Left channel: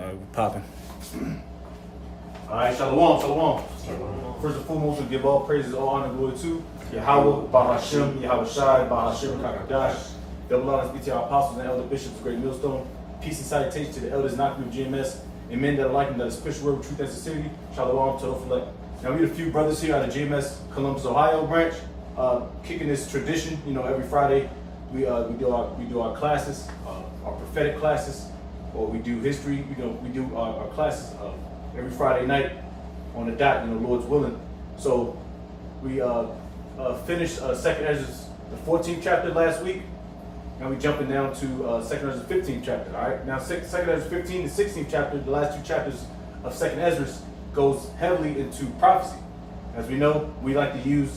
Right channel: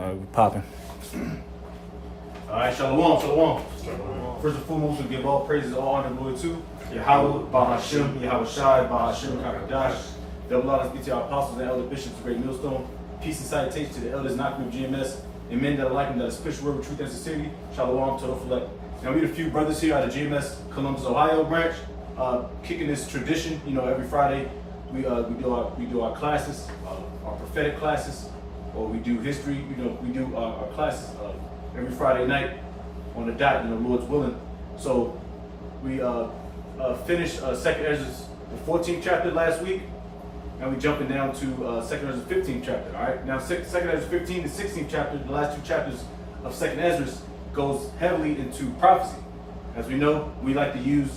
We popping. All right, shalom, shalom. First and foremost, we give all praises, all honor, and glory to Yahweh, Bahashem, Yahweh Shai, Bahashem, Kakadash. Double honors be to our apostles and elder bishops of Great Millstone. Peace and salutation to the elders, not of GMS, and men that are like them, that is push word with truth and sincerity. Shalom, total select. Now, we have a few brothers here out of GMS Columbus, Ohio branch, kicking this tradition. You know, every Friday we do our classes, our prophetic classes, or we do history. You know, we do our classes every Friday night on the dot. You know, Lord's willing. So we finished Second Ezra, the 14th chapter last week, and we jumping down to Second Ezra 15th chapter. All right, now Second Ezra 15 to 16th chapter, the last two chapters of Second Ezra, goes heavily into prophecy. As we know, we like to use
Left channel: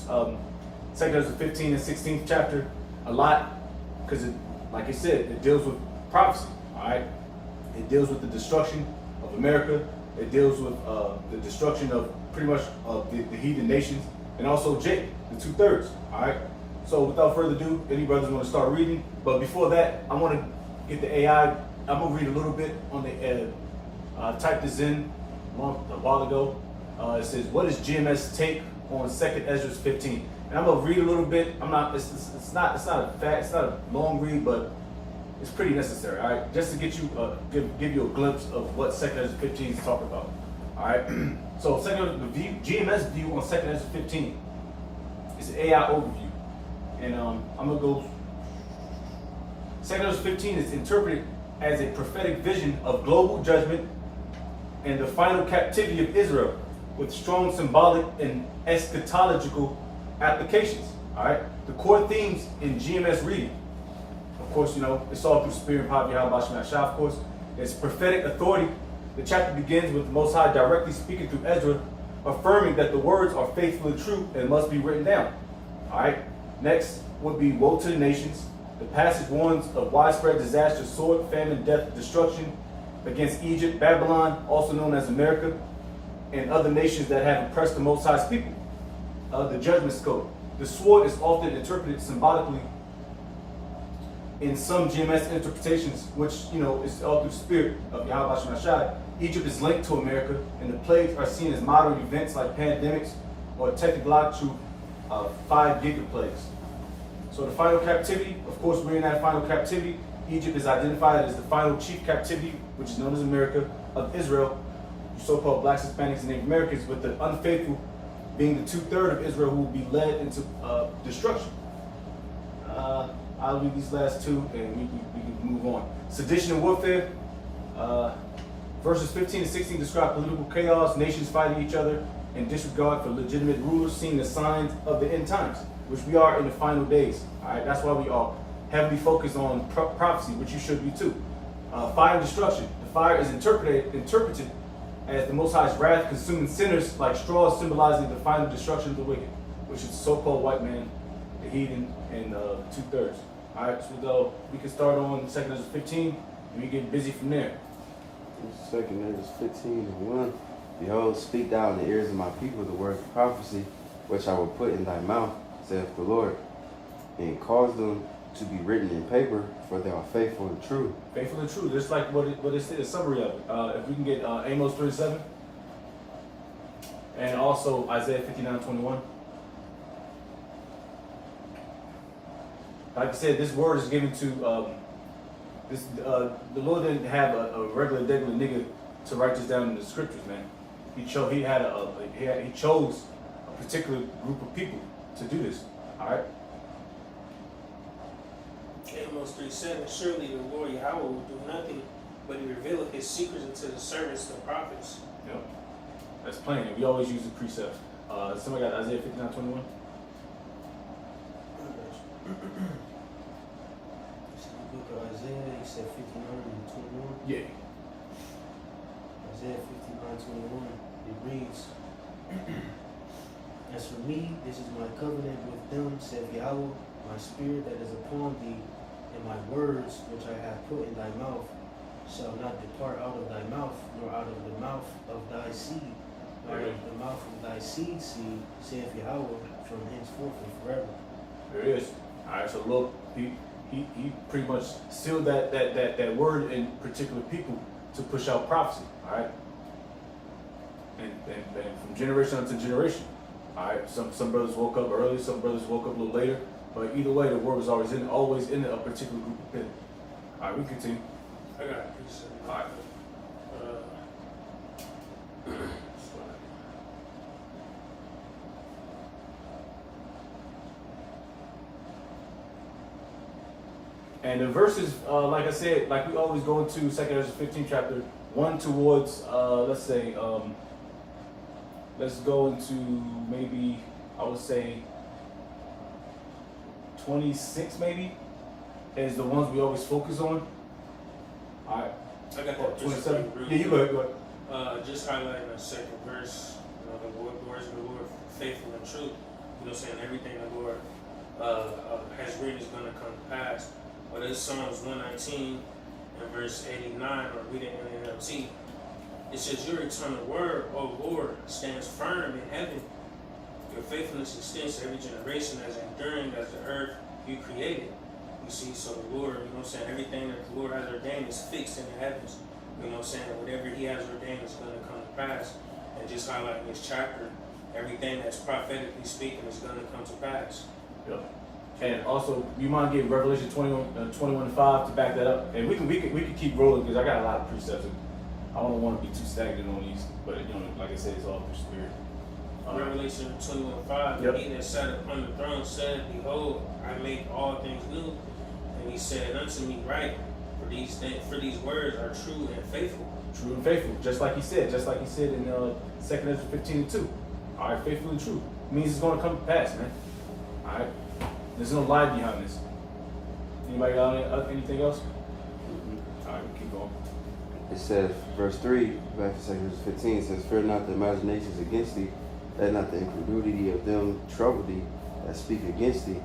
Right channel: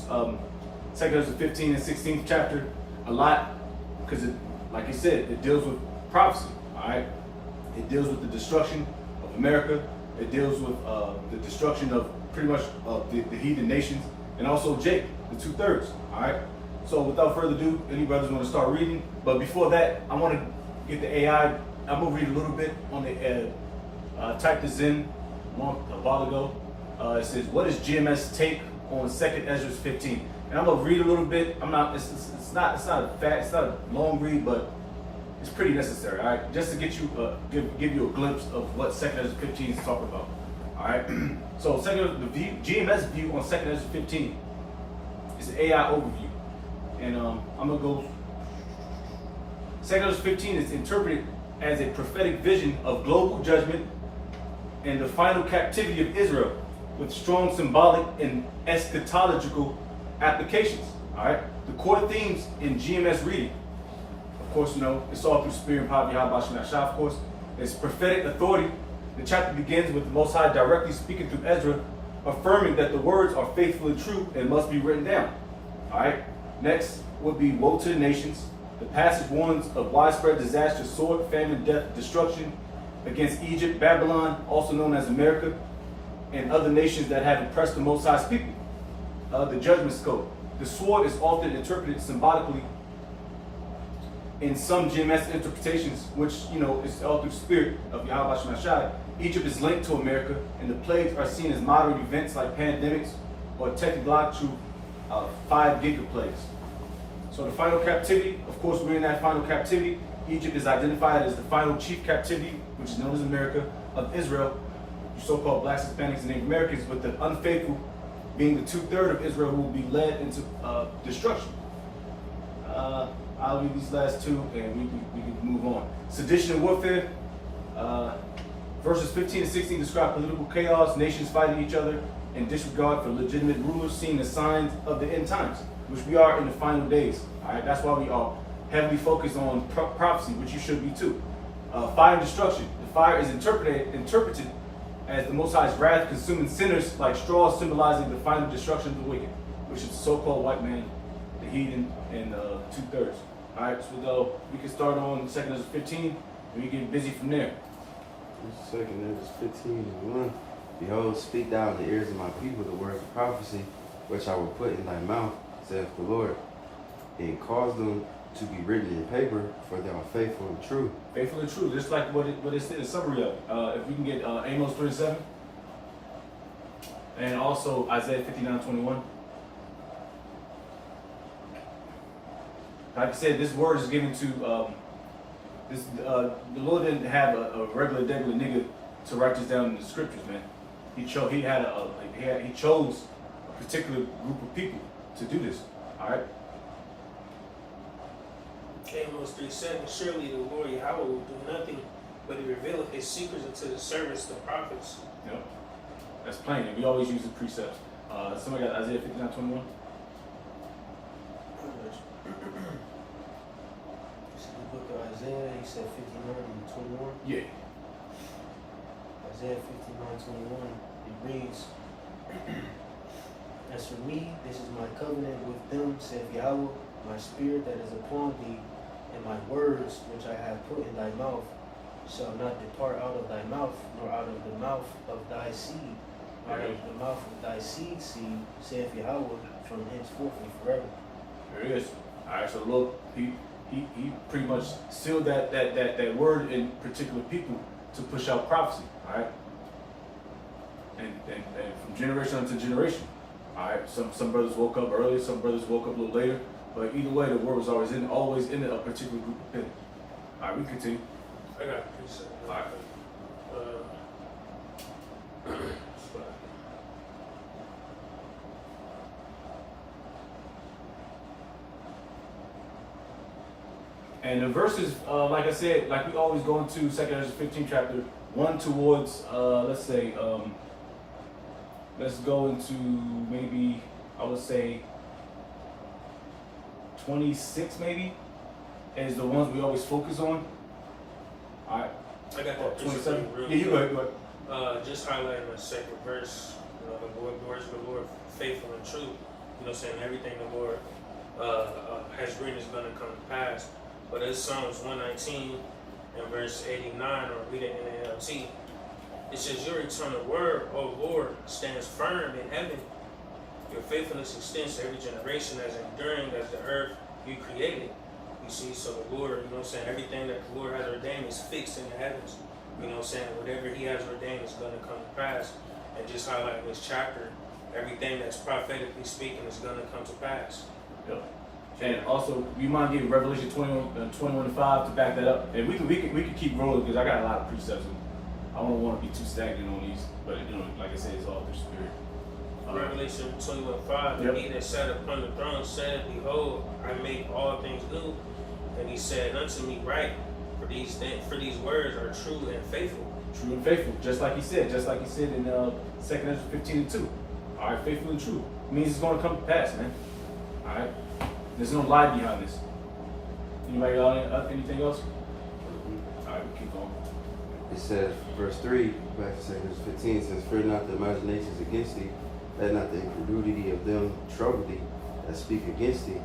Second Ezra 15 and 16th chapter a lot because, like I said, it deals with prophecy. All right, it deals with the destruction of America. It deals with the destruction of pretty much the heathen nations, and also Jake, the 2/3. All right. So without further ado, any brothers want to start reading? But before that, I want to get the AI. I'm gonna read a little bit on the. Typed this in a while ago. It says, "What is GMS take on Second Ezra 15?" And I'm gonna read a little bit. I'm not. It's not a long read, but it's pretty necessary. All right, just to get you give you a glimpse of what Second Ezra 15 is talking about. All right. So the GMS view on Second Ezra 15 is an AI overview. And I'm gonna go. Second Ezra 15 is interpreted as a prophetic vision of global judgment and the final captivity of Israel, with strong symbolic and eschatological applications. All right. The core themes in GMS reading, of course, you know, it's all through spirit and power of Yahweh Shem Shah, of course. It's prophetic authority. The chapter begins with the Most High directly speaking through Ezra, affirming that the words are faithful and true and must be written down. All right. Next would be woe to the nations. The passage warns of widespread disaster, sword, famine, death, destruction against Egypt, Babylon, also known as America, and other nations that have oppressed the Most High's people. The GMS Col. The sword is often interpreted symbolically in some GMS interpretations, which, you know, is all through spirit of Yahweh Shem Shah. Egypt is linked to America, and the plagues are seen as modern events like pandemics or technological 5 gigaplagues. So the final captivity, of course, we're in that final captivity. Egypt is identified as the final chief captivity, which is known as America, of Israel, so-called blacks, Hispanics, and Native Americans, with the unfaithful being the 2/3 of Israel who will be led into destruction. I'll read these last two, and we can move on. Sedition and warfare. Verses 15 and 16 describe political chaos, nations fighting each other, and disregard for legitimate rulers, seen as signs of the end times, which we are in the final days. All right, that's why we are heavily focused on prophecy, which you should be too. Fire and destruction. The fire is interpreted as the Most High's wrath consuming sinners like straws, symbolizing the final destruction of the wicked, which is the so-called white man, the heathen, and 2/3. All right, so we can start on Second Ezra 15, and we get busy from there. Second Ezra 15:1. Behold, speak thou in the ears of my people the words of prophecy, which I will put in thy mouth, saith the Lord, and cause them to be written in paper, for they are faithful and true. Faithful and true, just like what it said in summary of it. If we can get Amos 37, and also Isaiah 59:21. Like I said, this word is given to the Lord didn't have a regular nigga to write this down in the scriptures, man. He chose a particular group of people to do this. All right. Amos 3:7. Surely the Lord Yahweh will do nothing but he revealeth his secrets unto the servants, the prophets. Yep. That's plain. And we always use the precepts. Somebody got Isaiah 59:21. The book of Isaiah, he said 59:21. Yeah. Isaiah 59:21. It reads, "As for me, this is my covenant with them, saith Yahweh, my spirit that is upon thee, and my words which I have put in thy mouth shall not depart out of thy mouth, nor out of the mouth of thy seed, out of the mouth of thy seed, saith Yahweh, from henceforth and forever." There it is. All right. So look, he pretty much sealed that word in particular people to push out prophecy. All right, and from generation to generation. All right, some brothers woke up early, some brothers woke up a little later, but either way, the word was always in a particular group of people. All right, we continue. I got a precept. All right. And the verses, like I said, like we always go into 2 Ezra 15 chapter, one towards, let's say, let's go into maybe, I would say, 26 maybe, is the ones we always focus on. All right. I got Oh, that 27? precept. Yeah, you go ahead, go ahead. Just highlighting the second verse, the words of the Lord, faithful and true. Saying everything the Lord has written is going to come to pass. But it's Psalms 119 and verse 89, or read it in the NLT. It says, your eternal word, O Lord, stands firm in heaven. Your faithfulness extends to every generation, as enduring as the earth you created. You see, so the Lord, everything that the Lord has ordained is fixed in the heavens. Whatever he has ordained is going to come to pass. And just highlighting this chapter, everything that's prophetically speaking is going to come to pass. Yeah. And also, you mind getting Revelation 21:5 to back that up? And we can keep rolling because I got a lot of precepts. And I don't want to be too stagnant on these, but like I said, it's all through spirit. Revelation 21:5. Yep. And he that sat upon the throne said, behold, I make all things new. And he said unto me, write, for these words are true and faithful. True and faithful, just like he said in 2 Ezra 15:2. All right, faithful and true means it's going to come to pass, man. All right, there's no lie behind this. Anybody got anything else? All right, we keep going. It says, verse 3, back to 2 Ezra 15, it says, fear not the imaginations against thee, let not the incredulity of them trouble thee that speak against thee,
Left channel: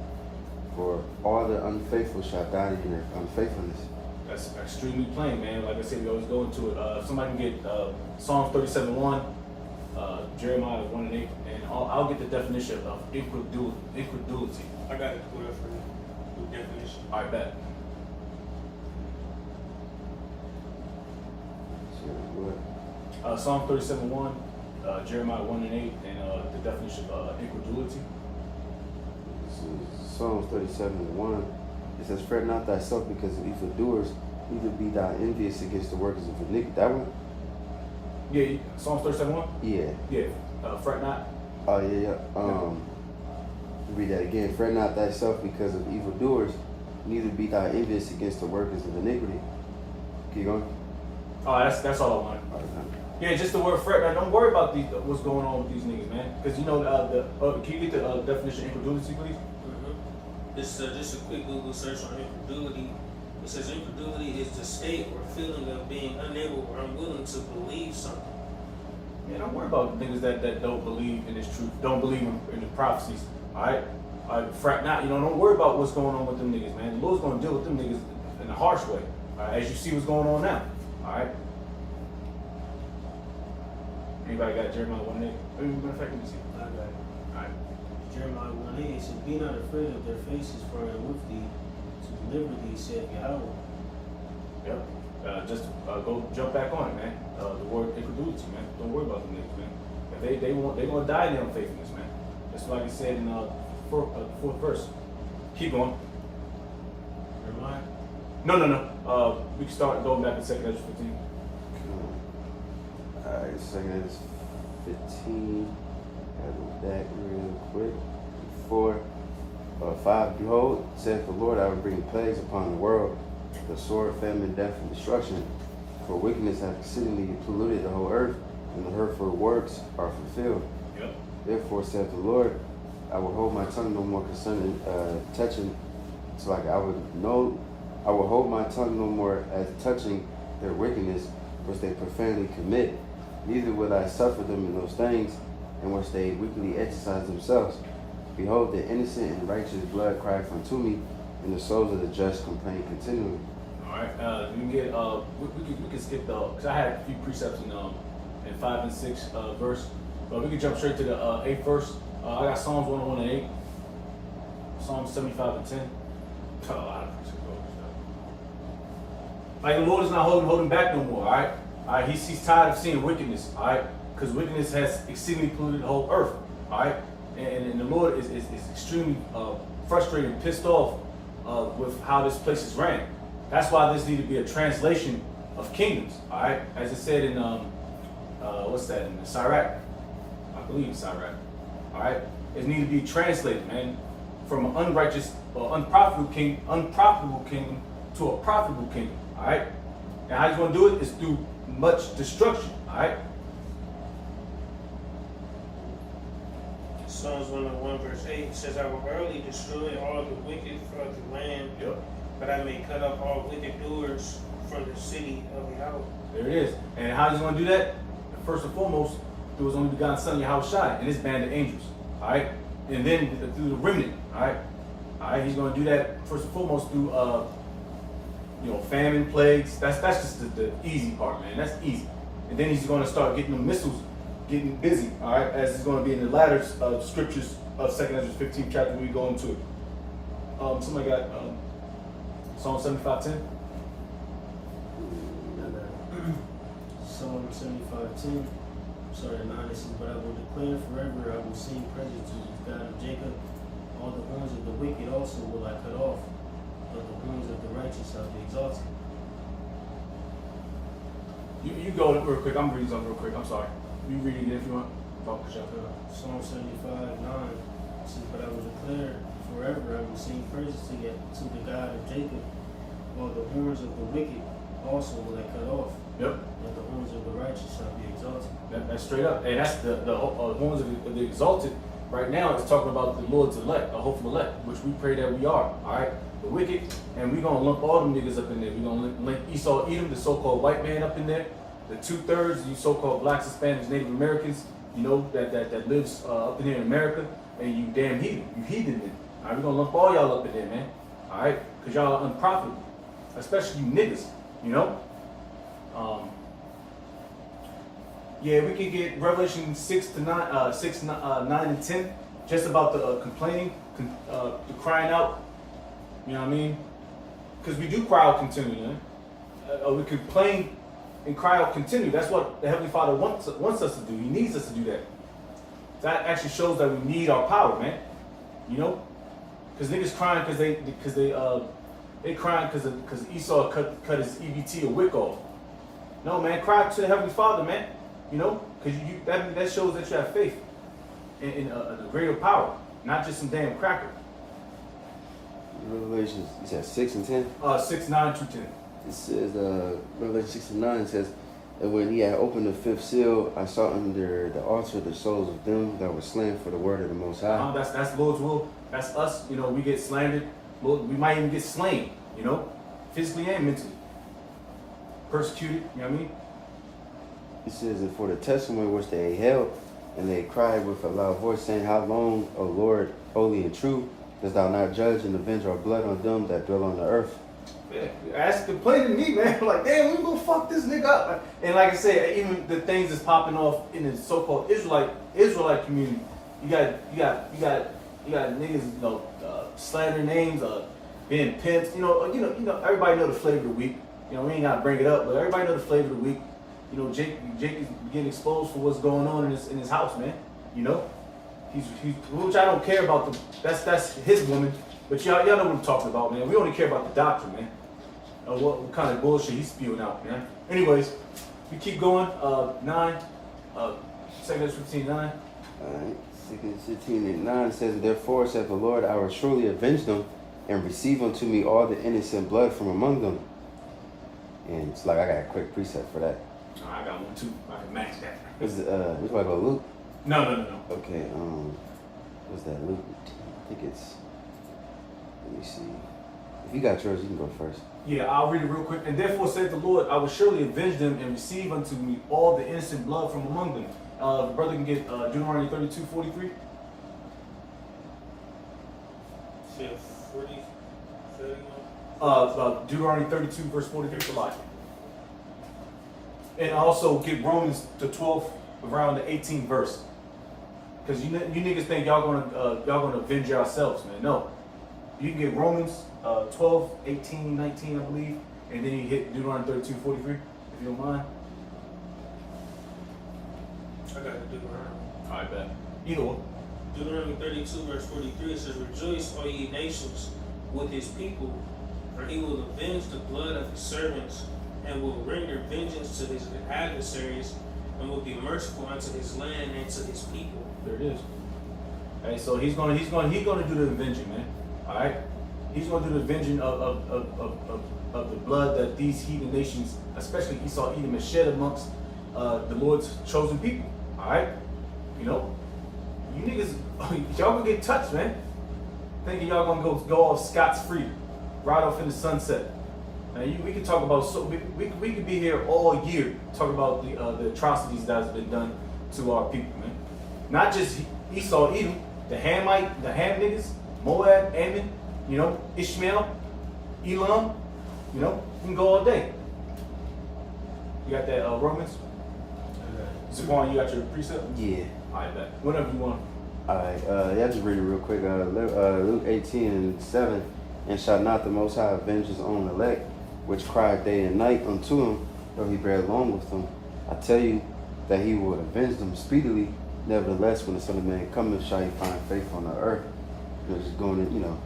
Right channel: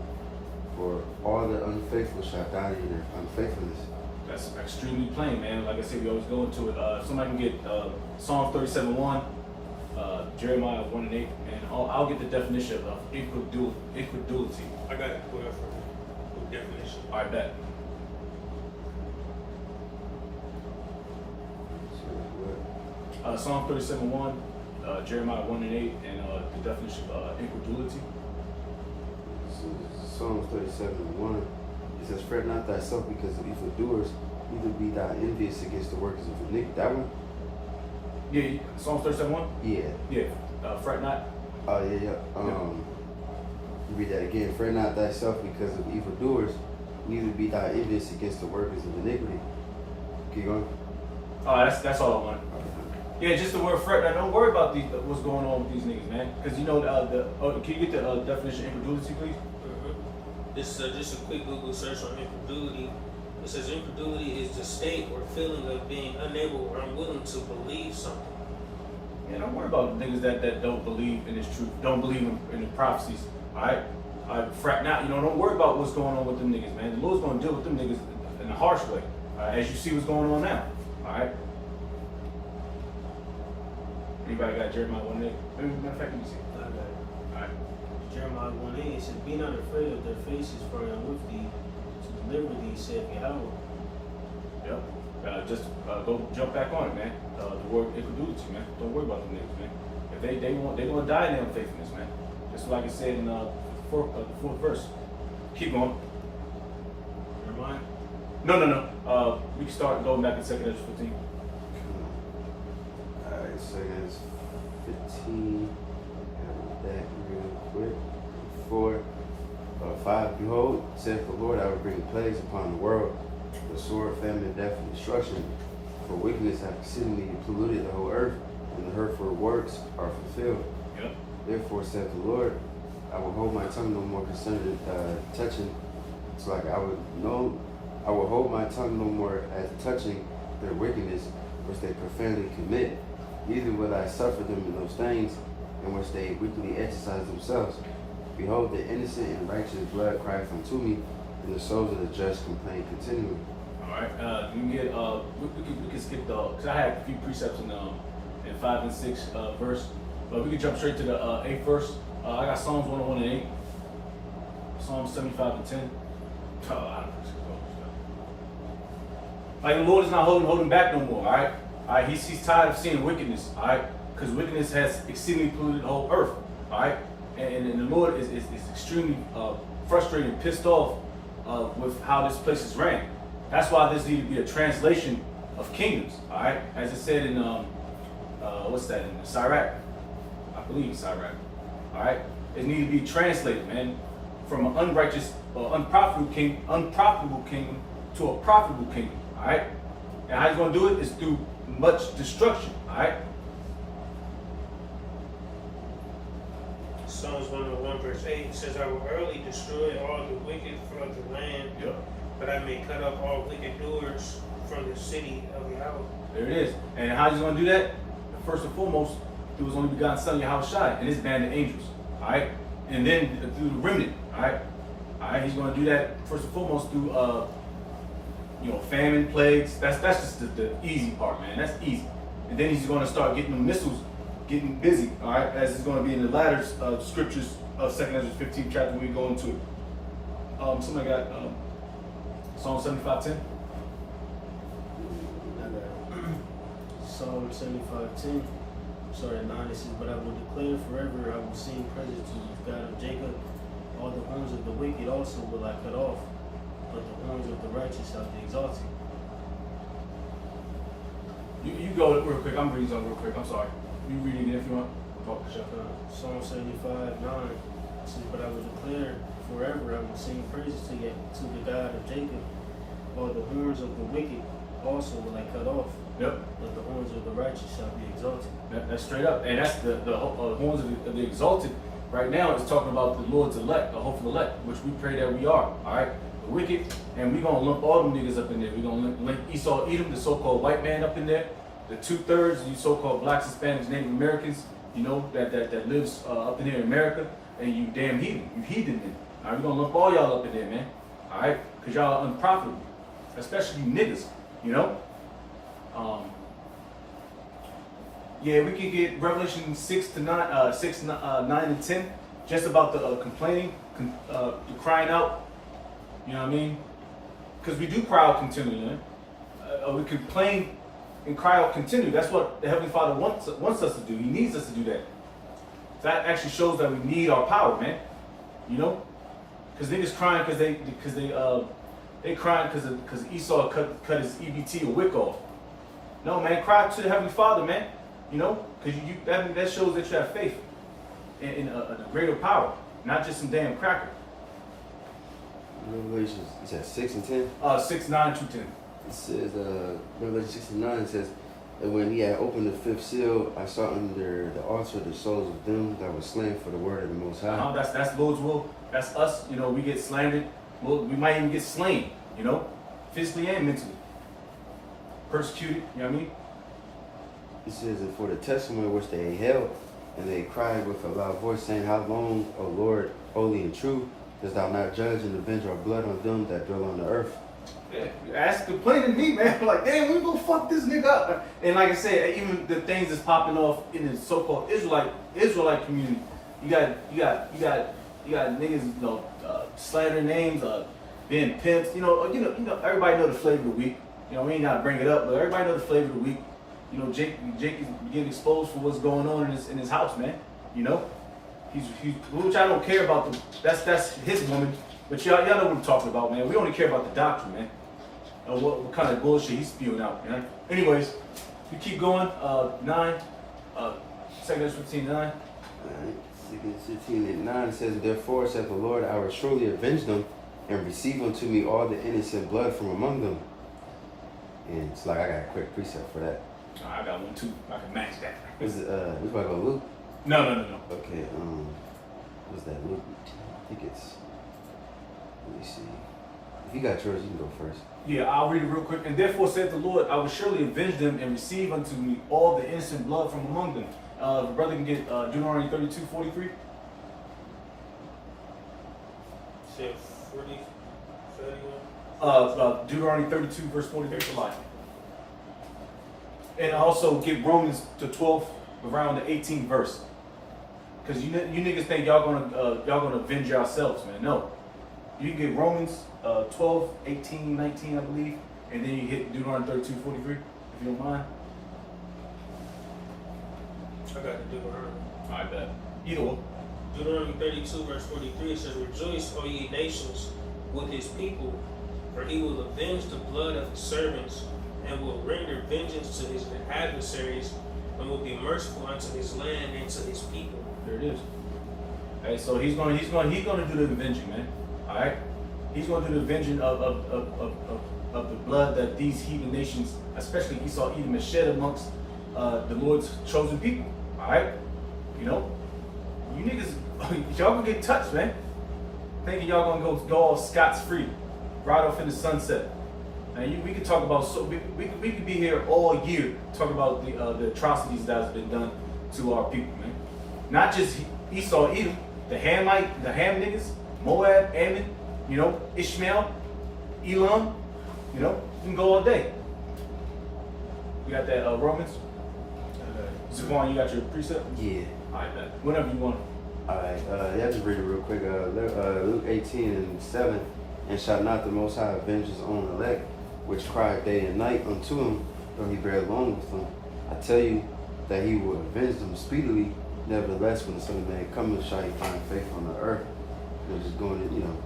for all the unfaithful shall die in their unfaithfulness. That's extremely plain, man. Like I said, we always go into it. Somebody can get Psalms 37:1, Jeremiah 1:8, and I'll get the definition of incredulity. I got it put up for you. The definition. All right, bet. Psalm 37:1, Jeremiah 1:8, and the definition of incredulity. Psalms 37:1. It says, fret not thyself because of evildoers, neither be thou envious against the workers of iniquity. That one? Yeah, Psalms 37:1? Yeah. Yeah, fret not. Yeah. Read that again. Fret not thyself because of evildoers, neither be thou envious against the workers of iniquity. Keep going. Oh, that's all I want. Yeah, just the word fret. Now, don't worry about what's going on with these niggas, man. Because can you get the definition of incredulity, please? This is just a quick Google search on incredulity. It says incredulity is the state or feeling of being unable or unwilling to believe something. Yeah, don't worry about niggas that don't believe in this truth, don't believe in the prophecies. All right, fret not. Don't worry about what's going on with them niggas, man. The Lord's gonna deal with them niggas in a harsh way, as you see what's going on now. All right. Anybody got Jeremiah 1:8? Matter of fact, let me see. I got it. All right. Jeremiah 1:8, it said, be not afraid of their faces, for I am with thee to deliver thee, saith Yahweh. Yep. Just go jump back on it, man. The word incredulity, man. Don't worry about them niggas, man. If they're gonna die in their unfaithfulness, man. That's like it said in the fourth verse. Keep going. Jeremiah? No. We can start going back to 2 Ezra 15. Alright, 2 Ezra 15. That real quick. 5. Behold, saith the Lord, I will bring plagues upon the world, the sword, famine, death, and destruction. For wickedness hath exceedingly polluted the whole earth, and the hurtful works are fulfilled. Yep. Therefore saith the Lord, I will hold my tongue no more concerning touching. It's like I will hold my tongue no more as touching their wickedness, which they profanely commit. Neither will I suffer them in those things in which they wickedly exercise themselves. Behold, the innocent and righteous blood crieth unto me, and the souls of the just complain continually. All right. You can get we can skip because I had a few precepts in 5 and 6 verse, but we can jump straight to the 8th verse. I got Psalms 101 and 8, Psalms 75 and 10. Like the Lord is not holding back no more. All right. All right. He's tired of seeing wickedness. All right. Because wickedness has exceedingly polluted the whole earth. All right. And the Lord is extremely frustrated and pissed off with how this place is ran. That's why this needs to be a translation of kingdoms. All right. As it said in what's that in Sirach? I believe it's Sirach. All right. It needs to be translated, man, from an unrighteous or unprofitable kingdom to a profitable kingdom. All right. And how he's going to do it is through much destruction. All right. Psalms 101 verse 8 says, I will early destroy all the wicked from the land, Yep. but I may cut off all wicked doers from the city of Yahweh. There it is. And how he's going to do that? First and foremost, through his only begotten son, Yahweh and his band of angels. All right. And then through the remnant. All right. All right. He's going to do that first and foremost through, famine, plagues. That's just the easy part, man. That's easy. And then he's going to start getting the missiles, getting busy. All right. As it's going to be in the latter scriptures of 2 Ezra 15 chapter, we go into it. Somebody got Psalm 75:10. Psalm 75:10. Sorry, 9. It says, but I will declare forever, I will sing praises to the God of Jacob. All the horns of the wicked also will I cut off, but the horns of the righteous I will exalt. You go real quick. I'm reading something real quick. I'm sorry. You read it again if you want. Psalm 75:9 says, but I will declare forever, I will sing praises to the God of Jacob. All the horns of the wicked also will I cut off. Yep. But the horns of the righteous shall be exalted. That's straight up. And that's the horns of the exalted. Right now, it's talking about the Lord's elect, the hopeful elect, which we pray that we are. All right. The wicked. And we're going to lump all them niggas up in there. We're going to link Esau, Edom, the so-called white man up in there. The 2/3, you so-called blacks, Hispanics, Native Americans, that lives up in here in America. And you damn heathen. You heathen men. All right. We're going to lump all y'all up in there, man. All right. Because y'all are unprofitable. Especially you niggas. Yeah, we could get Revelation 6 to 9, 9 and 10, just about the complaining, the crying out. You know what I mean? Because we do cry out continually, man. We complain and cry out continually. That's what the Heavenly Father wants us to do. He needs us to do that. That actually shows that we need our power, man. Because niggas crying because they crying because Esau cut his EBT or wick off. No, man, cry to the Heavenly Father, man. Because that shows that you have faith in a greater power, not just some damn cracker. Revelation, you said 6 and 10? 6, 9 to 10. It says, Revelation 6 and 9 says, and when he had opened the fifth seal, I saw under the altar the souls of them that were slain for the word of the Most High. That's Lord's will. That's us. We get slandered. We might even get slain, physically and mentally. Persecuted, you know what I mean? It says, and for the testimony which they held, and they cried with a loud voice, saying, how long, O Lord, holy and true, dost thou not judge and avenge our blood on them that dwell on the earth? Yeah, complaining to me, man. Like, damn, we gonna fuck this nigga up. And like I said, even the things that's popping off in the so-called Israelite community, you got niggas, slander names, being pimps. Everybody know the flavor of the week. We ain't gotta bring it up, but everybody know the flavor of the week. Jake is getting exposed for what's going on in his house, man. He's which I don't care about that's his woman, but y'all know what I'm talking about, man. We only care about the doctrine, man. What kind of bullshit he's spewing out, man. Anyways, we keep going. 9, 2 Ezra 15, 9. Alright, 15 and 9 says, therefore saith the Lord, I will surely avenge them and receive unto me all the innocent blood from among them. And it's like I got a quick precept for that. Oh, I got one too. I can match that. Is it which one about Luke? No. Okay, what's that, Luke? I think it's, let me see. If you got yours, you can go first. Yeah, I'll read it real quick. And therefore saith the Lord, I will surely avenge them and receive unto me all the innocent blood from among them. The brother can get Deuteronomy 32:43. Said 40, 31. Deuteronomy 32 verse 43 for life. And also get Romans the 12th around the 18th verse. Because you niggas think y'all gonna avenge yourselves, man. No. You can get Romans 12, 18, 19, I believe, and then you hit Deuteronomy 32:43, if you don't mind. I got to Deuteronomy. I bet. Either one. Deuteronomy 32 verse 43 says, "Rejoice, O ye nations, with his people, for he will avenge the blood of his servants, and will render vengeance to his adversaries, and will be merciful unto his land and to his people." There it is. Hey, so he's gonna do the avenging, man. All right, he's gonna do the avenging of the blood that these heathen nations, especially Esau, Edom, has shed amongst the Lord's chosen people. All right, you know, you niggas, y'all gonna get touched, man. Thinking y'all gonna go off scot free, right off in the sunset. Now we could talk about we could be here all year talking about the atrocities that's been done to our people, man. Not just Esau, Edom, the Ham niggas, Moab, Ammon, you know, Ishmael, Elam, you know, we can go all day. You got that Romans? Savon, you got your precept? Yeah. I bet. Whenever you want. Alright, you have to read it real quick. Luke 18:7, "And shall not the Most High avenge his own elect, which cry day and night unto him, though he bear along with them? I tell you that he will avenge them speedily. Nevertheless, when the Son of Man cometh, shall he find faith on the earth?" Because it's going to, you know,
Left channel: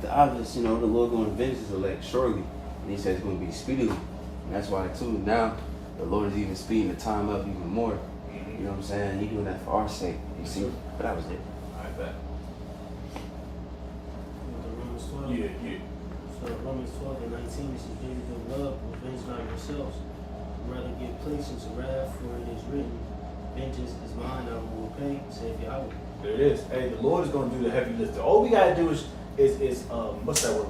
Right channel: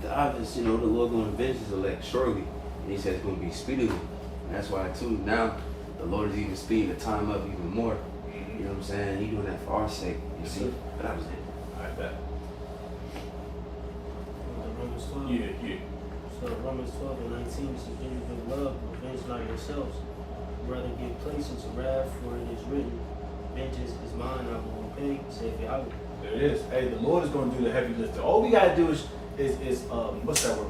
the obvious, you know, the Lord going to avenge his elect surely. And he says it's going to be speedily. And that's why, too, now the Lord is even speeding the time up even more. You know what I'm saying? He's doing that for our sake. You see? But that was it. I bet. Romans 12. Yeah. So Romans 12 and 19 says, "Do you good love, avenge not yourselves. Rather give place unto wrath, for it is written, vengeance is mine, I will repay, saith Yahweh." There it is. Hey, the Lord is going to do the heavy lifting. All we gotta do is what's that word?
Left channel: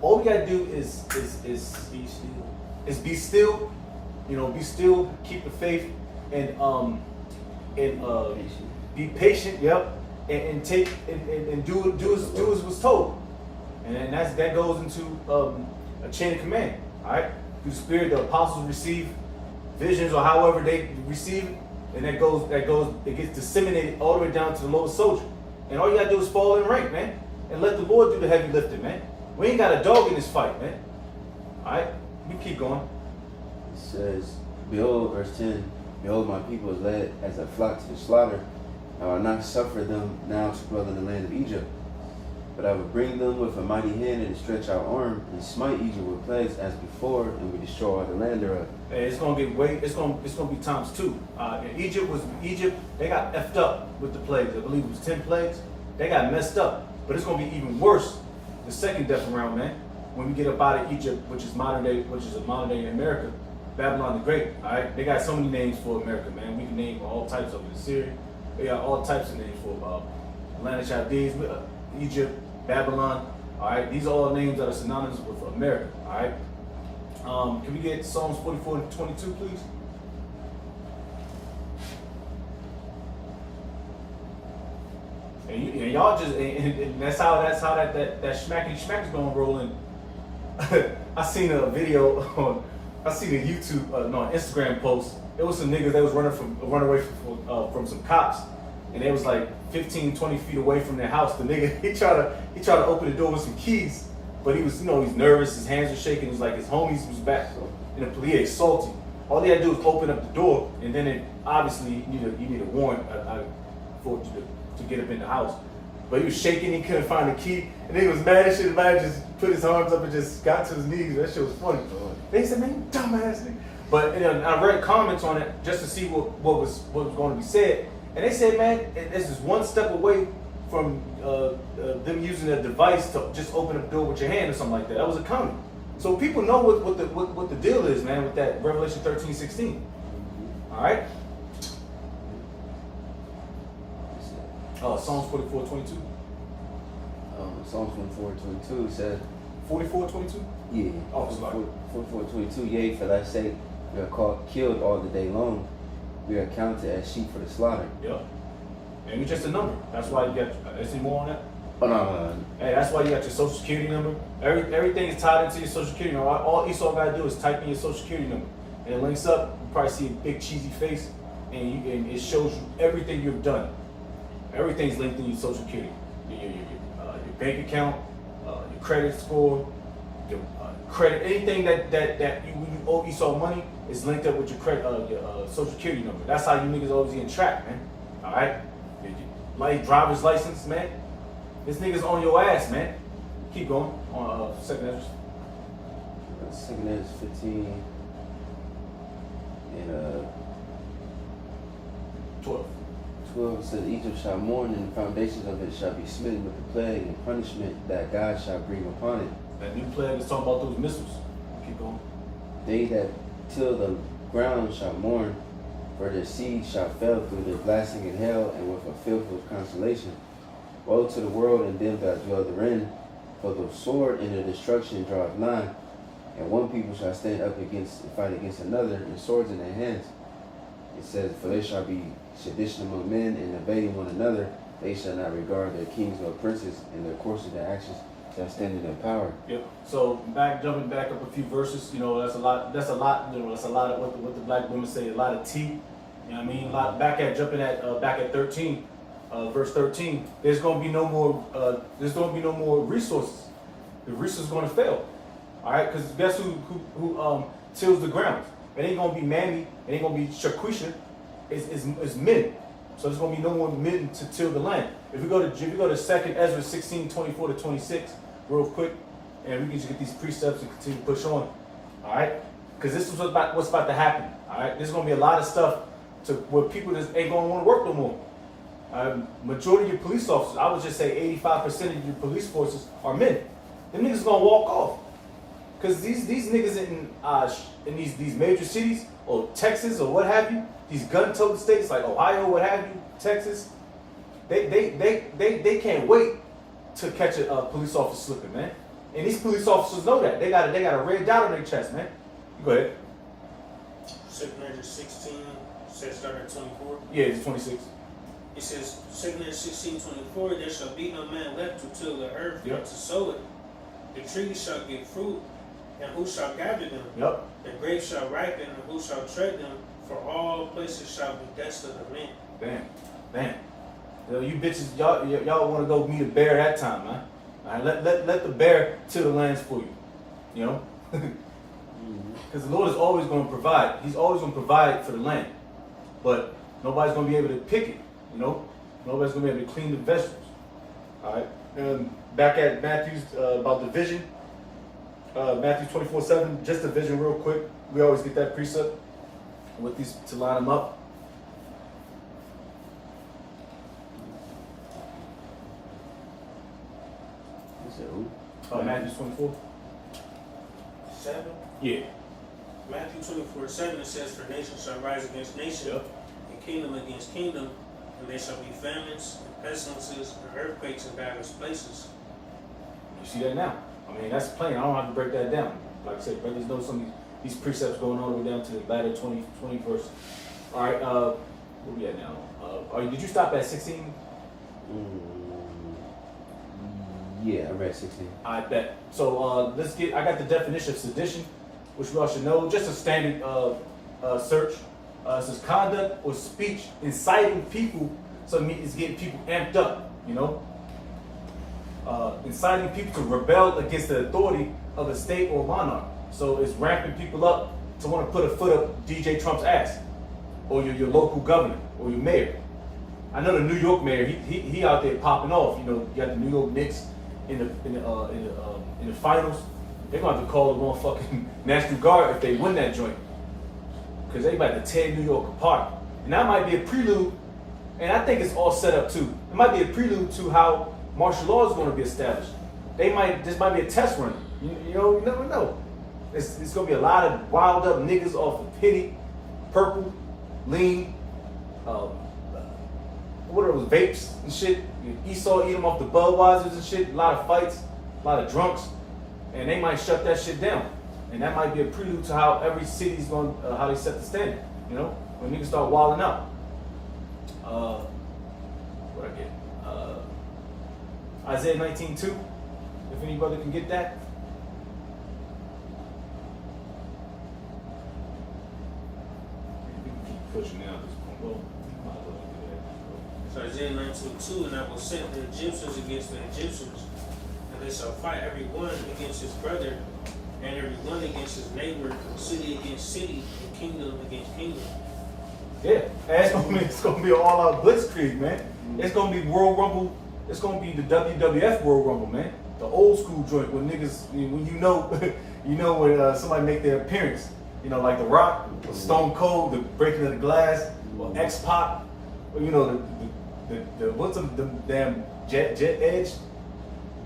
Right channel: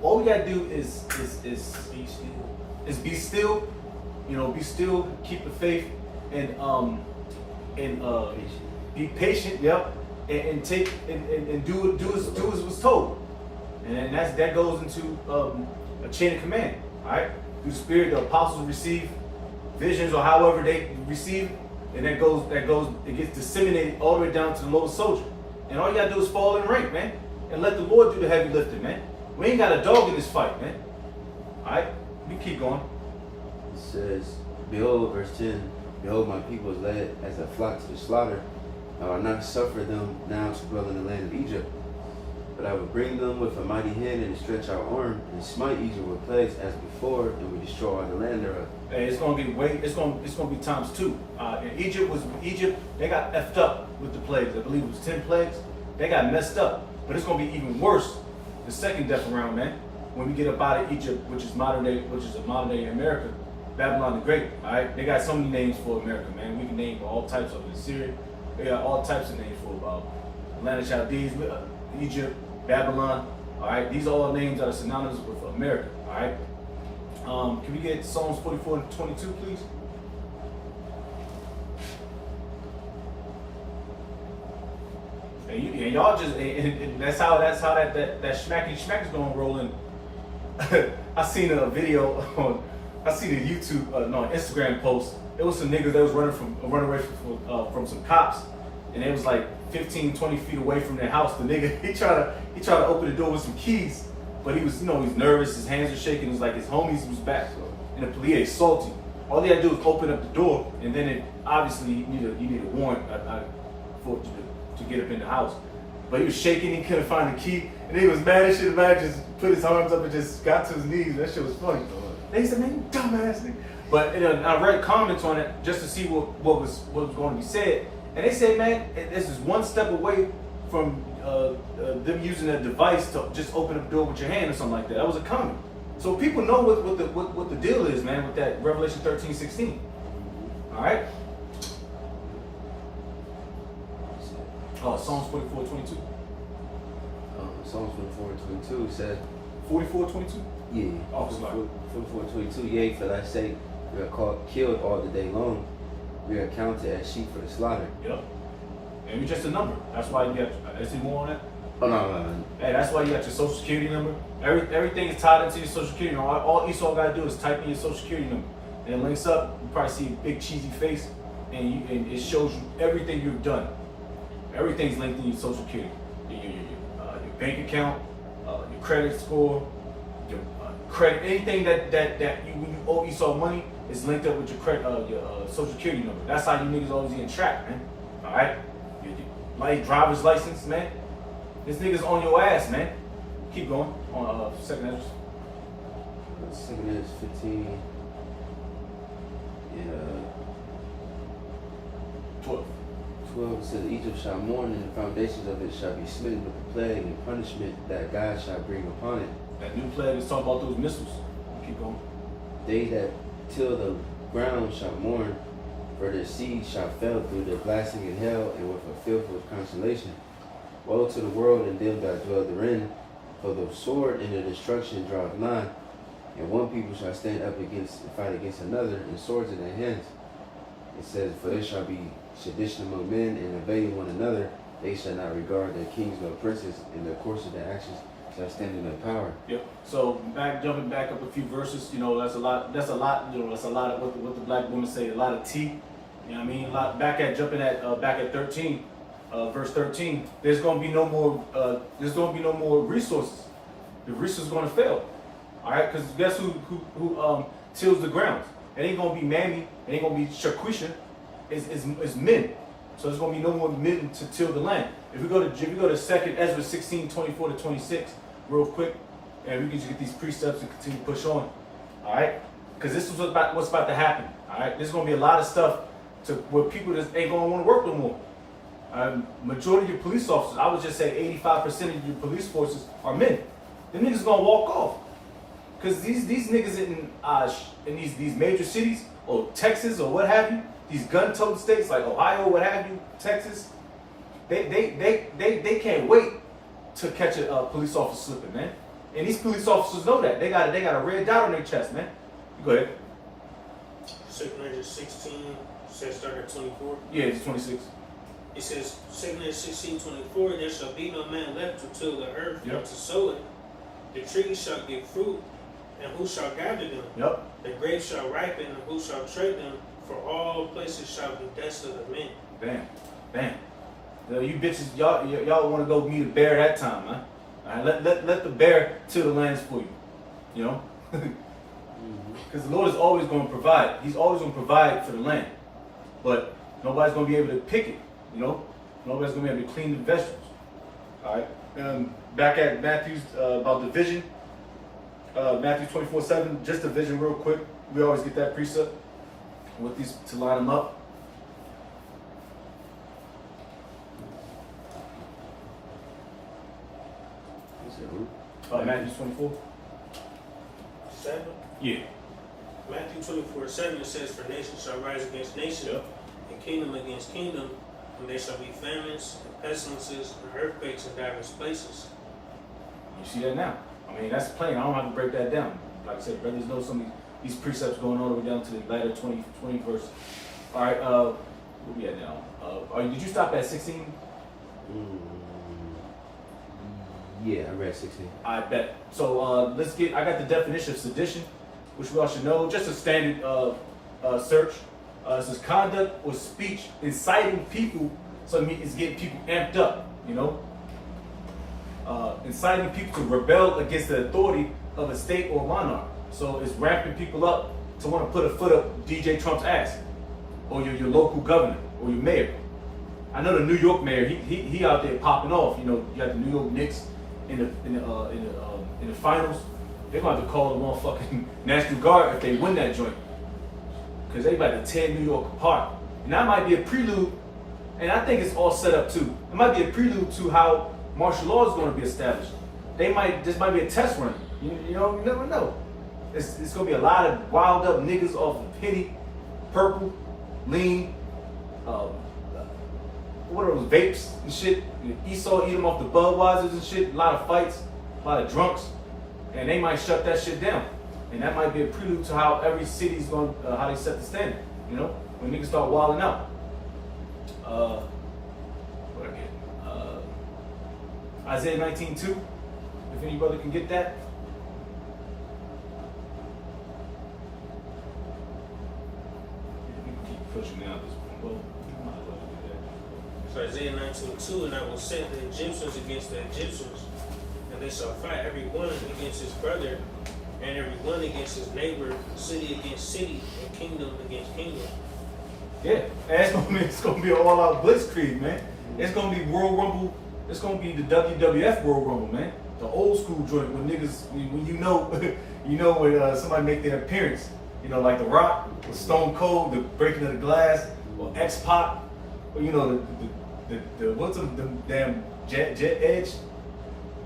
All we gotta do is Be still. be still. You know, be still, keep the faith, and be patient. Yep, and take and do as was told, and then that goes into a chain of command. All right, through the Spirit, the apostles receive visions or however they receive it. And it gets disseminated all the way down to the lowest soldier. And all you gotta do is fall in rank, man. And let the Lord do the heavy lifting, man. We ain't got a dog in this fight, man. Alright? We keep going. It says, "Behold," verse 10, "Behold, my people is led as a flock to the slaughter. I will not suffer them now to dwell in the land of Egypt. But I will bring them with a mighty hand and a stretch out arm, and smite Egypt with plagues as before, and will destroy all the land thereof." And it's gonna be times two. And Egypt, they got effed up with the plagues. I believe it was 10 plagues. They got messed up. But it's gonna be even worse the second death round, man. When we get up out of Egypt, which is a modern day America, Babylon the Great. Alright? They got so many names for America, man. We can name all types of it. Syria, they got all types of names for Atlantic Chaldees, Egypt, Babylon. Alright, these are all names that are synonymous with America. Alright. Can we get Psalms 44:22, please? And y'all just and that's how that schmacky is gonna roll in. I seen a video I seen a Instagram post. It was some niggas that was running away from some cops, and they was like 15, 20 feet away from their house. The nigga he tried to open the door with some keys, but he was, you know, he's nervous, his hands were shaking. It was like his homies was back, and the police salty. All he had to do was open up the door, and then obviously you need a warrant for to get up in the house. But he was shaking, he couldn't find the key, and he was mad as shit. The man just put his arms up and just got to his knees. That shit was funny. And he said, "Man, you dumbass nigga." But I read comments on it just to see what was going to be said, and they said, "Man, this is one step away from them using a device to just open up the door with your hand or something like that." That was a comment. So people know what the deal is, man, with that Revelation 13:16. All right. Psalms 44:22. Psalms 44:22 says, 44:22. Yeah. Oh, sorry. 44:22. "Yea, for thy sake we are killed all the day long. We are counted as sheep for the slaughter." Yep. And it's just a number. That's why you got. Is there more on that? Oh, no. Hey, that's why you got your social security number. Everything is tied into your social security number. All Esau gotta do is type in your social security number, and it links up. You probably see a big cheesy face, and it shows you everything you've done. Everything's linked in your social security, your bank account, your credit score, your credit, anything that you, when you owe Esau money is linked up with your credit, your social security number. That's how you niggas always getting tracked, man. All right, like driver's license, man. This nigga's on your ass, man. Keep going on second Ezra. Second is 15 and 12. 12 says Egypt shall mourn and the foundations of it shall be smitten with the plague and punishment that God shall bring upon it. That new plague is talking about those missiles. Keep going. They that till the ground shall mourn, for their seed shall fail through their blasting in hell and with a filth of consolation. Woe to the world and them that dwell therein, for the sword and the destruction draweth nigh, and one people shall stand up against and fight against another, and swords in their hands. It says, for there shall be sedition among men, and obeying one another, they shall not regard their kings nor princes, and the course of their actions shall stand in their power. Yep. So jumping back up a few verses, you know, that's a lot, you know, that's a lot of what the black women say, a lot of tea. You know what I mean? Back at 13, verse 13, there's gonna be no more resources. The resources gonna fail. All right, because guess who tills the ground? It ain't gonna be Mammy, it ain't gonna be Shaquisha, it's men. So there's gonna be no more men to till the land. If we go to 2 Ezra 16, 24 to 26, real quick, and we can just get these precepts and continue to push on. All right, because this is what's about to happen. All right, there's gonna be a lot of stuff to where people just ain't gonna want to work no more. Majority of your police officers, I would just say 85% of your police forces are men. The niggas gonna walk off. Because these niggas in these major cities, or Texas, or what have you, these gun-toting states like Ohio, what have you, Texas, they can't wait to catch a police officer slipping, man. And these police officers know that. They got a red dot on their chest, man. Go ahead. 2 Ezra 16 says start at 24. Yeah, it's 26. It says 2 Ezra 16, 24, there shall be no man left to till the earth or Yep. to sow it. The trees shall give fruit, and who shall gather them? Yep. The grapes shall ripen, and who shall tread them? For all places shall be desolate of men. Bam. You bitches, y'all want to go meet a bear that time, man. All right, let the bear till the lands for you. You know? Because the Lord is always going to provide. He's always going to provide for the land. But nobody's going to be able to pick it, you know? Nobody's going to be able to clean the vegetables. All right? Back at Matthew's, about the vision. Matthew 24:7, just the vision real quick. We always get that precept with these to line them up. He said, who? Matthew 24. 7. Yeah. Matthew 24:7, it says, for nation shall rise against nation, Yep. and kingdom against kingdom, and there shall be famines, and pestilences, and earthquakes in diverse places. You see that now. I mean, that's plain. I don't have to break that down. Like I said, brothers know some of these precepts going all the way down to the latter 20 verse. All right, where we at now? Did you stop at 16? Yeah, I read 16. I bet. So I got the definition of sedition, which we all should know. Just a standard search. It says conduct or speech inciting people, so it's getting people amped up, you know? Inciting people to rebel against the authority of a state or monarch. So it's ramping people up to want to put a foot up DJ Trump's ass, or your local governor, or your mayor. I know the New York mayor, he out there popping off. You know, you got the New York Knicks in the finals. They're going to have to call the motherfucking National Guard if they win that joint, because they about to tear New York apart. And that might be a prelude, and I think it's all set up too. It might be a prelude to how martial law is going to be established. This might be a test run. You know, you never know. It's going to be a lot of wild up niggas off of Penny, Purple, Lean, what are those vapes and shit? Esau eat them off the Budweisers and shit. A lot of fights, a lot of drunks, and they might shut that shit down. And that might be a prelude to how every city's going, how they set the standard. You know, when niggas start wilding out. What I get? Isaiah 19:2. If anybody can get that. We can keep pushing out this point. Well, we might as well do that. So Isaiah 19:2, and I will set the Egyptians against the Egyptians, and they shall fight every one against his brother, and every one against his neighbor, city against city, and kingdom against kingdom. Yeah, and it's gonna be an all-out blitzkrieg, man. It's gonna be World Rumble. It's gonna be the WWF World Rumble, man. The old school joint when niggas, when you know when somebody make their appearance, like The Rock, or Stone Cold, the breaking of the glass, or X-Pac, or the what's the damn Jet Edge.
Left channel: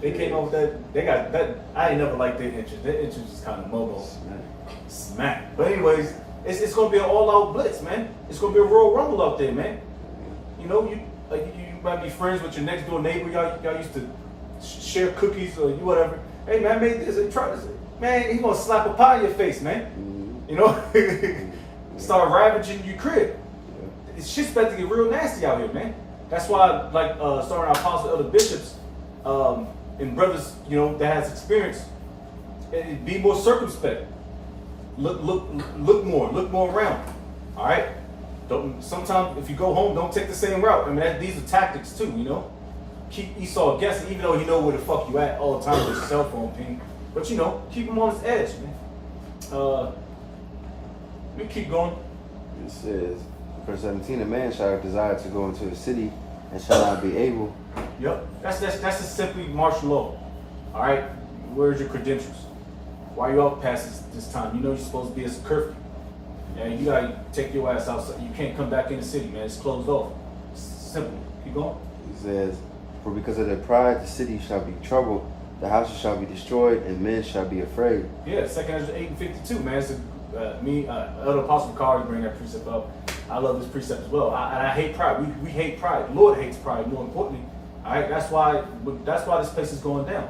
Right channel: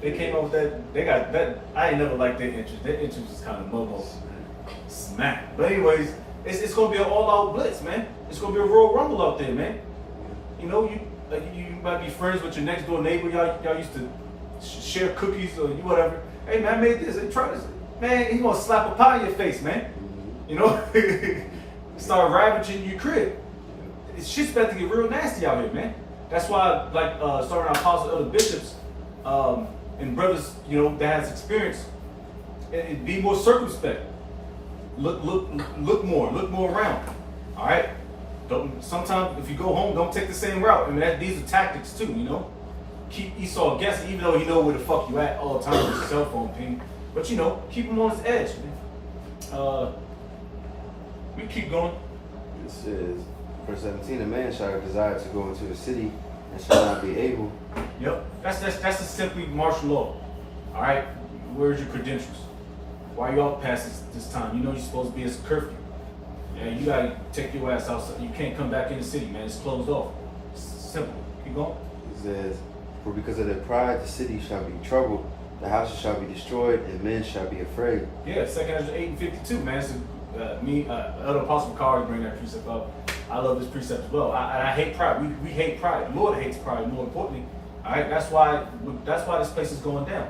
They came up with that. They got that. I ain't never liked their entrance. Their entrance is kind of mobo, smack. But anyways, it's gonna be an all-out blitz, man. It's gonna be a Royal Rumble out there, man. You might be friends with your next door neighbor. Y'all used to share cookies or whatever. Hey man, I made this. And try this. Man, he gonna slap a pie in your face, man. Start ravaging your crib. It's shit's about to get real nasty out here, man. That's why, starting our apostle elder bishops and brothers, that has experience, and be more circumspect. Look more around. All right. Sometimes if you go home, don't take the same route. I mean, these are tactics too. Keep Esau guessing, even though he know where the fuck you at all the time with your cell phone ping. But keep him on his edge, man. We keep going. It says, verse 17, a man shall have desire to go into a city and shall not be able. Yep. That's just simply martial law. All right. Where's your credentials? Why you out past this time? You're supposed to be as a curfew. And you gotta take your ass outside. You can't come back in the city, man. It's closed off. It's simple. Keep going. It says, for because of their pride, the city shall be troubled, the houses shall be destroyed, and men shall be afraid. Yeah, 2 Ezra 8:52, man. So, Elder Apostle Carr bring that precept up. I love this precept as well. I hate pride. We hate pride. Lord hates pride. More importantly, all right. That's why this place is going down.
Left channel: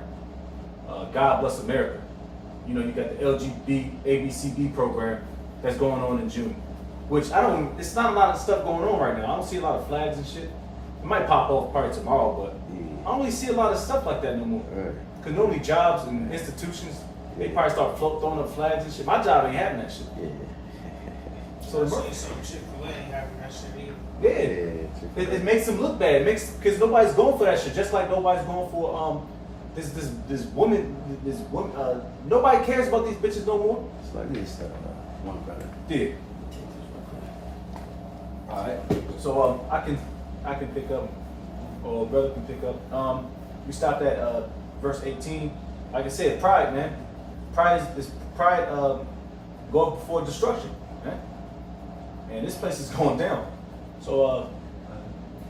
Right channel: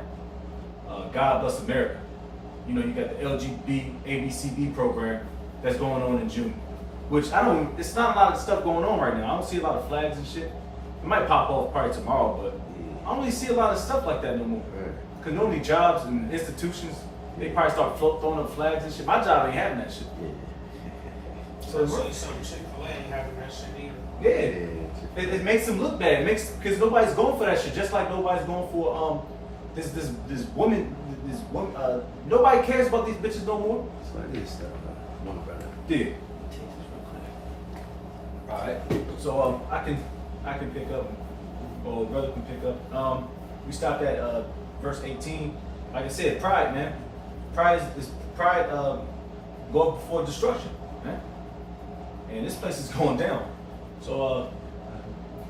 God bless America. You got the LGBT ABCD program that's going on in June, which it's not a lot of stuff going on right now. I don't see a lot of flags and shit. It might pop off probably tomorrow, but I don't really see a lot of stuff like that no more. Because normally jobs and institutions, they probably start throwing up flags and shit. My job ain't having that shit. So some Chick-fil-A ain't having that shit either. Yeah. It makes them look bad. Because nobody's going for that shit. Just like nobody's going for this woman. Nobody cares about these bitches no more. It's like this stuff. Yeah. All right. So I can pick up, or brother can pick up. We stopped at verse 18. Like I said, pride, man. Pride is going before destruction, man. And this place is going down. So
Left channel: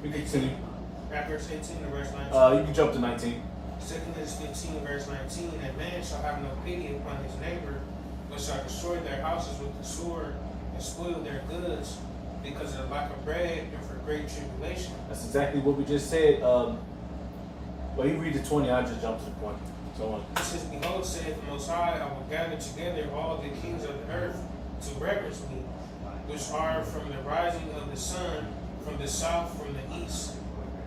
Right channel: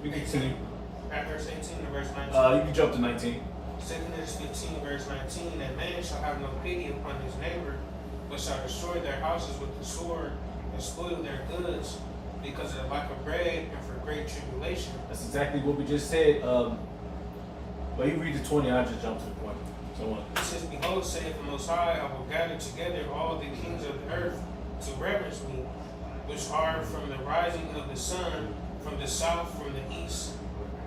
we can continue. Back verse 18 to verse 19. You can jump to 19. 2 Ezra 15 verse 19. A man shall have no pity upon his neighbor, but shall destroy their houses with the sword and spoil their goods because of the lack of bread and for great tribulation. That's exactly what we just said. But you read the 20, I just jumped to the point. So on. It says, behold, saith the Most High, I will gather together all the kings of the earth to reverence me, which are from the rising of the sun, from the south, from the east,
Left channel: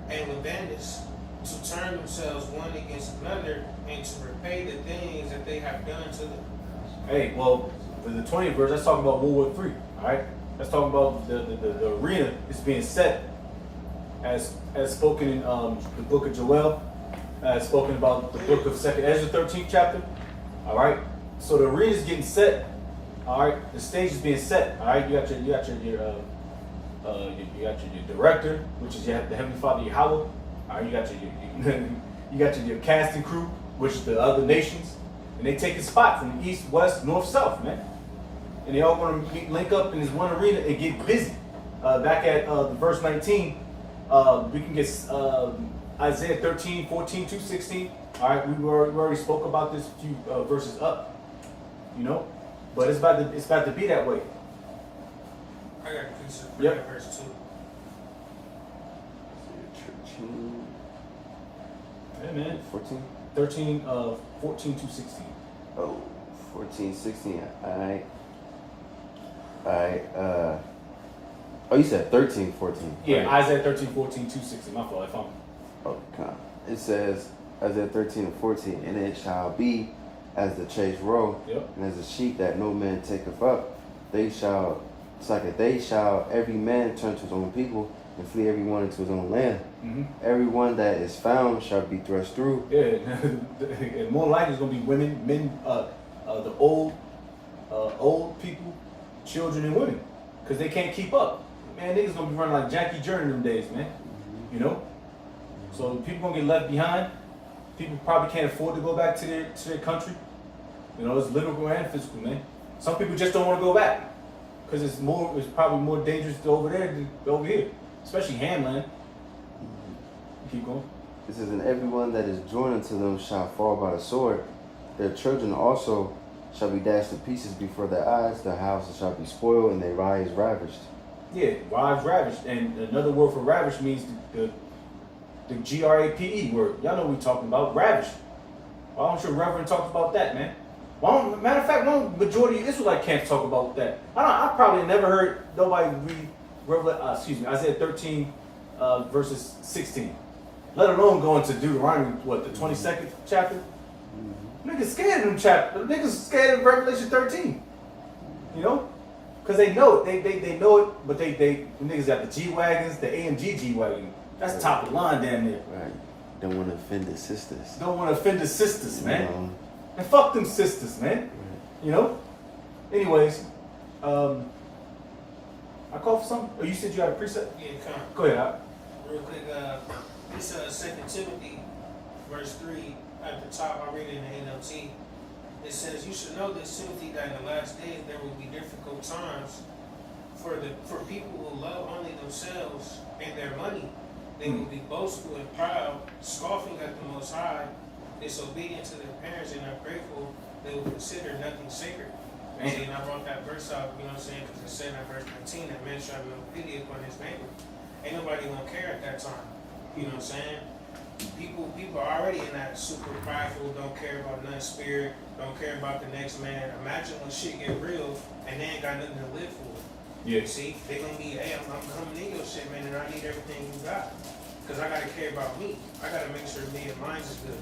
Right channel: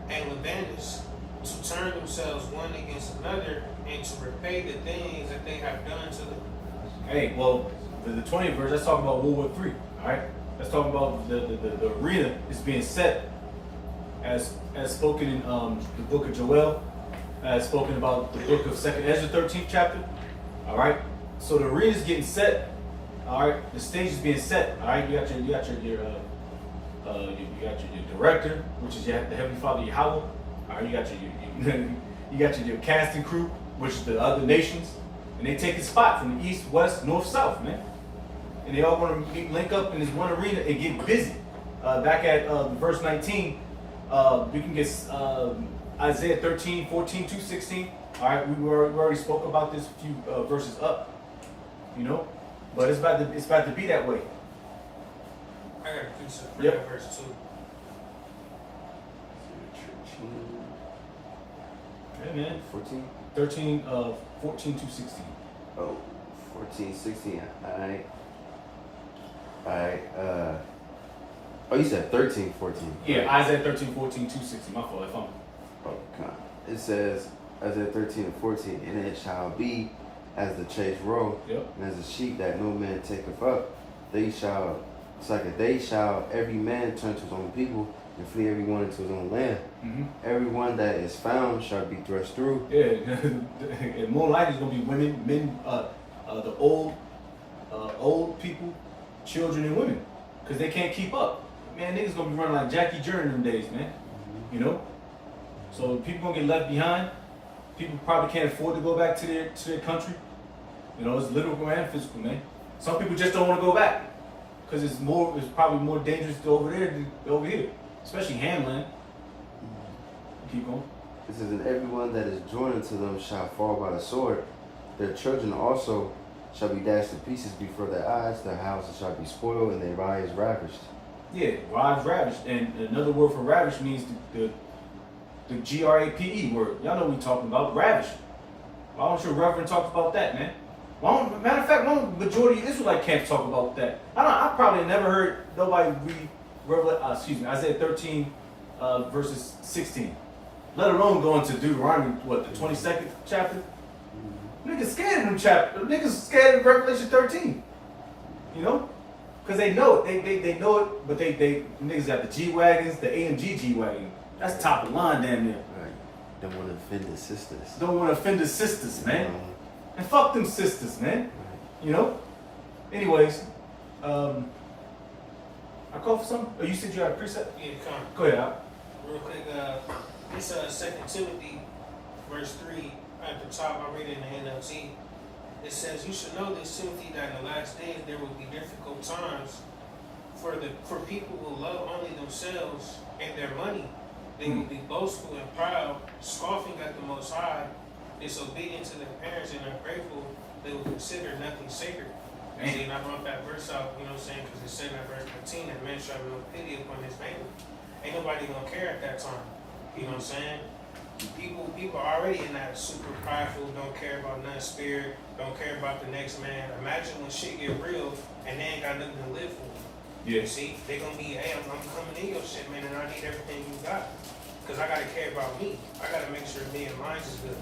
and Lebanus, to turn themselves one against another and to repay the things that they have done to them. Hey, well, the 20th verse, that's talking about World War III, all right? That's talking about the arena is being set as spoken in the book of Joel, as spoken about the book of 2 Ezra 13th chapter, all right? So the arena is getting set, all right? The stage is being set, all right? You got your director, which is the Heavenly Father Yahweh, all right? You got your casting crew, which is the other nations. And they take a spot from the east, west, north, south, man. And they all want to link up in this one arena and get busy. Back at verse 19, we can get Isaiah 13, 14 to 16. All right, we already spoke about this a few verses up, but it's about to be that way. I got a precept. Yep. Verse 2. Yeah, man. 14? 13, 14 to 16. Oh, 14, 16. Alright. Oh, you said 13, 14. Yeah, right? Isaiah 13, 14 to 16. My fault. If I'm Oh, come on. It says, Isaiah 13 and 14, and it shall be as the chased roe, Yep. and as the sheep that no man taketh up. They shall, every man turn to his own people, and flee every one into his own land. Mm-hmm. Everyone that is found shall be thrust through. Yeah, and more likely it's gonna be women, men, the old people, children, and women, because they can't keep up. Man, niggas gonna be running like Jackie Journey in them days, man. You know, so people gonna get left behind. People probably can't afford to go back to their country. You know, it's literal and physical, man. Some people just don't want to go back because it's probably more dangerous over there than over here, especially Hamland. Keep going. It says, and everyone that is joined unto them shall fall by the sword. Their children also shall be dashed to pieces before their eyes. Their houses shall be spoiled, and their wives ravished. Yeah, wives ravished. And another word for ravished means the GRAPE word. Y'all know what we're talking about, ravished. Why don't your reverend talk about that, man? Matter of fact, why don't majority of Israelite camps talk about that? I probably never heard nobody read Isaiah 13 verses 16. Let alone go into Deuteronomy, what, the 22nd chapter? Niggas scared of them chapter. Niggas scared of Revelation 13. You know? Because they know it. They know it, but the niggas got the G-Wagons, the AMG G-Wagon. That's top of the line damn near. Right. Don't want to offend the sisters. Don't want to offend the sisters, man. And fuck them sisters, man. Right. You know? Anyways, I called for something? Oh, you said you had a precept? Yeah, come. Go ahead, Al. Real quick, this 2 Timothy, verse 3, at the top, I read it in the NLT. It says, you should know this, Timothy, that in the last days there will be difficult times for people who love only themselves and their money. They will be boastful and proud, scoffing at the Most High, disobedient to their parents and ungrateful. They will consider nothing sacred. See, and I wrote that verse out, you know what I'm saying, because it said in that verse 19 that man shall have no pity upon his neighbor. Ain't nobody gonna care at that time. You know what I'm saying? People are already in that super prideful, don't care about none spirit, don't care about the next man. Imagine when shit get real and they ain't got nothing to live for. Yeah. See, they gonna be, hey, I'm coming in your shit, man, and I need everything you got. Because I gotta care about me. I gotta make sure me and mine is good.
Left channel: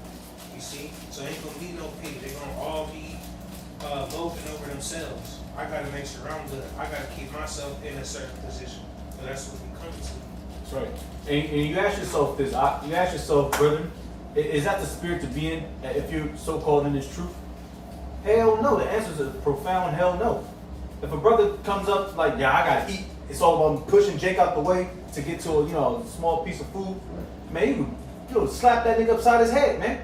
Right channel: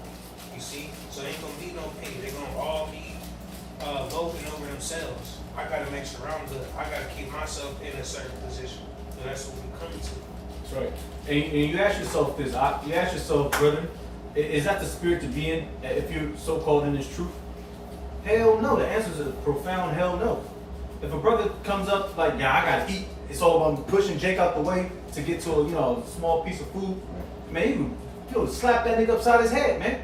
You see? So ain't gonna be no pity. They're gonna all be voting over themselves. I gotta make sure I'm good. I gotta keep myself in a certain position. So that's what we come to. That's right. And you ask yourself this, you ask yourself, brother, is that the spirit to be in if you're so-called in this truth? Hell no. The answer is a profound hell no. If a brother comes up like, yeah, I gotta eat, it's all about pushing Jake out the way to get to a small piece of food, man, you slap that nigga upside his head, man.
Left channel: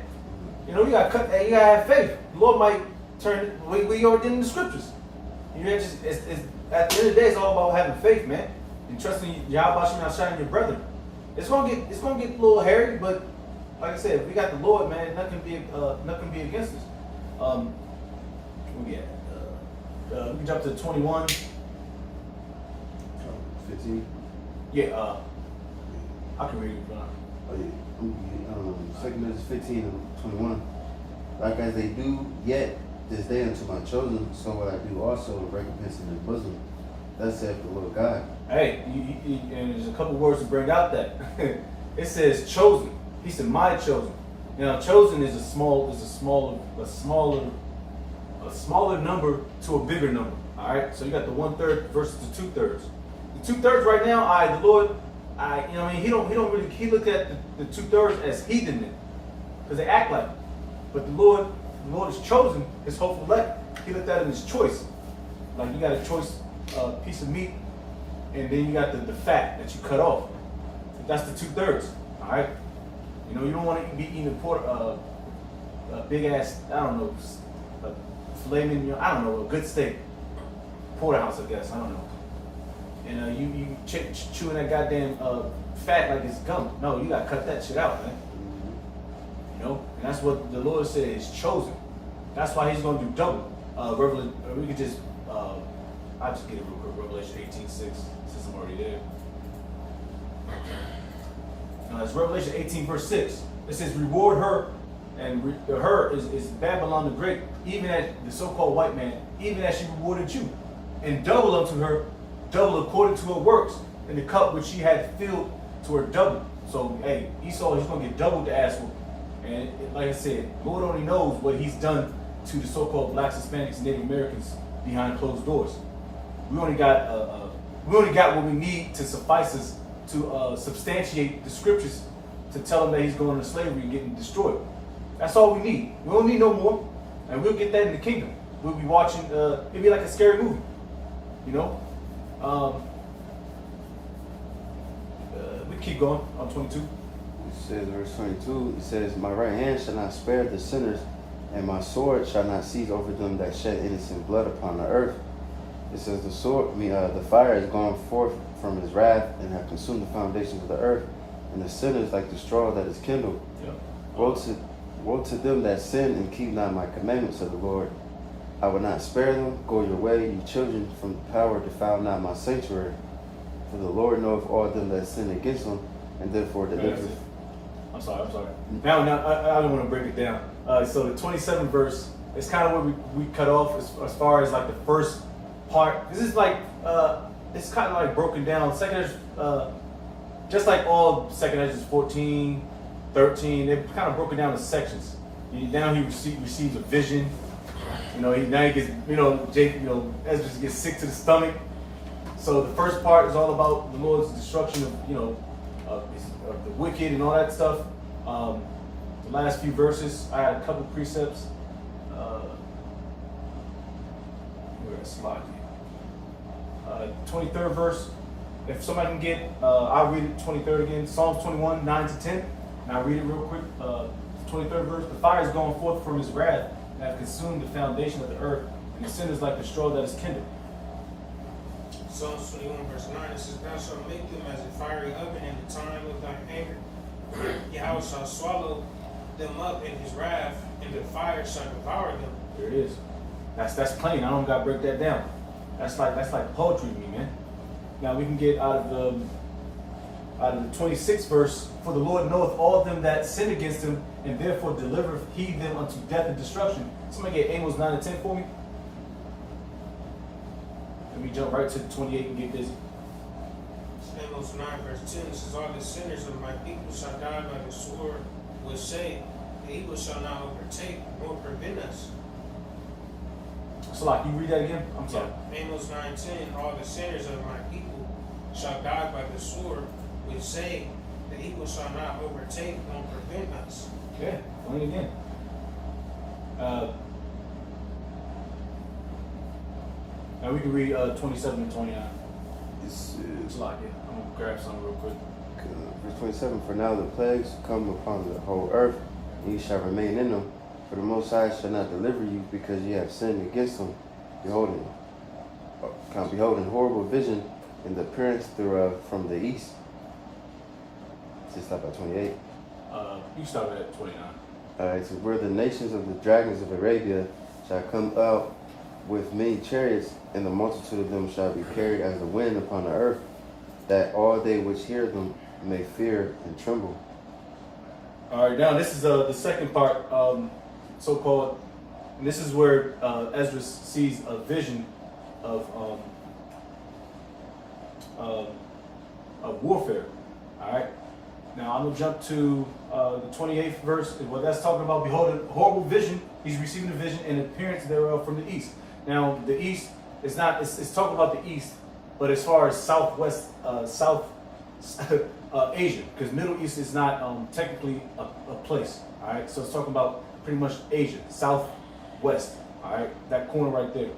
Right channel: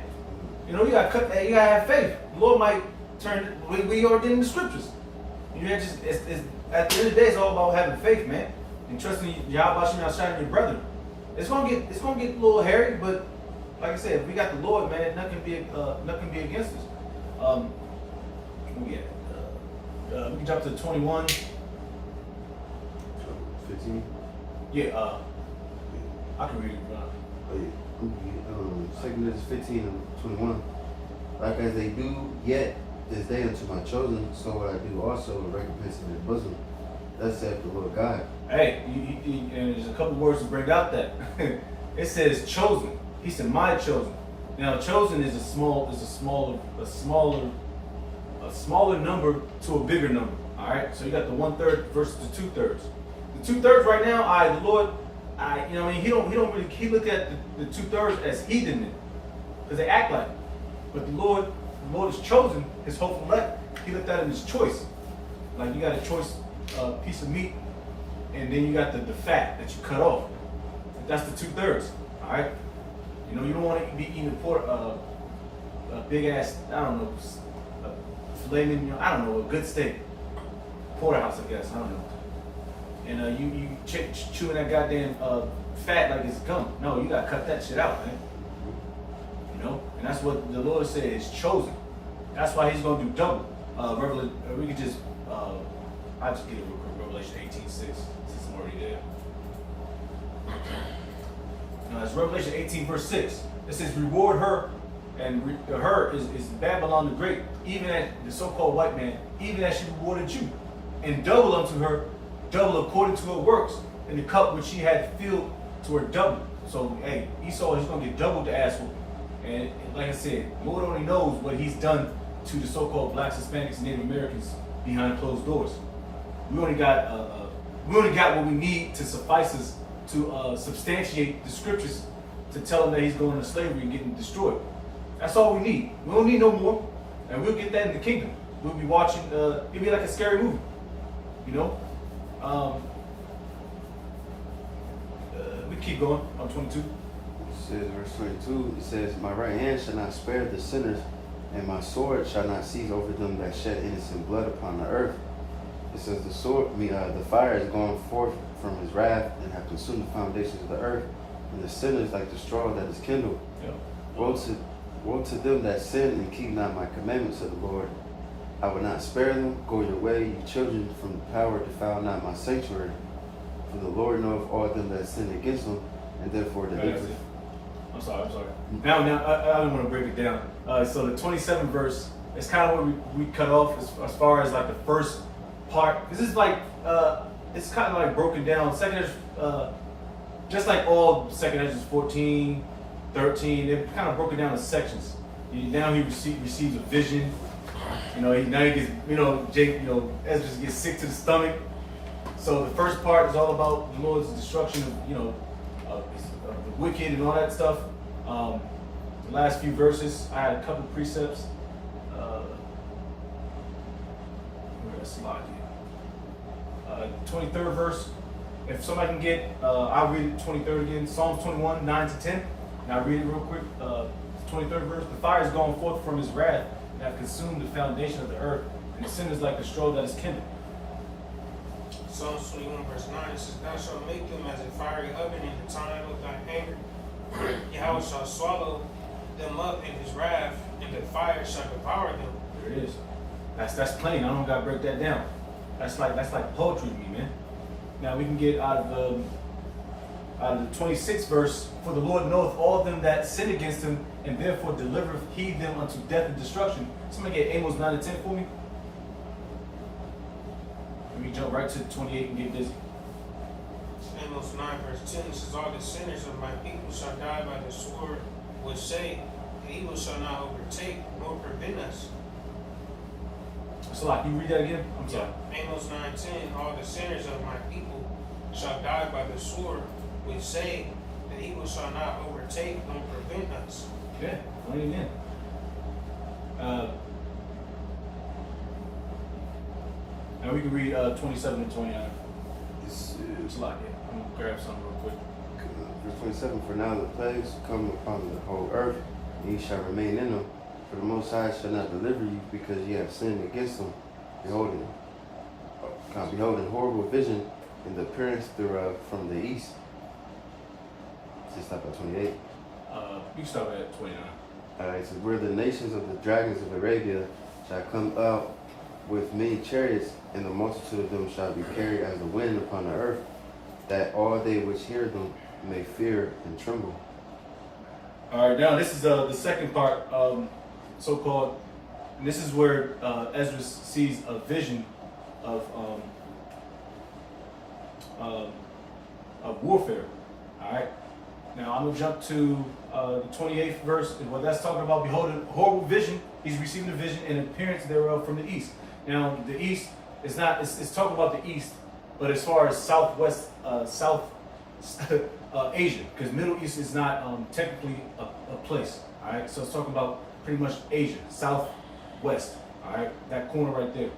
You know, you gotta have faith. The Lord might turn it, we already did in the scriptures. You know, it's at the end of the day, it's all about having faith, man. And trusting Yahweh Shem outside of your brethren. It's gonna get a little hairy, but like I said, if we got the Lord, man, nothing can be against us. Where we at? We can jump to 21. 15. Yeah, I can read it. Oh, yeah. 2 Corinthians 15 and 21. Like as they do yet this day unto my chosen, so will I do also in recompense in their bosom. Thus saith the Lord God. Hey, and there's a couple words to bring out that. It says chosen. He said, my chosen. Now, chosen is a smaller number to a bigger number. All right. So you got the 1/3 versus the 2/3. The 2/3 right now, the Lord, he look at the 2/3 as heathen, because they act like it. But the Lord is chosen, his hopeful elect. He looked at it as choice. Like you got a choice piece of meat, and then you got the fat that you cut off. That's the 2/3. All right. You don't want to be eating a big ass, I don't know, a filet mignon, I don't know, a good steak, porterhouse, I guess, I don't know. And you chewing that goddamn fat like it's gum. No, you gotta cut that shit out, man. And that's what the Lord said is chosen. That's why He's gonna do double. We could just, I'll just get it real quick. Revelation 18:6, since I'm already there. Now it's Revelation 18 verse 6. It says, reward her, and her is Babylon the Great, even as the so-called white man, even as she rewarded you, and double unto her, double according to her works, in the cup which she had filled to her double. So, hey, Esau, he's going to get double the ass whooping. And like I said, Lord only knows what he's done to the so-called blacks, Hispanics, and Native Americans behind closed doors. We only got what we need to suffice us to substantiate the scriptures to tell them that he's going into slavery and getting destroyed. That's all we need. We don't need no more, and we'll get that in the kingdom. we'll be watching. It'll be like a scary movie, you know. We keep going on 22. It says, verse 22, it says, my right hand shall not spare the sinners, and my sword shall not cease over them that shed innocent blood upon the earth. It says, the fire is gone forth from his wrath, and have consumed the foundations of the earth, and the sinners like the straw that is kindled. Yep. Woe to them that sin and keep not my commandments of the Lord. I will not spare them. Go your way, you children, from the power, defile not my sanctuary. For the Lord knoweth all them that sin against him, and therefore delivereth. I'm sorry. Now, I don't want to break it down. So the 27th verse is kind of where we cut off as far as like the first part. This is like, it's kind of like broken down. Second Ezra, just like all Second Ezra 14, 13, they're kind of broken down in sections. Now he receives a vision. You know, now he gets, Ezra gets sick to the stomach. So the first part is all about the Lord's destruction of, of the wicked and all that stuff. The last few verses, I had a couple precepts. Where did I slide you? 23rd verse. If somebody can get, I'll read it 23rd again. Psalms 21, 9 to 10. And I'll read it real quick. 23rd verse. The fire is gone forth from his wrath and have consumed the foundation of the earth, and the sin is like the straw that is kindled. Psalms 21 verse 9, it says, thou shalt make them as a fiery oven in the time of thy anger. Yahweh shall swallow them up in his wrath, and the fire shall devour them. There it is. That's plain. I don't gotta break that down. That's like poetry to me, man. Now we can get out of the 26th verse. For the Lord knoweth all them that sin against him, and therefore delivereth he them unto death and destruction. Somebody get Amos 9 and 10 for me. Let me jump right to 28 and get busy. Amos 9 verse 10, it says, all the sinners of my people shall die by the sword, which say, the evil shall not overtake nor prevent us. So like, you read that again? I'm sorry. Amos 9:10, all the sinners of my people shall die by the sword, which say, the evil shall not overtake nor prevent us. Yeah, read it again. And we can read 27 and 29. It's It's like it. I'm gonna grab some real quick. verse 27, for now the plagues come upon the whole earth, and ye shall remain in them. For the Most High shall not deliver you, because ye have sinned against him. Beholding horrible vision, and the appearance thereof from the east. Just stop at 28. You can start at 29. It says, where the nations of the dragons of Arabia shall come up with many chariots, and the multitude of them shall be carried as the wind upon the earth, that all they which hear them may fear and tremble. All right, now this is the second part, so-called, and this is where Ezra sees a vision of warfare. All right, now I'm gonna jump to the 28th verse. Well, that's talking about beholding horrible vision. He's receiving a vision and appearance thereof from the east. Now the east is not. It's talking about the east, but as far as southwest, South Asia, because Middle East is not technically a place. All right, so it's talking about pretty much Asia, southwest. All right, that corner right there.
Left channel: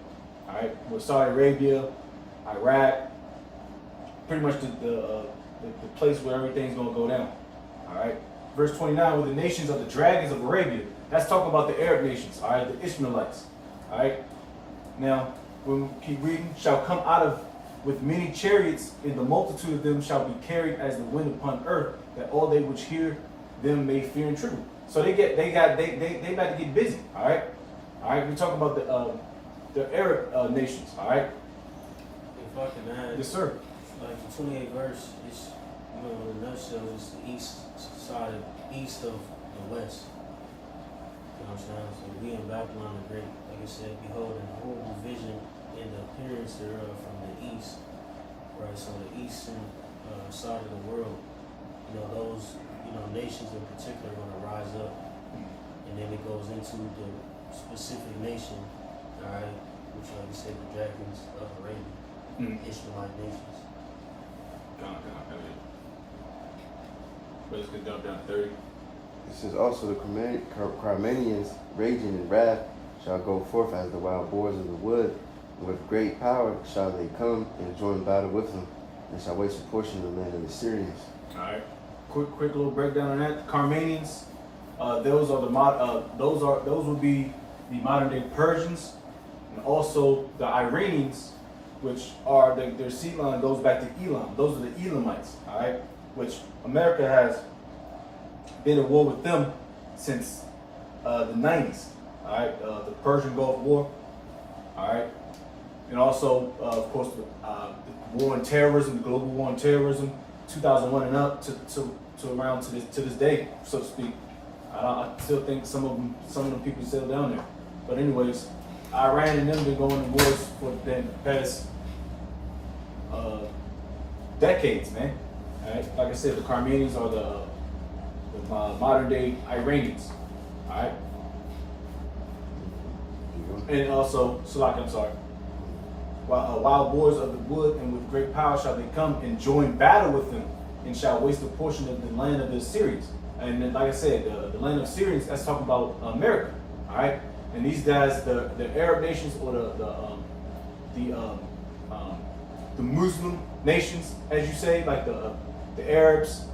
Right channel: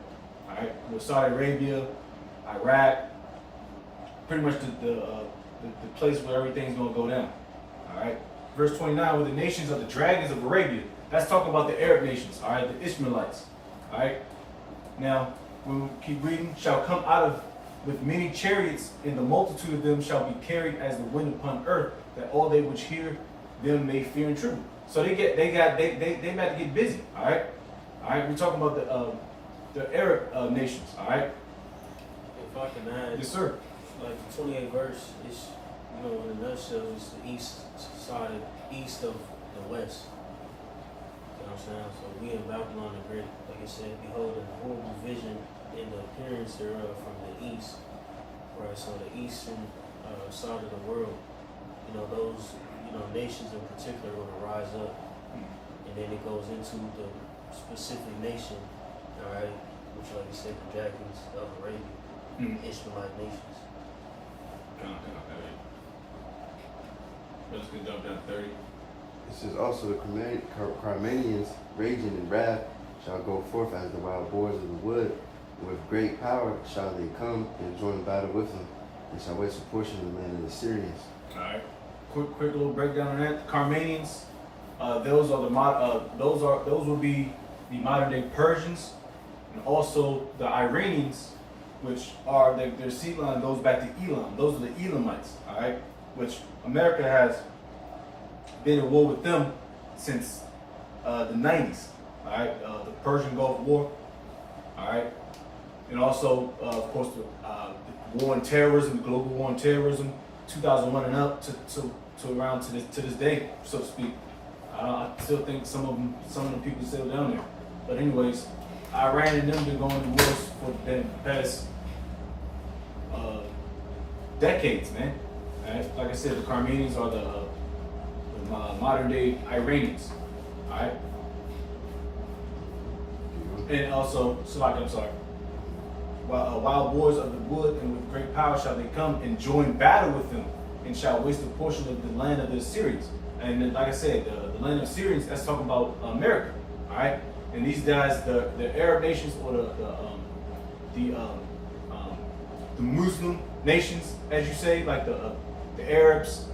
All right, with Saudi Arabia, Iraq, pretty much the place where everything's gonna go down. All right, verse 29, with the nations of the dragons of Arabia. That's talking about the Arab nations. All right, the Ishmaelites. All right. Now, when we keep reading, shall come out of with many chariots, and the multitude of them shall be carried as the wind upon earth, that all they which hear them may fear and tremble. So they about to get busy. All right. We're talking about the Arab nations. All right. If I can add, Yes, sir. like the 28th verse is, in a nutshell, is the east side, east of the west. You know what I'm saying? So we in Babylon the Great, like I said, beholding the horrible vision and the appearance thereof from the east. Right, so the eastern side of the world, those, nations in particular want to rise up. And then it goes into the specific nation, all right, which, like I said, the dragons of Arabia, Ishmaelite nations. Let's get jump down 30. This is also the Carmanians raging in wrath, shall go forth as the wild boars of the wood. With great power shall they come and join the battle with them, and shall waste a portion of the land of the Syrians. All right. Quick little breakdown on that. Carmanians, those would be the modern day Persians, and also the Iranians, which are their seed line goes back to Elam. Those are the Elamites. All right, which America has been at war with them since the 90s. All right, the Persian Gulf War. All right, and also of course the war on terrorism, the global war on terrorism, 2001 and up to around to this day, so to speak. I still think some of the people still down there. But anyways, Iran and them been going to wars for the past decades, man. All right? Like I said, the Carmanians are the modern day Iranians. All right. And also, Salak, I'm sorry. Wild boars of the wood, and with great power shall they come and join battle with them, and shall waste a portion of the land of the Assyrians. And then, like I said, the land of Syrians, that's talking about America, all right? And these guys, the Arab nations or the Muslim nations, as you say, like the Arabs,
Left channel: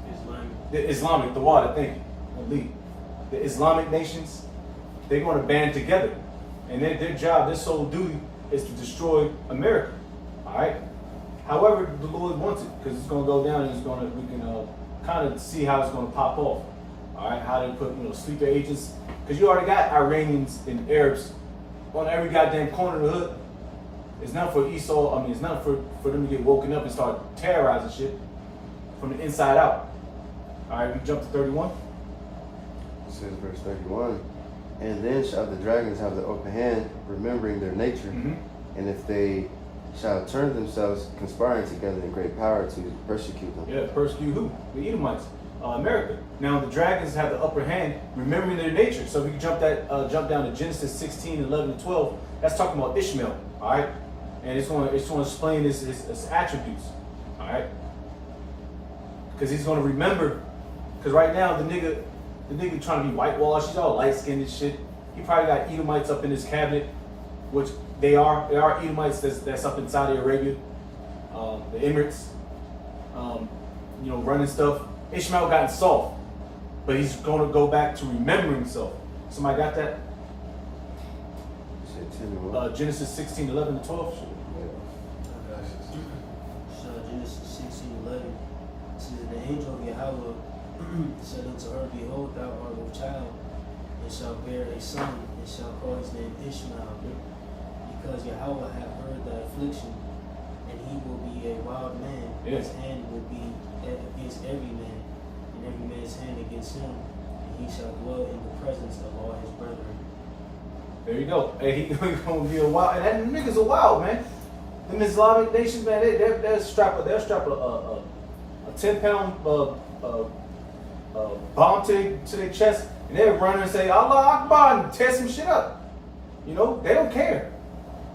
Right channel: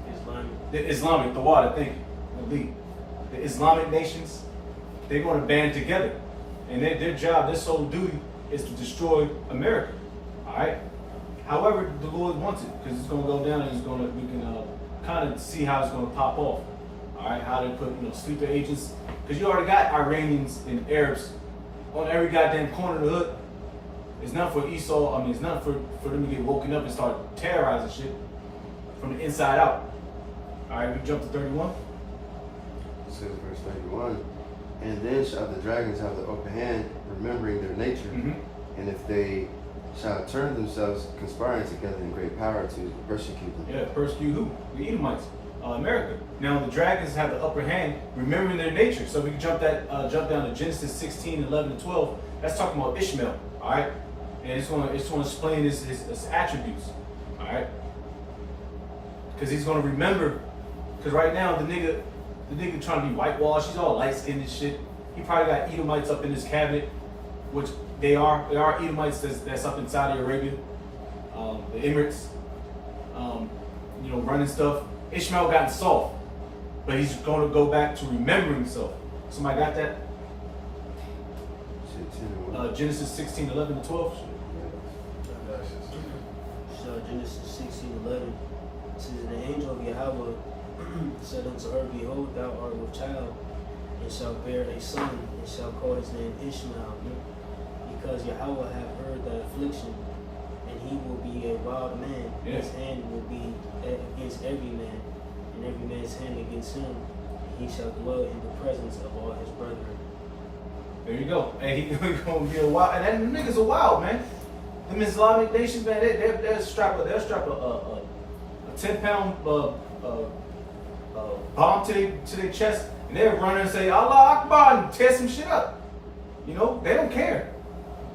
the Wada, thank you, the Islamic nations, they're going to band together, and their job, their sole duty, is to destroy America, all right? However, the Lord wants it, because it's going to go down, and we can kind of see how it's going to pop off. All right, how they put sleeper agents, because you already got Iranians and Arabs on every goddamn corner of the hood. It's not for Esau. I mean, it's not for them to get woken up and start terrorizing shit from the inside out. All right, we jump to 31. It says verse 31. And then shall the dragons have the upper hand, remembering their nature, and if they shall turn themselves, conspiring together in great power to persecute them. Yeah, persecute who? The Edomites. America. Now the dragons have the upper hand, remembering their nature. So we can jump down to Genesis 16, 11, and 12. That's talking about Ishmael, all right? And it's going to explain his attributes, all right? Because he's going to remember. Because right now the nigga trying to be whitewashed. He's all light skinned and shit. He probably got Edomites up in his cabinet, which they are Edomites that's up in Saudi Arabia, the Emirates, running stuff. Ishmael got soft, but he's going to go back to remembering himself. Somebody got that? Genesis 16, 11 and 12. So Genesis 16, 11 says, the angel of Yahweh said unto her, behold, thou art with child, and shalt bear a son, and shall call his name Ishmael, because Yahweh hath heard thy affliction, and he will be a wild man. Yes. His hand will be against every man, and every man's hand against him. And he shall dwell in the presence of all his brethren. There you go. Hey, he's gonna be a wild, and that niggas are wild, man. Them Islamic nations, man, they'll strap a 10-pound bomb to their chest, and they'll run and say Allah Akbar and tear some shit up. They don't care.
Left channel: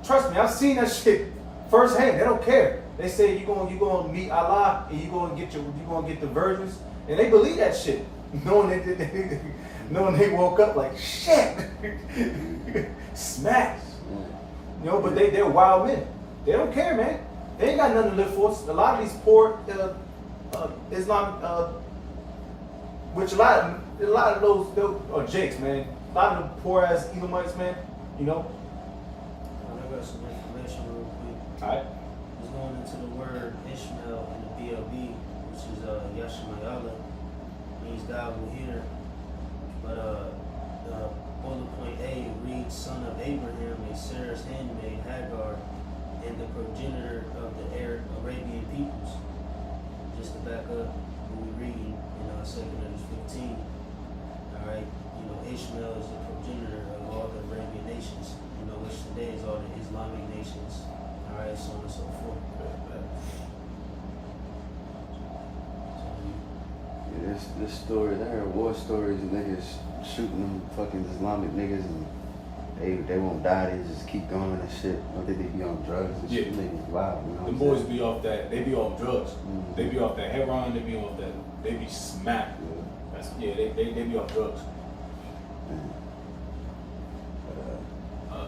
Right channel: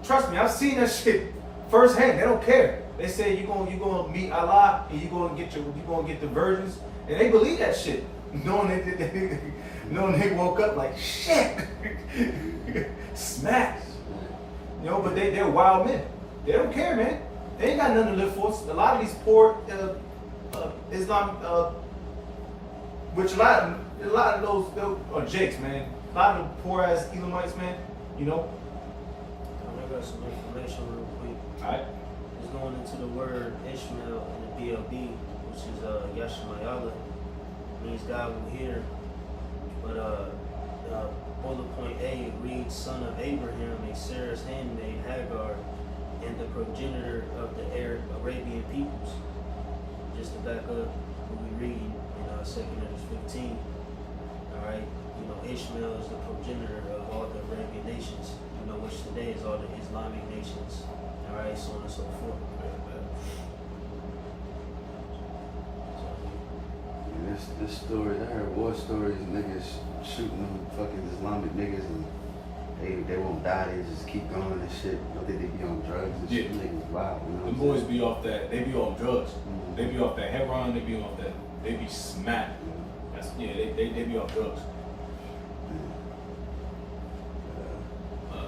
Trust me, I've seen that shit firsthand. They don't care. They say you gonna meet Allah and you gonna get the virgins, and they believe that shit, knowing they woke up like shit, smash. But they're wild men. They don't care, man. They ain't got nothing to live for. A lot of these poor Islam, which a lot of those are jakes, man. A lot of the poor ass Edomites, man. I got some information real quick. All right. It's going into the word Ishmael in the BLB, which is Yashmayala, means God will hear. But bullet point A reads son of Abraham and Sarah's handmaid Hagar, and the progenitor of the Arabian peoples. Just to back up what we read in 2 Kings 15. Alright, Ishmael is the progenitor of all the Arabian nations, which today is all the Islamic nations. Alright, so on and so forth. Yeah, this story, I heard war stories of niggas shooting fucking Islamic niggas, and they won't die, they just keep going and shit. I think they be on drugs and shit. Niggas wild, The boys be off that. They be off drugs. Mm-hmm. They be off that heroin. They be off that. They be smacked. They be off drugs.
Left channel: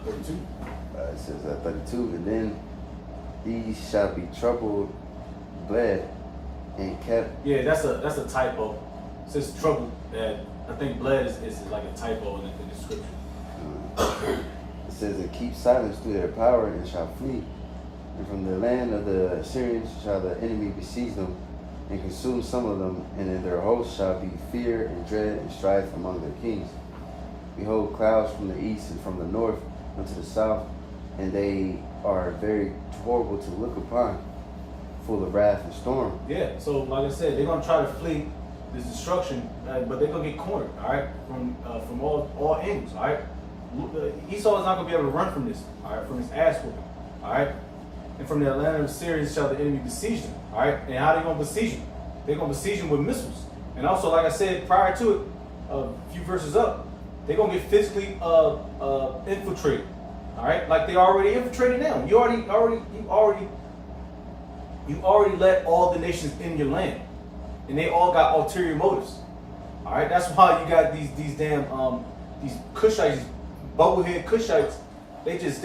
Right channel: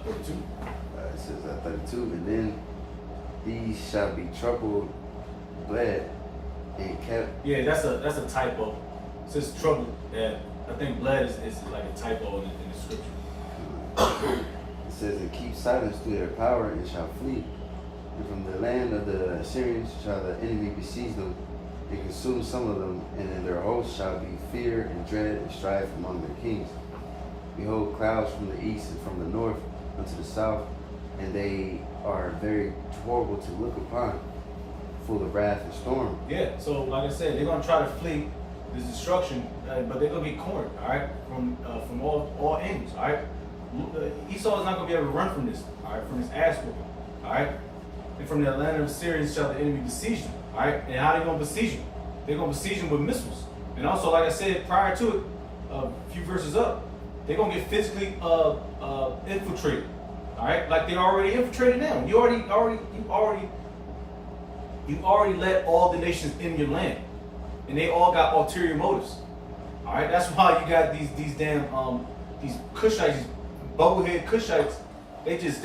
32. It says at 32, and then these shall be troubled, bled, and kept. Yeah, that's a typo. It says trouble. I think bled is like a typo in the scripture. It says, and keep silence to their power and shall flee. And from the land of the Assyrians shall the enemy besiege them and consume some of them, and in their host shall be fear and dread and strife among their kings. Behold, clouds from the east and from the north unto the south, and they are very horrible to look upon, full of wrath and storm. Yeah, so like I said, they're gonna try to flee this destruction, but they're gonna get cornered, all right, from all angles, all right. Esau is not gonna be able to run from this, all right, from his ass whooping, all right. And from the land of the Syrians shall the enemy besiege them, all right. And how they gonna besiege them? They're gonna besiege them with missiles, and also, like I said prior to it, a few verses up, they're gonna get physically infiltrated, all right. Like they already infiltrated now. You already let all the nations in your land, and they all got ulterior motives. All right, that's why you got these damn these Cushites, these bubblehead Cushites. They just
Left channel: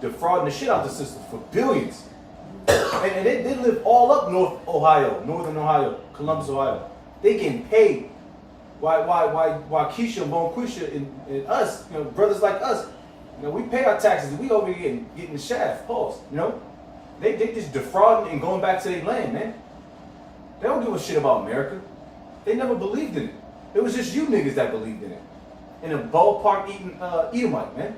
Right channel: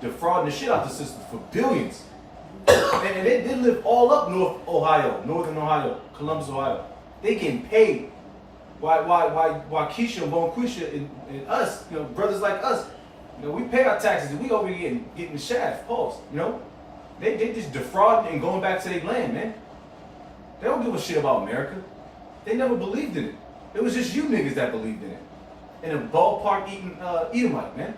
defrauding the shit out the system for billions, and they live all up northern Ohio, Columbus, Ohio. They getting paid. Why Keisha and Bonquisha and us, you know, brothers like us, you know, we pay our taxes and we over here getting the shaft, pause, you know. They just defrauding and going back to their land, man. They don't give a shit about America. They never believed in it. It was just you niggas that believed in it. And a ballpark eating Edomite, man.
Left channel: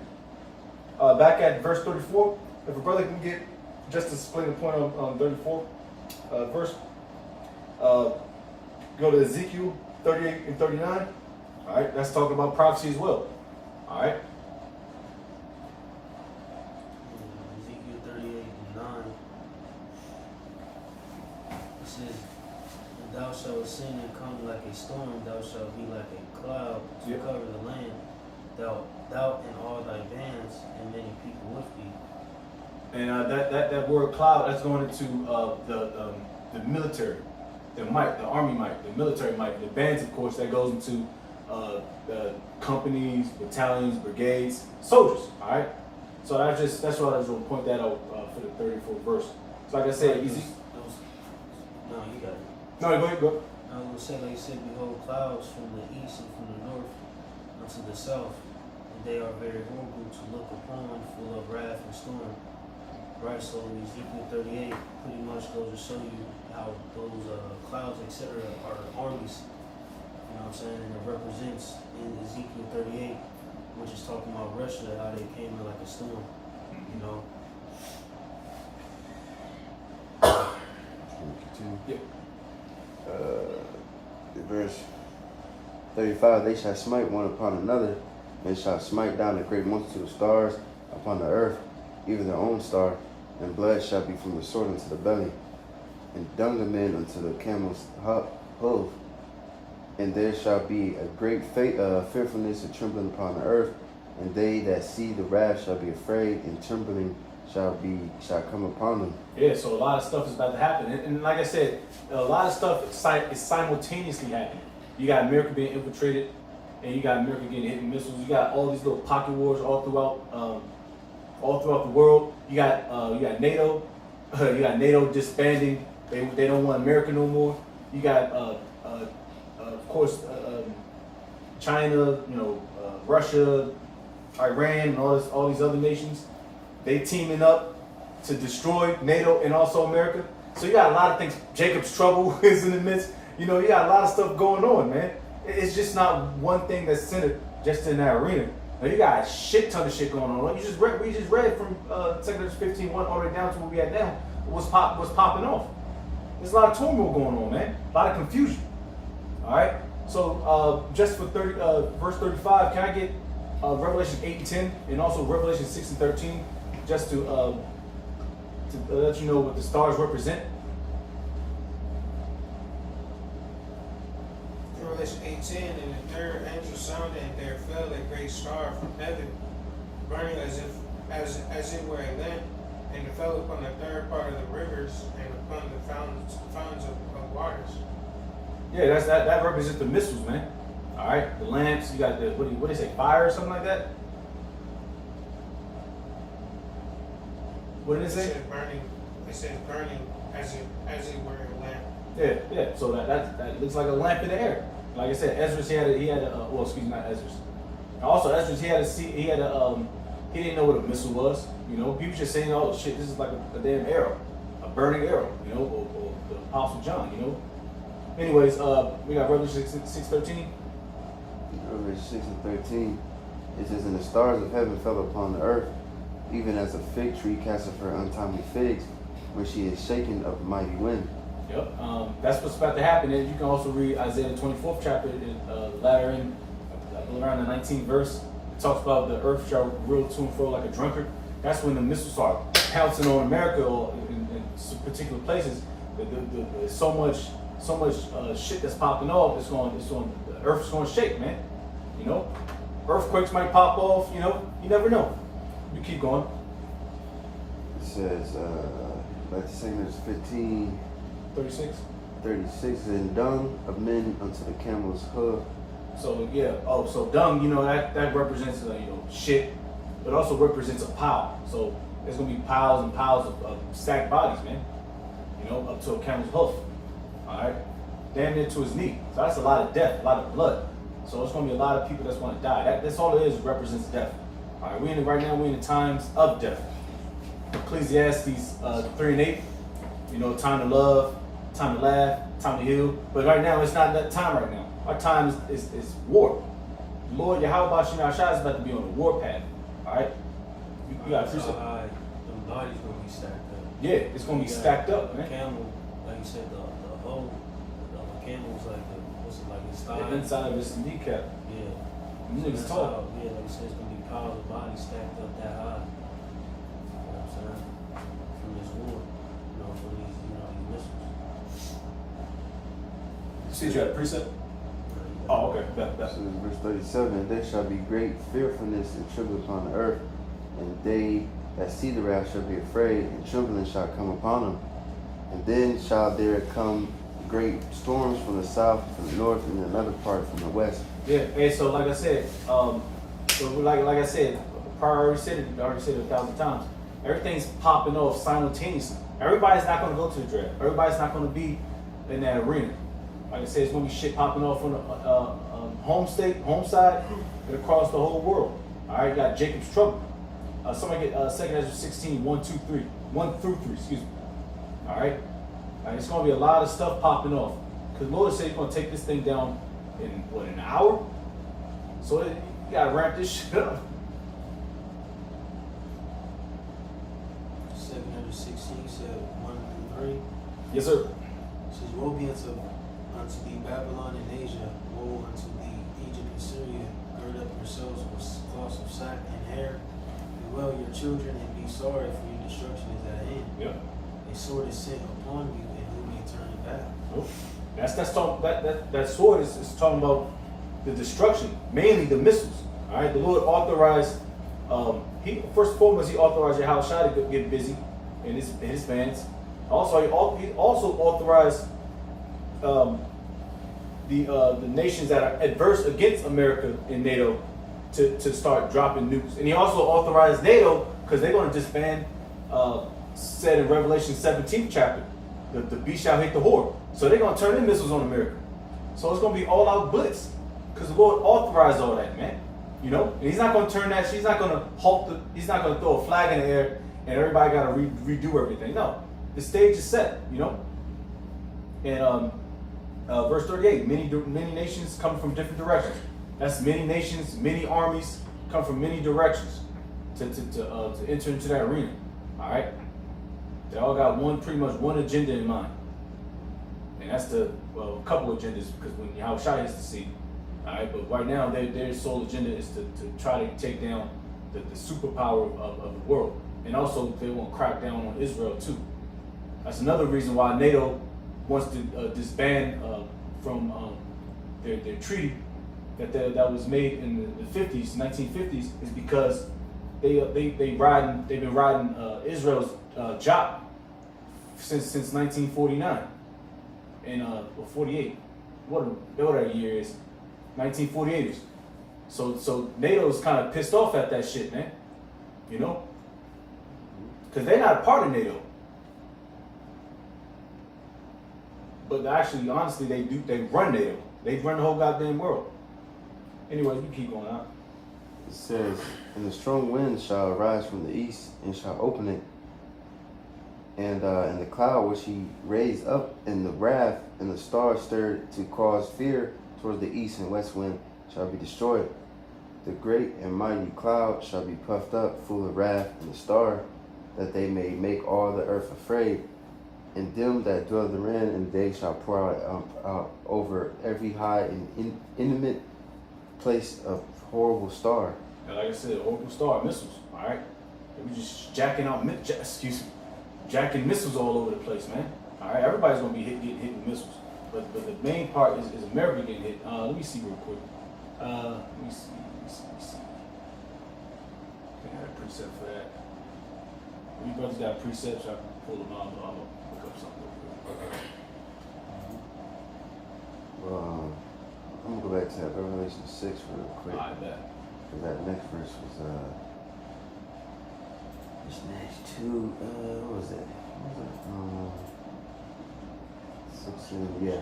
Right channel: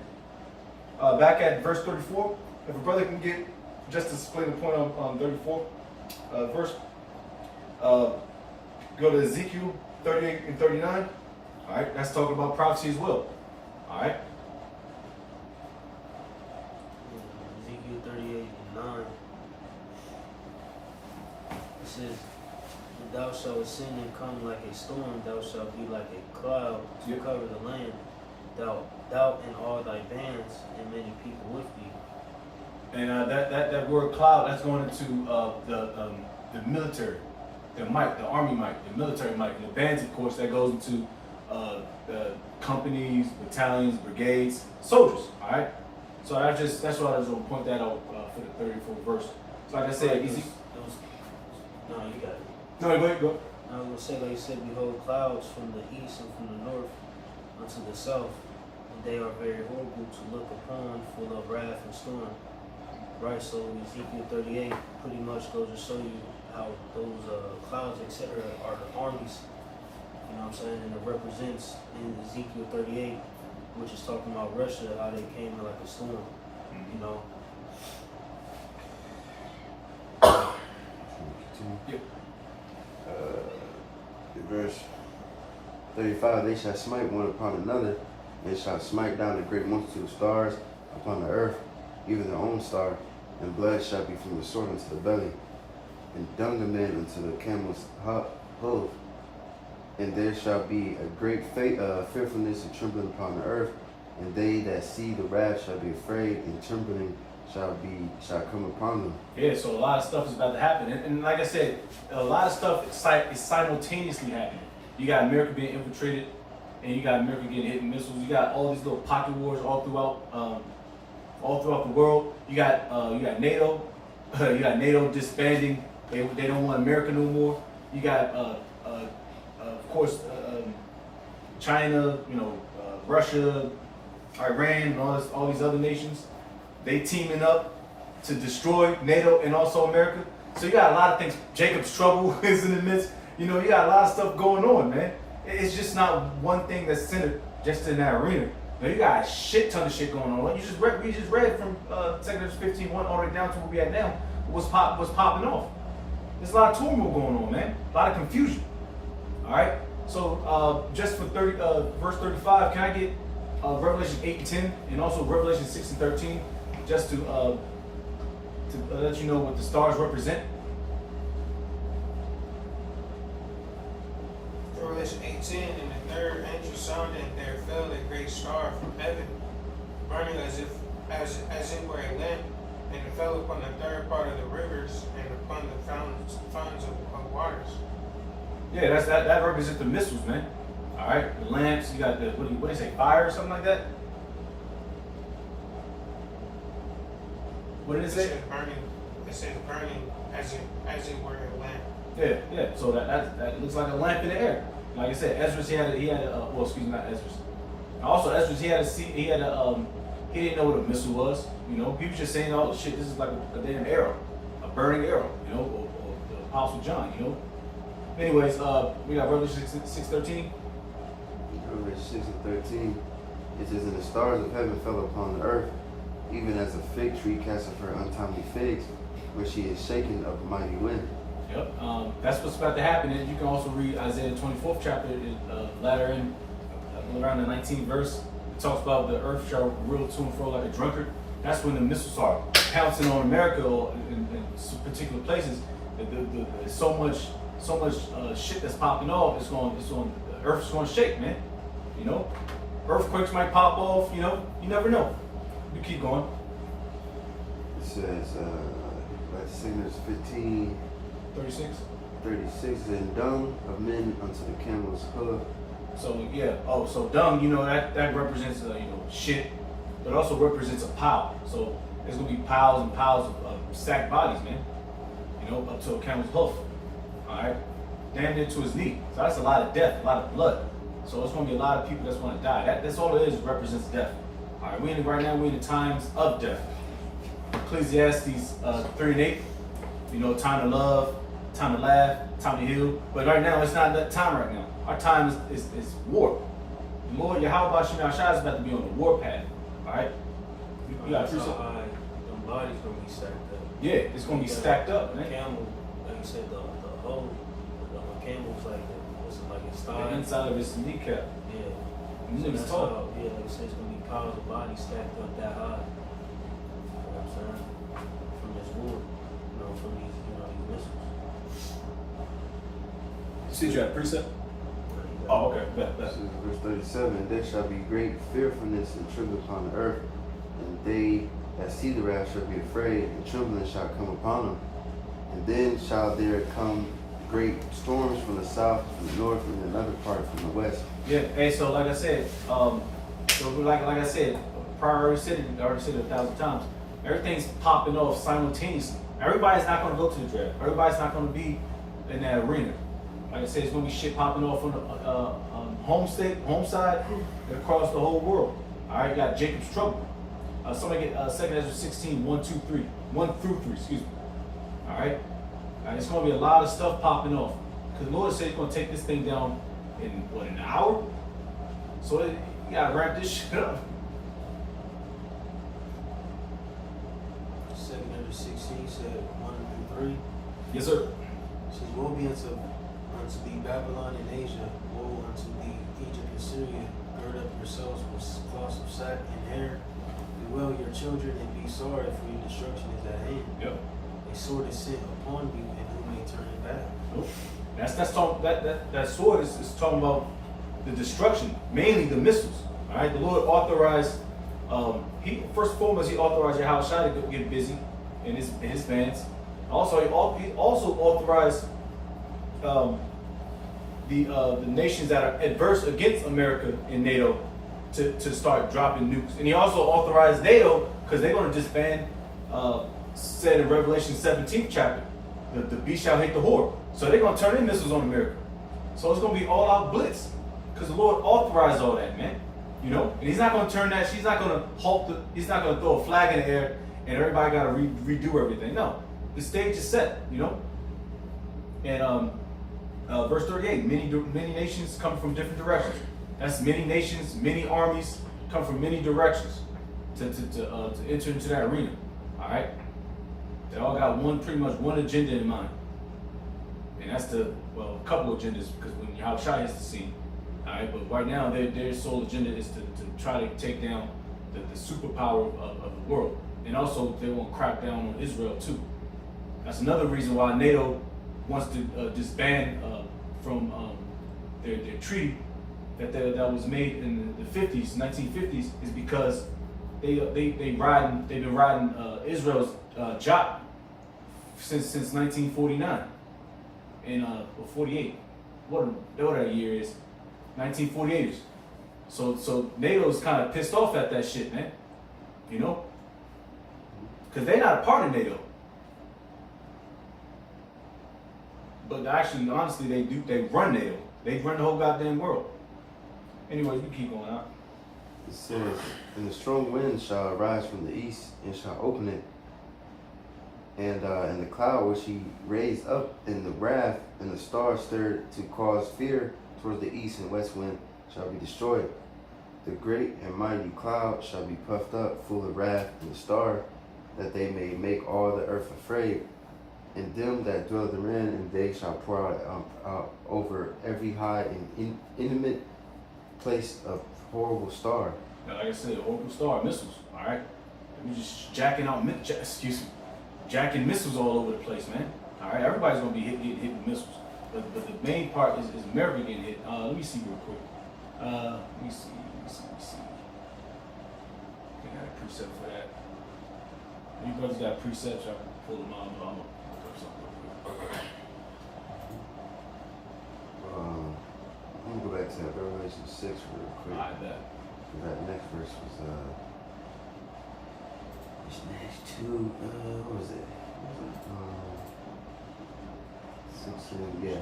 Back at verse 34, if a brother can get, just to explain the point on 34 verse, go to Ezekiel 38 and 39. All right, that's talking about prophecy as well. All right. Ezekiel 38 and 9. It says, "And thou shalt ascend and come like a storm, thou shalt be like a cloud to Yep. cover the land, thou and all thy bands, and many people with thee." And that word cloud, that's going into the military, the might, the army might, the military might. The bands, of course, that goes into the companies, battalions, brigades, soldiers. All right. So that's why I was going to point that out for the 34th verse. So like I said, No, you got it. No, go ahead, go. I was going to say, like you said, behold, clouds from the east and from the north unto the south, and they are very horrible to look upon, full of wrath and storm. Right, so Ezekiel 38 pretty much goes to show you how those clouds, etc., are armies. You know what I'm saying? And it represents in Ezekiel 38, which is talking about Russia, how they came like a storm. You know? Yep. Verse 35, they shall smite one upon another, and shall smite down a great multitude of stars upon the earth, even their own star, and blood shall be from the sword unto the belly, and dung of men unto the camel's hoof. And there shall be a great fearfulness and trembling upon the earth, and they that see the wrath shall be afraid, and trembling shall come upon them. Yeah, so a lot of stuff is about to happen. And like I said, a lot of stuff is simultaneously happening. You got America being infiltrated, and you got America getting hit with missiles. You got all these little pocket wars all throughout the world. You got NATO. You got NATO disbanding. They don't want America no more. You got of course China, you know, Russia, Iran, and all these other nations. They teaming up to destroy NATO and also America. So you got a lot of things. Jacob's trouble is in the midst. You know, you got a lot of stuff going on, man. It's just not one thing that's centered just in that arena. Now you got a shit ton of shit going on. We just read from 2 Corinthians 15:1 all the way down to where we at now. What's popping off? There's a lot of turmoil going on, man. A lot of confusion. All right. So just for verse 35, can I get Revelation 8 and 10 and also Revelation 6 and 13, just to let you know what the stars represent? Revelation 8:10, and the third angel sounded, and there fell a great star from heaven, burning as it were a lamp, and it fell upon the third part of the rivers and upon the fountains of waters. Yeah, that represents the missiles, man. All right, the lamps. You got the what do they say, fire or something like that? What did it say? It says burning as it were a lamp. Yeah. So that looks like a lamp in the air. Like I said, Ezra he had a well, excuse me, not Ezra. Also, Ezra he didn't know what a missile was. You know, people just saying, "Oh shit, this is like a damn arrow, a burning arrow." You know, or the Apostle John. You know. Anyways, we got Revelation 6:13. Revelation 6 and 13. It says, "And the stars of heaven fell upon the earth, even as a fig tree casteth her untimely figs, which she is shaken of a mighty wind." Yep. That's what's about to happen. And you can also read Isaiah 24th chapter, latter in around the 19th verse. It talks about the earth shall reel to and fro like a drunkard. That's when the missiles are pouncing on America or in particular places. There's so much shit that's popping off. The earth's going to shake, man. You know, earthquakes might pop off. You know, you never know. You keep going. It says, like the same verse 15, 36. 36, "And dung of men unto the camel's hoof." So yeah. Oh, so dung. You know that represents shit, but also represents a pile. So there's gonna be piles and piles of stacked bodies, man. You know, up to a camel's hoof. All right, damn near to his knee. So that's a lot of death, a lot of blood. So it's gonna be a lot of people that's gonna die. That's all it is. Represents death. All right, right now we're in the times of death. Ecclesiastes 3 and 8. You know, time to love, time to laugh, time to heal. But right now it's not that time right now. Our time is war. The Lord Yahweh Shina Shai is about to be on the war path. All right, you got to Them bodies gonna be stacked up. Yeah, it's gonna be stacked up, man. Camel, like you said, the whole camel's like a style. The inside of his kneecap. Yeah. These niggas tall. Yeah, they said it's gonna be piles of bodies stacked up that high. You know what I'm saying? From this war, from these missiles. You see, you had a precept. Oh, okay. This is verse 37. "There shall be great fearfulness and trembling upon the earth, and they that see the wrath shall be afraid, and trembling shall come upon them. And then shall there come great storms from the south, from the north, and another part from the west." Yeah. Hey, so like I said, like I said, I already said it 1,000 times. Everything's popping off simultaneously. Everybody's not going to go to the draft. Everybody's not going to be in that arena. Like I said, it's going to be shit popping off on the home side, and across the whole world. All right, you got Jacob's trouble. Somebody get 2 Ezra 16, 1 through 3, excuse me. All right, it's going to be a lot of stuff popping off. Because the Lord said he's going to take this thing down in, an hour? So you got to wrap this shit up. 2 Ezra 16 said 1 through 3. Yes, sir. It says, "Woe be unto thee, Babylon and Asia, woe unto thee, Egypt and Syria, gird up yourselves with cloths of sack and hair, bewail your children and be sorry, for your destruction is at hand. Yep. A sword is sent upon you, and who may turn it back?" Nope. That sword is talking about the destruction, mainly the missiles. All right, the Lord authorized. He first and foremost he authorized Yahushua to get busy in his bands. Also, he also authorized the nations that are adverse against America in NATO to start dropping nukes, and he also authorized NATO because they're going to disband. Said in Revelation 17th chapter, the beast shall hit the whore. So they're going to turn in missiles on America. So it's going to be all out blitz because the Lord authorized all that, man. You know, and he's not going to turn that. He's not going to he's not going to throw a flag in the air and everybody got to redo everything. No, the stage is set. You know, and verse 38: many nations come from different directions. That's many nations, many armies come from many directions to enter into that arena. All right, they all got pretty much one agenda in mind, and that's a couple agendas because when Yahushua is the scene. All right, but right now their sole agenda is to try to take down the superpower of the world, and also they want to crack down on Israel too. That's another reason why NATO wants to disband from their treaty that was made in the 50s, 1950s, is because they've been riding Israel's job since 1949 and or 48. What that year is. 1948ers. So NATO's kind of pissed off at that shit, man. You know? because they're not a part of NATO. But actually, honestly, they run NATO. They run the whole goddamn world. Anyway, you keep going on. It says, and the strong wind shall arise from the east and shall open it. And the cloud which he raised up, and the wrath and the stars stirred to cause fear towards the east and west wind shall be destroyed. The great and mighty cloud shall be puffed up, full of wrath, and the star, that they may make all the earth afraid. And them that dwell therein, and they shall pour out over every high and intimate place a horrible star. And like I said, horrible star missiles. All right, we just jacking missiles all over the place, man. All right, everybody's gonna be getting hit with missiles, but the main part is America getting hit. Let me see real quick. Let me see. I got a precept for that. If you brothers got precepts, I can pull them out. But I'm gonna look up something real quick. Let me go back to that Revelation 6 real quick. I bet. That next verse was this next two, what was it? 16, yeah.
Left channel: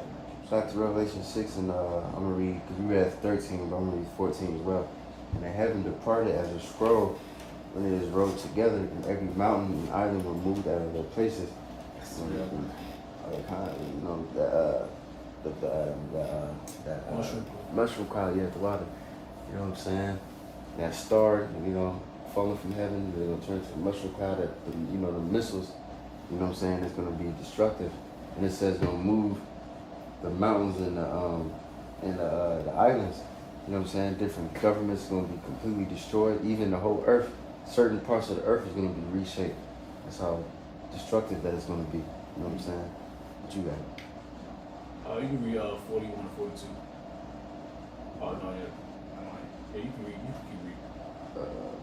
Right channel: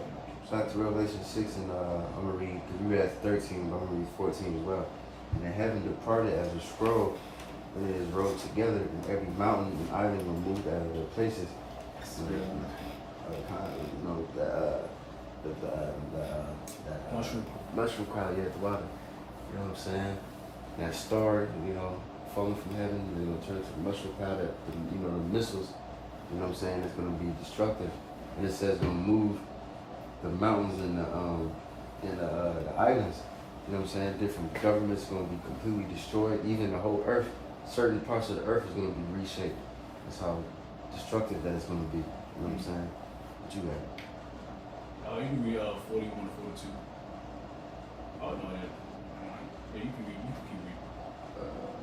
Back to Revelation 6, and I'm gonna read, because we were at 13, but I'm gonna read 14 as well. And the heaven departed as a scroll when it is rolled together, and every mountain and island were moved out of their places. Mushroom cloud, yeah, at the bottom. You know what I'm saying? That star, falling from heaven, it'll turn to a mushroom cloud. That, the missiles, you know what I'm saying, it's going to be destructive. And it says going to move the mountains and the islands. You know what I'm saying? Different governments going to be completely destroyed. Even the whole earth, certain parts of the earth is going to be reshaped. That's how destructive that it's going to be. You know what I'm saying? What you got? You can read 41 and 42. Oh no, yeah. Yeah, you can read. You can keep reading.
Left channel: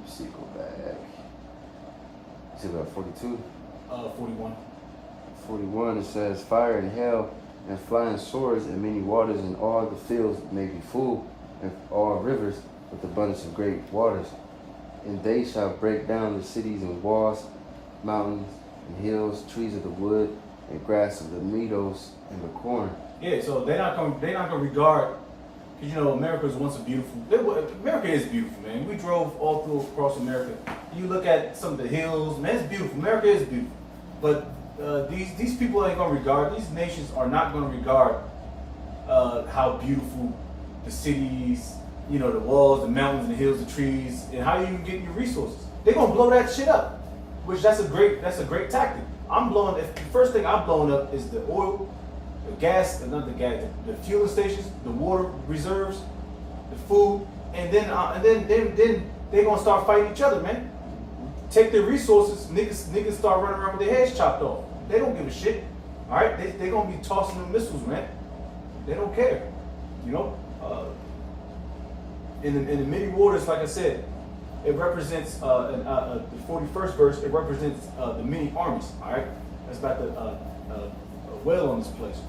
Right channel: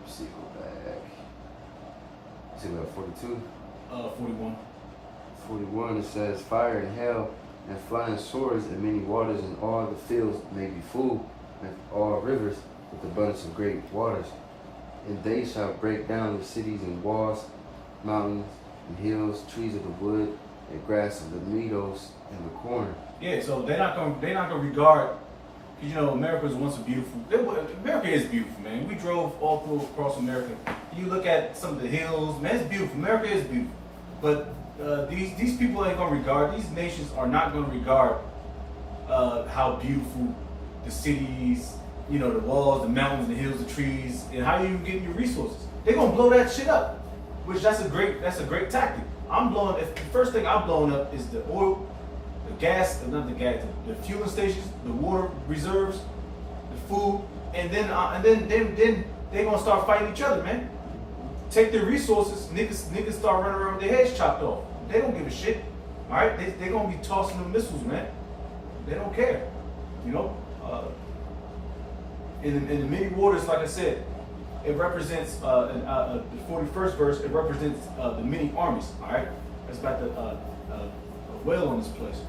Let's see, go back. You said about 42? 41. 41, it says, fire and hail and flying swords and many waters, and all the fields may be full, and all rivers with abundance of great waters. And they shall break down the cities and walls, mountains and hills, trees of the wood, and grass of the meadows in the corner. Yeah, so they're not gonna regard, because America was once a beautiful. America is beautiful, man. We drove all through across America. You look at some of the hills, man, it's beautiful. America is beautiful, but these people ain't gonna regard. These nations are not gonna regard how beautiful the cities, the walls, the mountains, the hills, the trees, and how you get your resources. They're gonna blow that shit up, which that's a great tactic. The first thing I'm blowing up is the oil, the gas, the fueling stations, the water reserves, the food, and then they're gonna start fighting each other, man. Take their resources, niggas start running around with their heads chopped off. They don't give a shit. All right, they're gonna be tossing them missiles, man. They don't care, In the many waters, like I said, it represents the 41st verse. It represents the many armies. All right, that's about the whale on this place.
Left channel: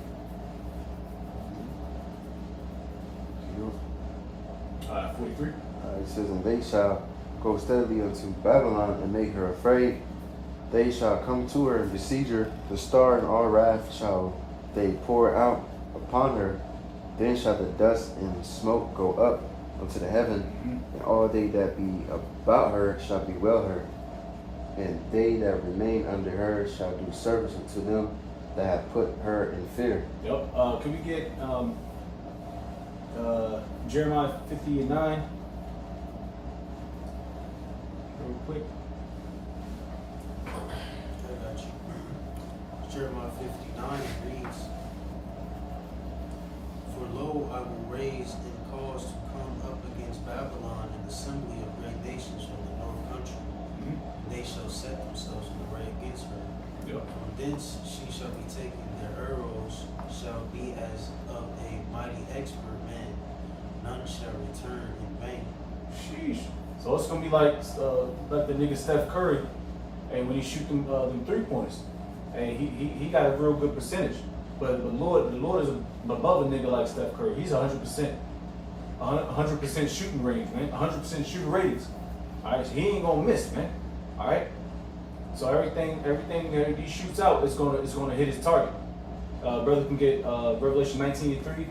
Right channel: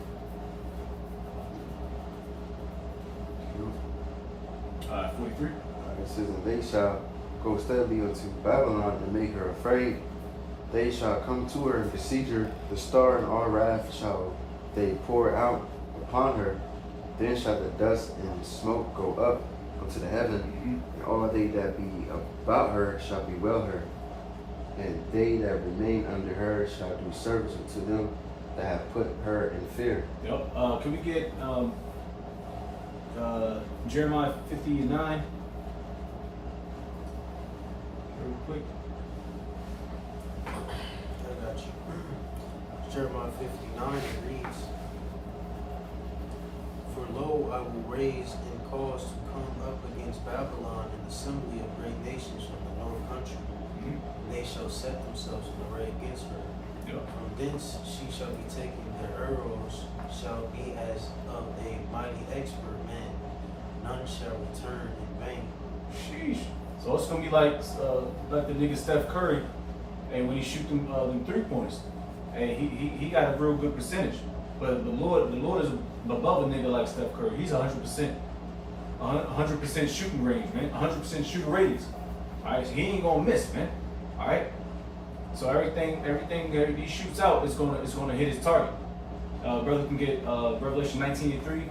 All right, 43. It says, and they shall go steadily unto Babylon and make her afraid. They shall come to her and besiege her. The star and all wrath shall they pour out upon her. Then shall the dust and smoke go up unto the heaven, and all they that be about her shall bewail her. And they that remain under her shall do service unto them that have put her in fear. Yep. Can we get Jeremiah 50:9 real quick? I got you. Jeremiah 59 reads, for lo, I will raise and cause to come up against Babylon an assembly of great nations from the north country. And they shall set themselves in array against her. Yep. From thence she shall be taken, their arrows shall be as of a mighty expert man. None shall return in vain. Sheesh. So it's gonna be like the nigga Steph Curry, and when he shoot them 3-pointers, and he got a real good percentage. But the Lord is above a nigga like Steph Curry. He's 100%, 100% shooting range, man. 100% shooting ratings. All right, so he ain't gonna miss, man. All right. So everything that he shoots out is gonna hit his target. Brother can get Revelation 19:3,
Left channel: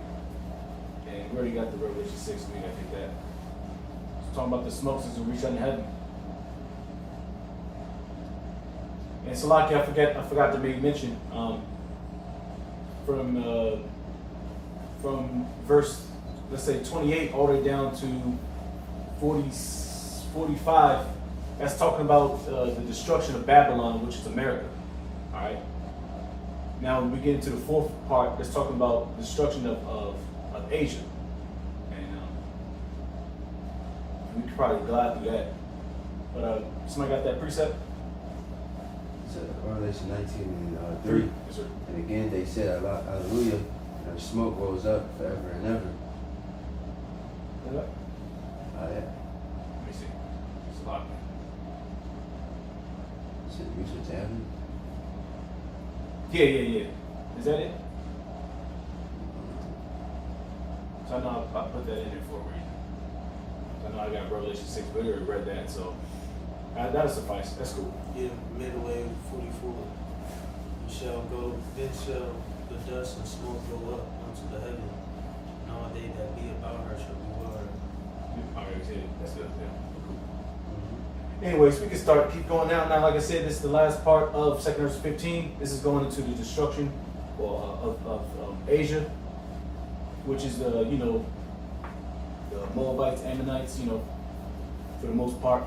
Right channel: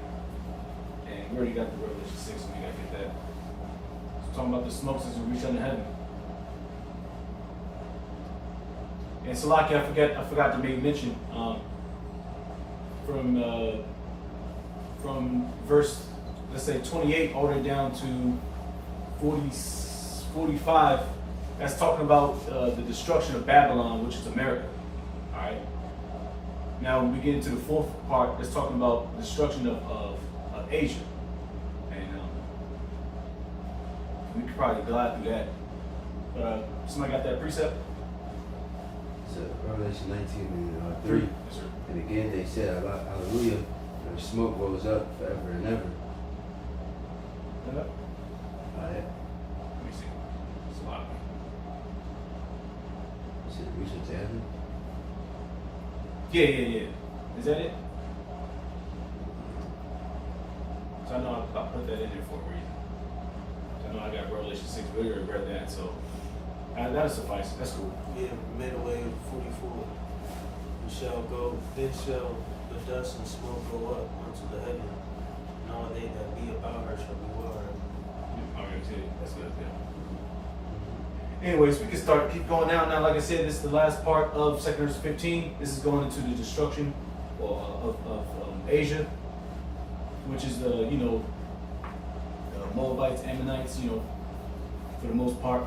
and we already got the Revelation 6, so we gotta get that. It's talking about the smoke since we reach under heaven. And Salaki, I forgot to make mention from verse, let's say 28 all the way down to 45. That's talking about the destruction of Babylon, which is America. All right. Now, when we get into the fourth part, that's talking about the destruction of Asia. And we could probably glide through that. But somebody got that precept? So Revelation 19:3. Yes, sir. And again they said, Hallelujah, their smoke rose up forever and ever. Okay. Yeah. Let me see. It's a lot. Is it Richard's Avenue? Yeah. Is that it? So I know I put that in there for a reason. I know I got Revelation 6, but we already read that, so that'll suffice. That's cool. Yeah, midway 44. You shall go, then shall the dust and smoke go up unto the heaven, and all they that be about her shall be well her. I already said it. That's good. Yeah. Anyways, we can keep going now. Now, like I said, this is the last part of 2 Kings 15. This is going into the destruction of Asia, which is the Moabites, Ammonites, for the most part,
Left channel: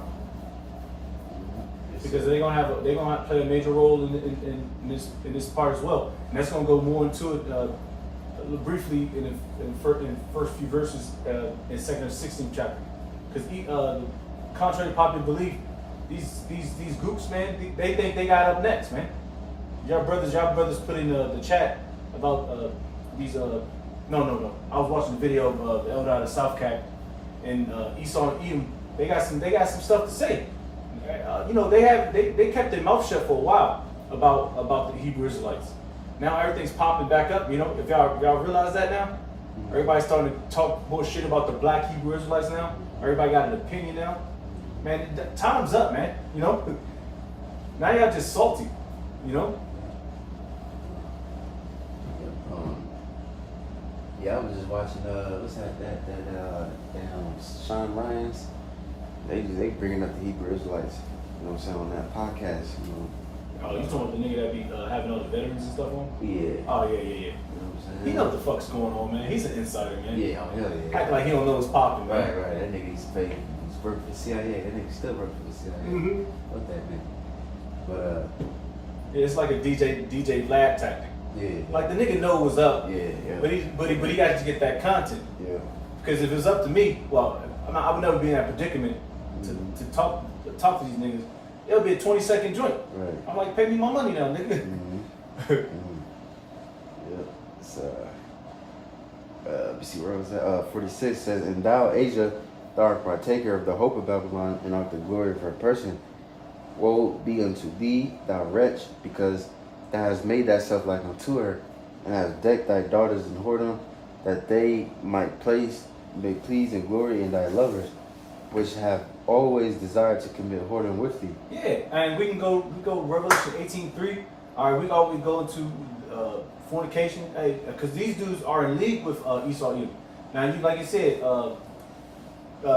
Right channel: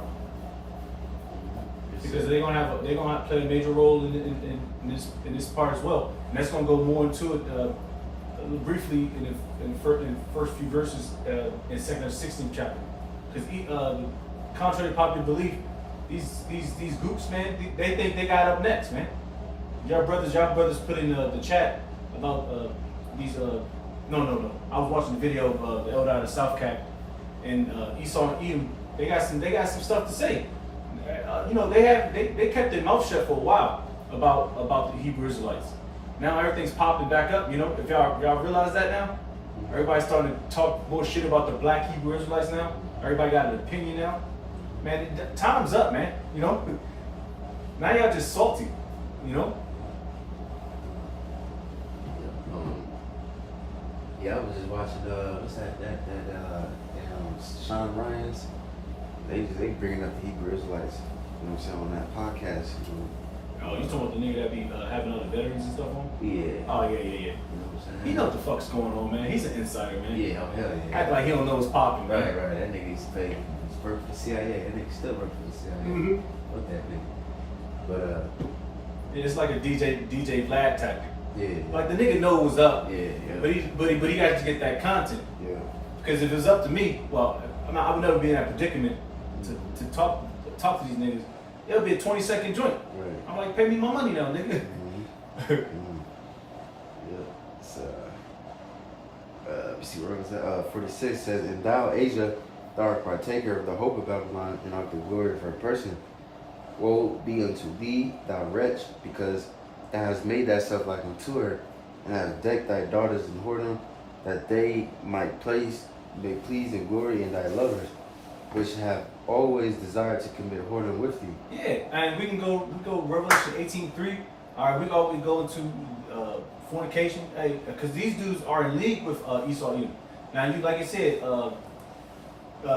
because they're gonna play a major role in this part as well. And that's gonna go more into it briefly in the first few verses in 2 Kings 16 chapter. Because contrary to popular belief, these groups, man, they think they got up next, man. Y'all brothers put in the chat about these. No. I was watching the video of the elder out of South Cap and Esau and Edom. They got some stuff to say. They kept their mouth shut for a while about the Hebrew Israelites. Now everything's popping back up. If y'all realize that now, everybody's starting to talk bullshit about the black Hebrew Israelites now. Everybody got an opinion now. Man, time's up, man. Now y'all just salty. Yeah, I was just watching what's that Sean Ryan's. They bringing up the Hebrew Israelites. You know what I'm saying, on that podcast. Oh, you talking about the nigga that be having all the veterans and stuff on? Yeah. Oh yeah. You know what I'm saying? He know what the fuck's going on, man. He's an insider, man. Yeah, oh hell yeah. Act like he don't know what's popping, man. Right. That nigga used to pay. He's working for the CIA. That nigga still working for the CIA. Mm-hmm. What that nigga? But Yeah, it's like a DJ Vlad tactic. yeah. Like the nigga know what's up. Yeah. But he got to get that content. Yeah. Because if it was up to me, well, I would never be in that predicament to talk to these niggas. It'll be a 20-second joint. Right. I'm like, pay me my money now, nigga. Mm-hmm. Yeah. So, let me see where I was at. 46 says, "And thou, Asia, thou art partaker of the hope of Babylon and of the glory of her person. Woe be unto thee, thou wretch, because thou hast made thyself like unto her, and hast decked thy daughters in whoredom, that they might please and glory in thy lovers, which have always desired to commit whoredom with thee." Yeah, and we go Revelation 18:3. All right, we go into fornication, because these dudes are in league with Esau Edom. Now, like I said,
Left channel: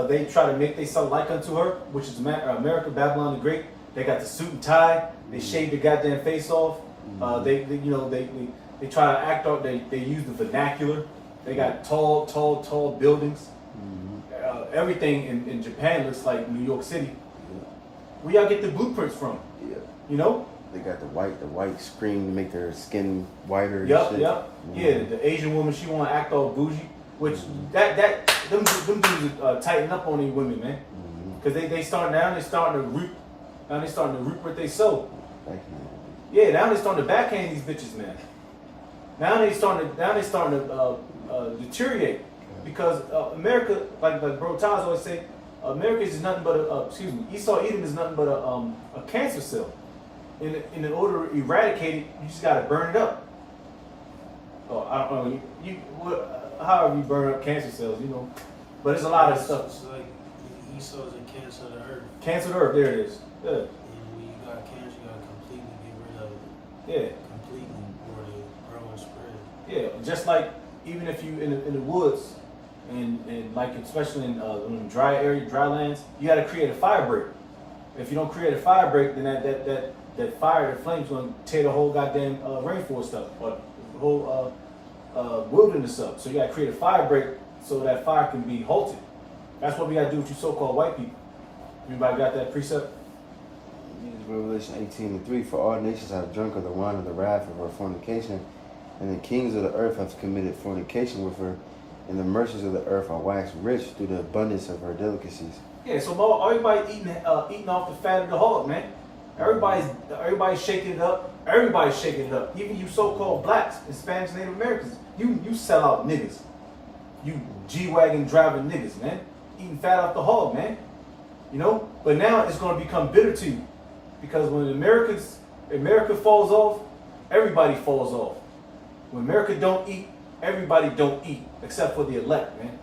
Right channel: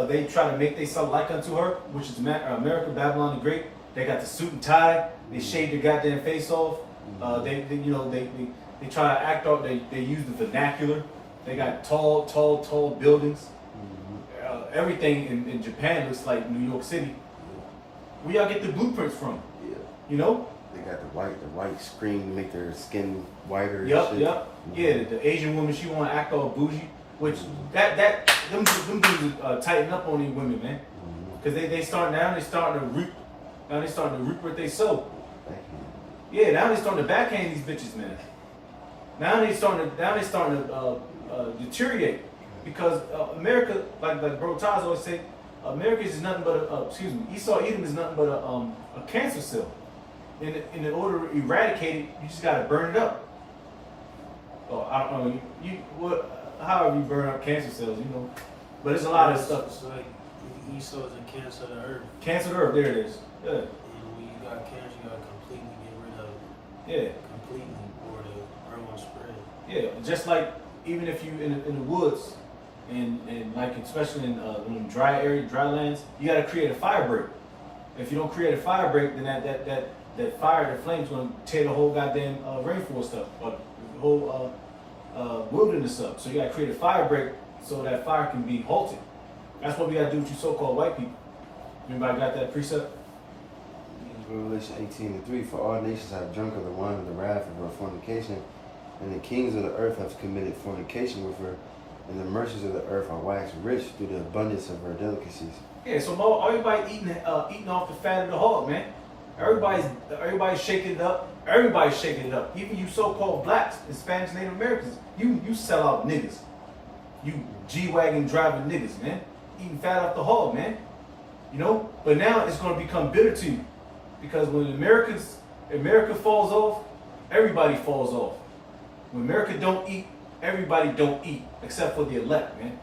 they try to make themselves like unto her, which is America, Babylon the Great. They got the suit and tie. They shave their goddamn face off. They try to act out. They use the vernacular. They got tall buildings. Everything in Japan looks like New York City. Where y'all get the blueprints from? Yeah. They got the white screen to make their skin whiter. And Yep. shit. Yeah, the Asian woman, she want to act all bougie, which them dudes tighten up on these women, man. Because they starting to reap. Now they starting to reap what they sow. Thank you. Yeah, now they starting to backhand these bitches, man. Now they starting to deteriorate because America, like Bro Taz always say, America is nothing but Esau Edom is nothing but a cancer cell. In order to eradicate it, you just gotta burn it up. Oh, I don't know. However you burn up cancer cells, But there's a lot of stuff. So like Esau's a cancer of the earth. Cancer of the earth, there it is. Yeah. When you got cancer, you got Yeah. completely or the grow and spread. Yeah, just like even if you in the woods and like especially in dry lands, you got to create a fire break. If you don't create a fire break, then that fire, the flames, gonna tear the whole goddamn rainforest up or the whole wilderness up. So you got to create a fire break so that fire can be halted. That's what we got to do with you so-called white people. Anybody got that precept? Revelation 18:3, for all nations have drunk of the wine of the wrath of her fornication, and the kings of the earth have committed fornication with her, and the merchants of the earth are waxed rich through the abundance of her delicacies. Yeah, so everybody eating off the fat of the hog, man. Everybody's shaking it up. Everybody's shaking it up. Even you so-called blacks, Hispanics, Native Americans, you sell out niggas. You G-Wagon driving niggas, man. Eating fat off the hog, man. You know? But now it's going to become bitter to you. Because when America falls off, everybody falls off. When America don't eat, everybody don't eat, except for the elect, man.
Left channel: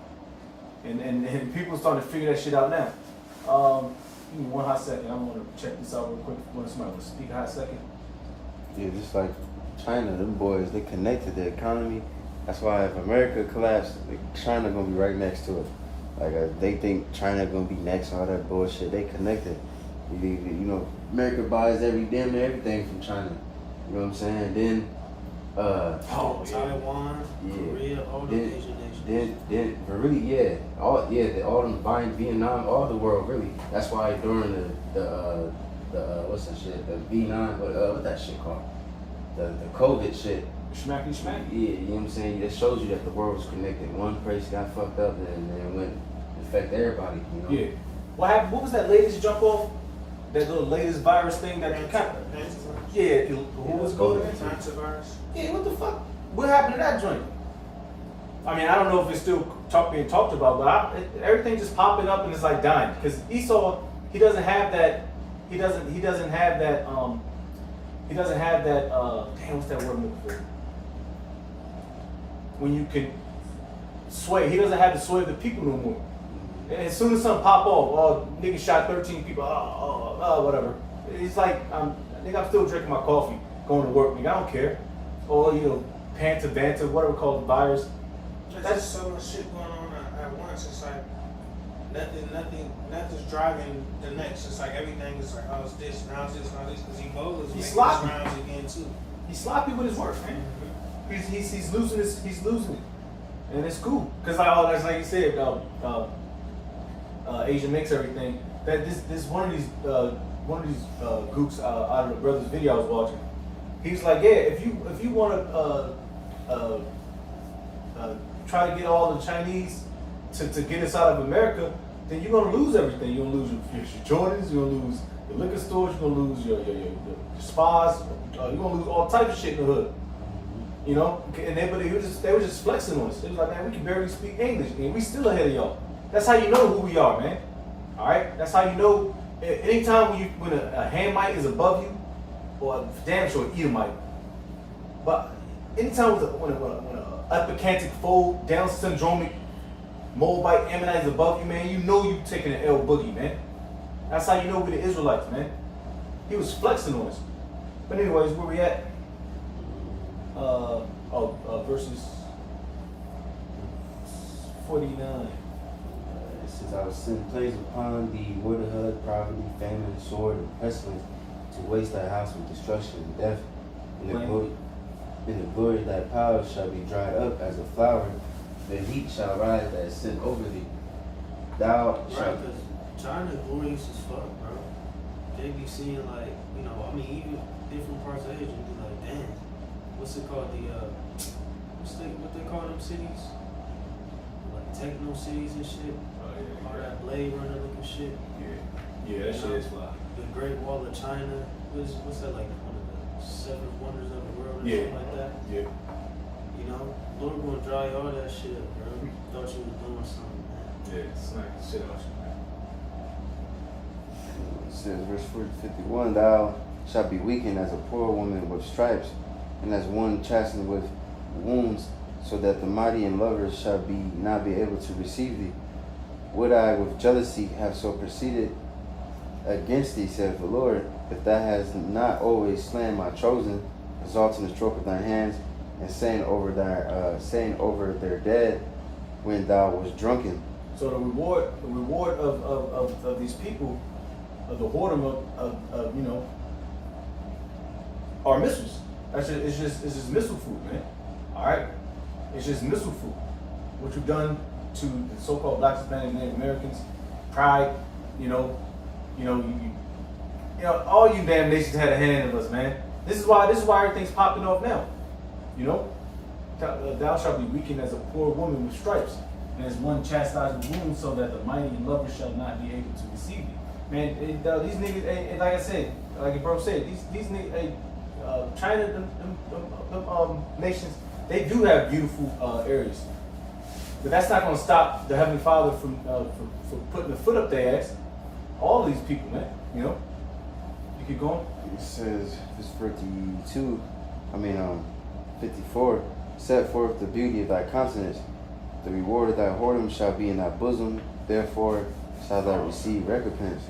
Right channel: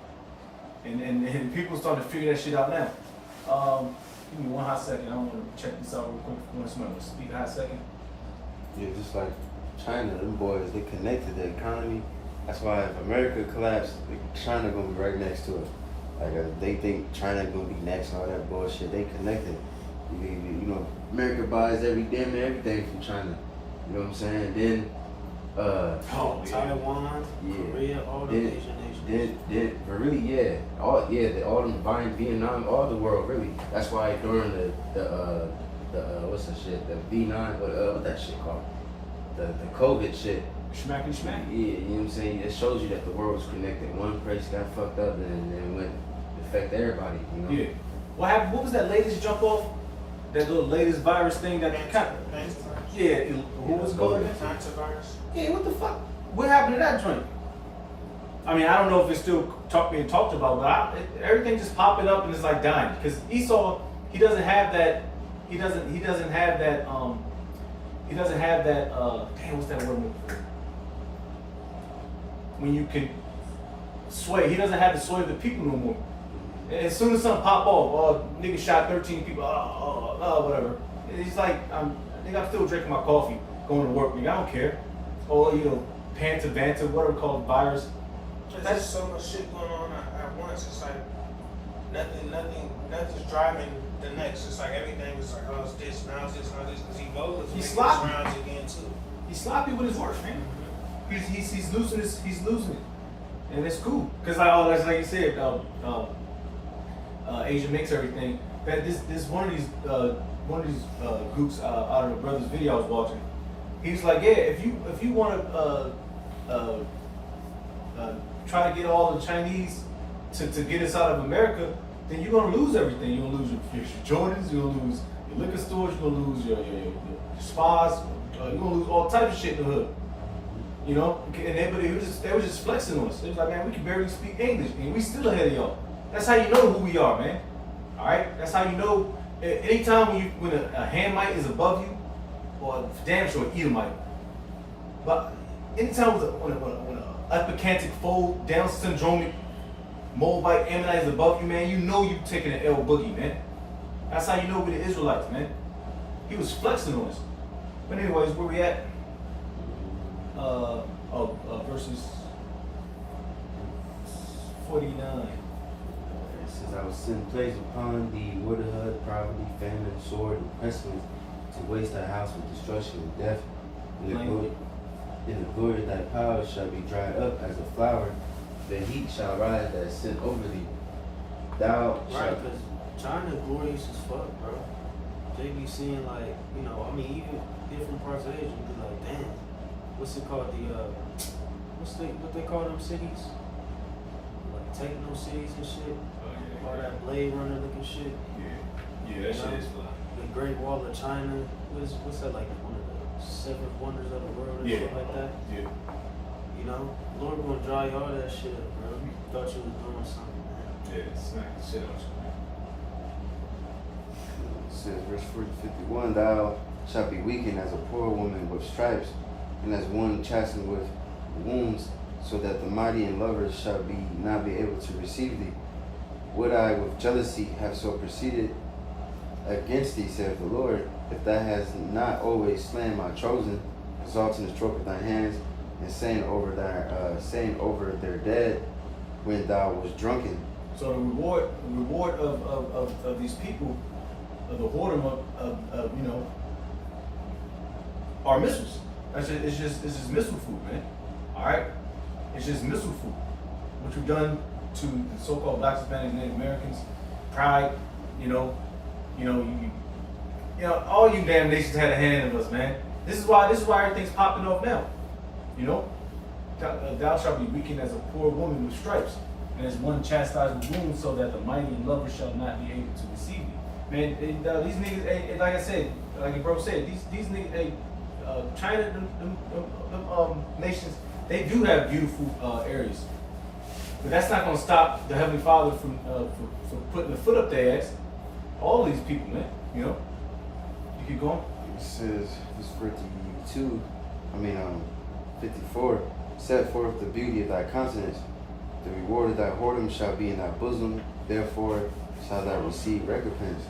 And people starting to figure that shit out now. Give me one hot second. I want to check this out real quick. Want somebody to speak a hot second? Yeah, just like China, them boys, they connected the economy. That's why if America collapsed, China gonna be right next to it. Like they think China gonna be next, all that bullshit. They connected. You know, America buys everything from China. You know what I'm saying? Then, Taiwan, Korea, all the Asian nations. But really, yeah, all them buying Vietnam, all the world, really. That's why during the what's the shit, the V9, what that shit called, the COVID shit. Smacky smack. Yeah, you know what I'm saying? It shows you that the world was connected. One place got fucked up and then went affect everybody. You know? Yeah. What happened? What was that latest jump off? That little latest virus thing that yeah, what was it called again? Antivirus. Yeah, what the fuck? What happened to that joint? I mean, I don't know if it's still being talked about, but everything just popping up and it's like dying because Esau, he doesn't have that. He doesn't have that. Damn, what's that word I'm looking for? When you can sway, he doesn't have the sway of the people no more. And as soon as something pop off, nigga shot 13 people, whatever. It's like I'm still drinking my coffee, going to work, nigga. I don't care. Or Panta, whatever called virus. There's just so much shit going on at once. It's like nothing's driving the next. It's like everything is like, oh, it's this, now it's this, now this. Because Ebola is making sloppy. its rounds again too. He's sloppy with his work, man. He's losing it, and it's cool. Cause that's like you said, Asia makes everything. That this one of these groups out of the brother's video I was watching. He's like, yeah, if you want to try to get all the Chinese to get us out of America, then you're gonna lose everything. You're gonna lose your Jordans. You're gonna lose your liquor stores. You're gonna lose your spas. You're gonna lose all types of shit in the hood. You know, and they were just flexing on us. They was like, man, we can barely speak English, and we still ahead of y'all. That's how you know who we are, man. All right, that's how you know. Anytime when a Hamite is above you, or damn sure an Edomite, but anytime when a epicantic fold, Down syndromic, Moabite, Ammonite is above you, man, you know you taking an L boogie, man. That's how you know we the Israelites, man. He was flexing on us. But anyways, where we at? Verses 49. It says, I will send plagues upon thee, widowhood, poverty, famine, sword, and pestilence, to waste thy house with destruction and death. And the glory of thy power shall be dried up as a flower. The heat shall rise that is sent over thee. Thou Right, shalt... because China glorious as fuck, bro. They be seeing like, even different parts of Asia be like, damn, what's it called? What they call them cities? Like techno cities and shit. Or that Blade Runner looking shit. Yeah, that shit is fly. The Great Wall of China. What's that like? One of the 7 wonders of the world or Yeah. something like that. Yeah. Lord gonna dry all that shit up, bro. Thought you was doing something, man. Yeah, smack the shit out you, man. It says, verse 51, thou shalt be weakened as a poor woman with stripes, and as one chastened with wounds, so that the mighty and lovers shall not be able to receive thee. Would I with jealousy have so proceeded against thee, saith the Lord, if thou hast not always slain my chosen, exalting the stroke of thy hands, and saying over their dead when thou was drunken. So the reward of these people, of the whoredom of you know, are missiles. It's just missile food, man. All right, it's just missile food. What you've done to the so-called Black, Hispanic, Native Americans, pride, you know, all you damn nations had a hand in us, man. This is why everything's popping off now. You know, thou shalt be weakened as a poor woman with stripes, and as one chastised with wounds, so that the mighty and lover shall not be able to receive thee. Man, these niggas, like I said, like the bro said, these niggas, China, them nations, they do have beautiful areas, but that's not gonna stop the Heavenly Father from putting the foot up their ass. All these people, man, you know. You keep going. It says, verse 54, set forth the beauty of thy countenance. The reward of thy whoredom shall be in thy bosom. Therefore shalt thou receive recompense.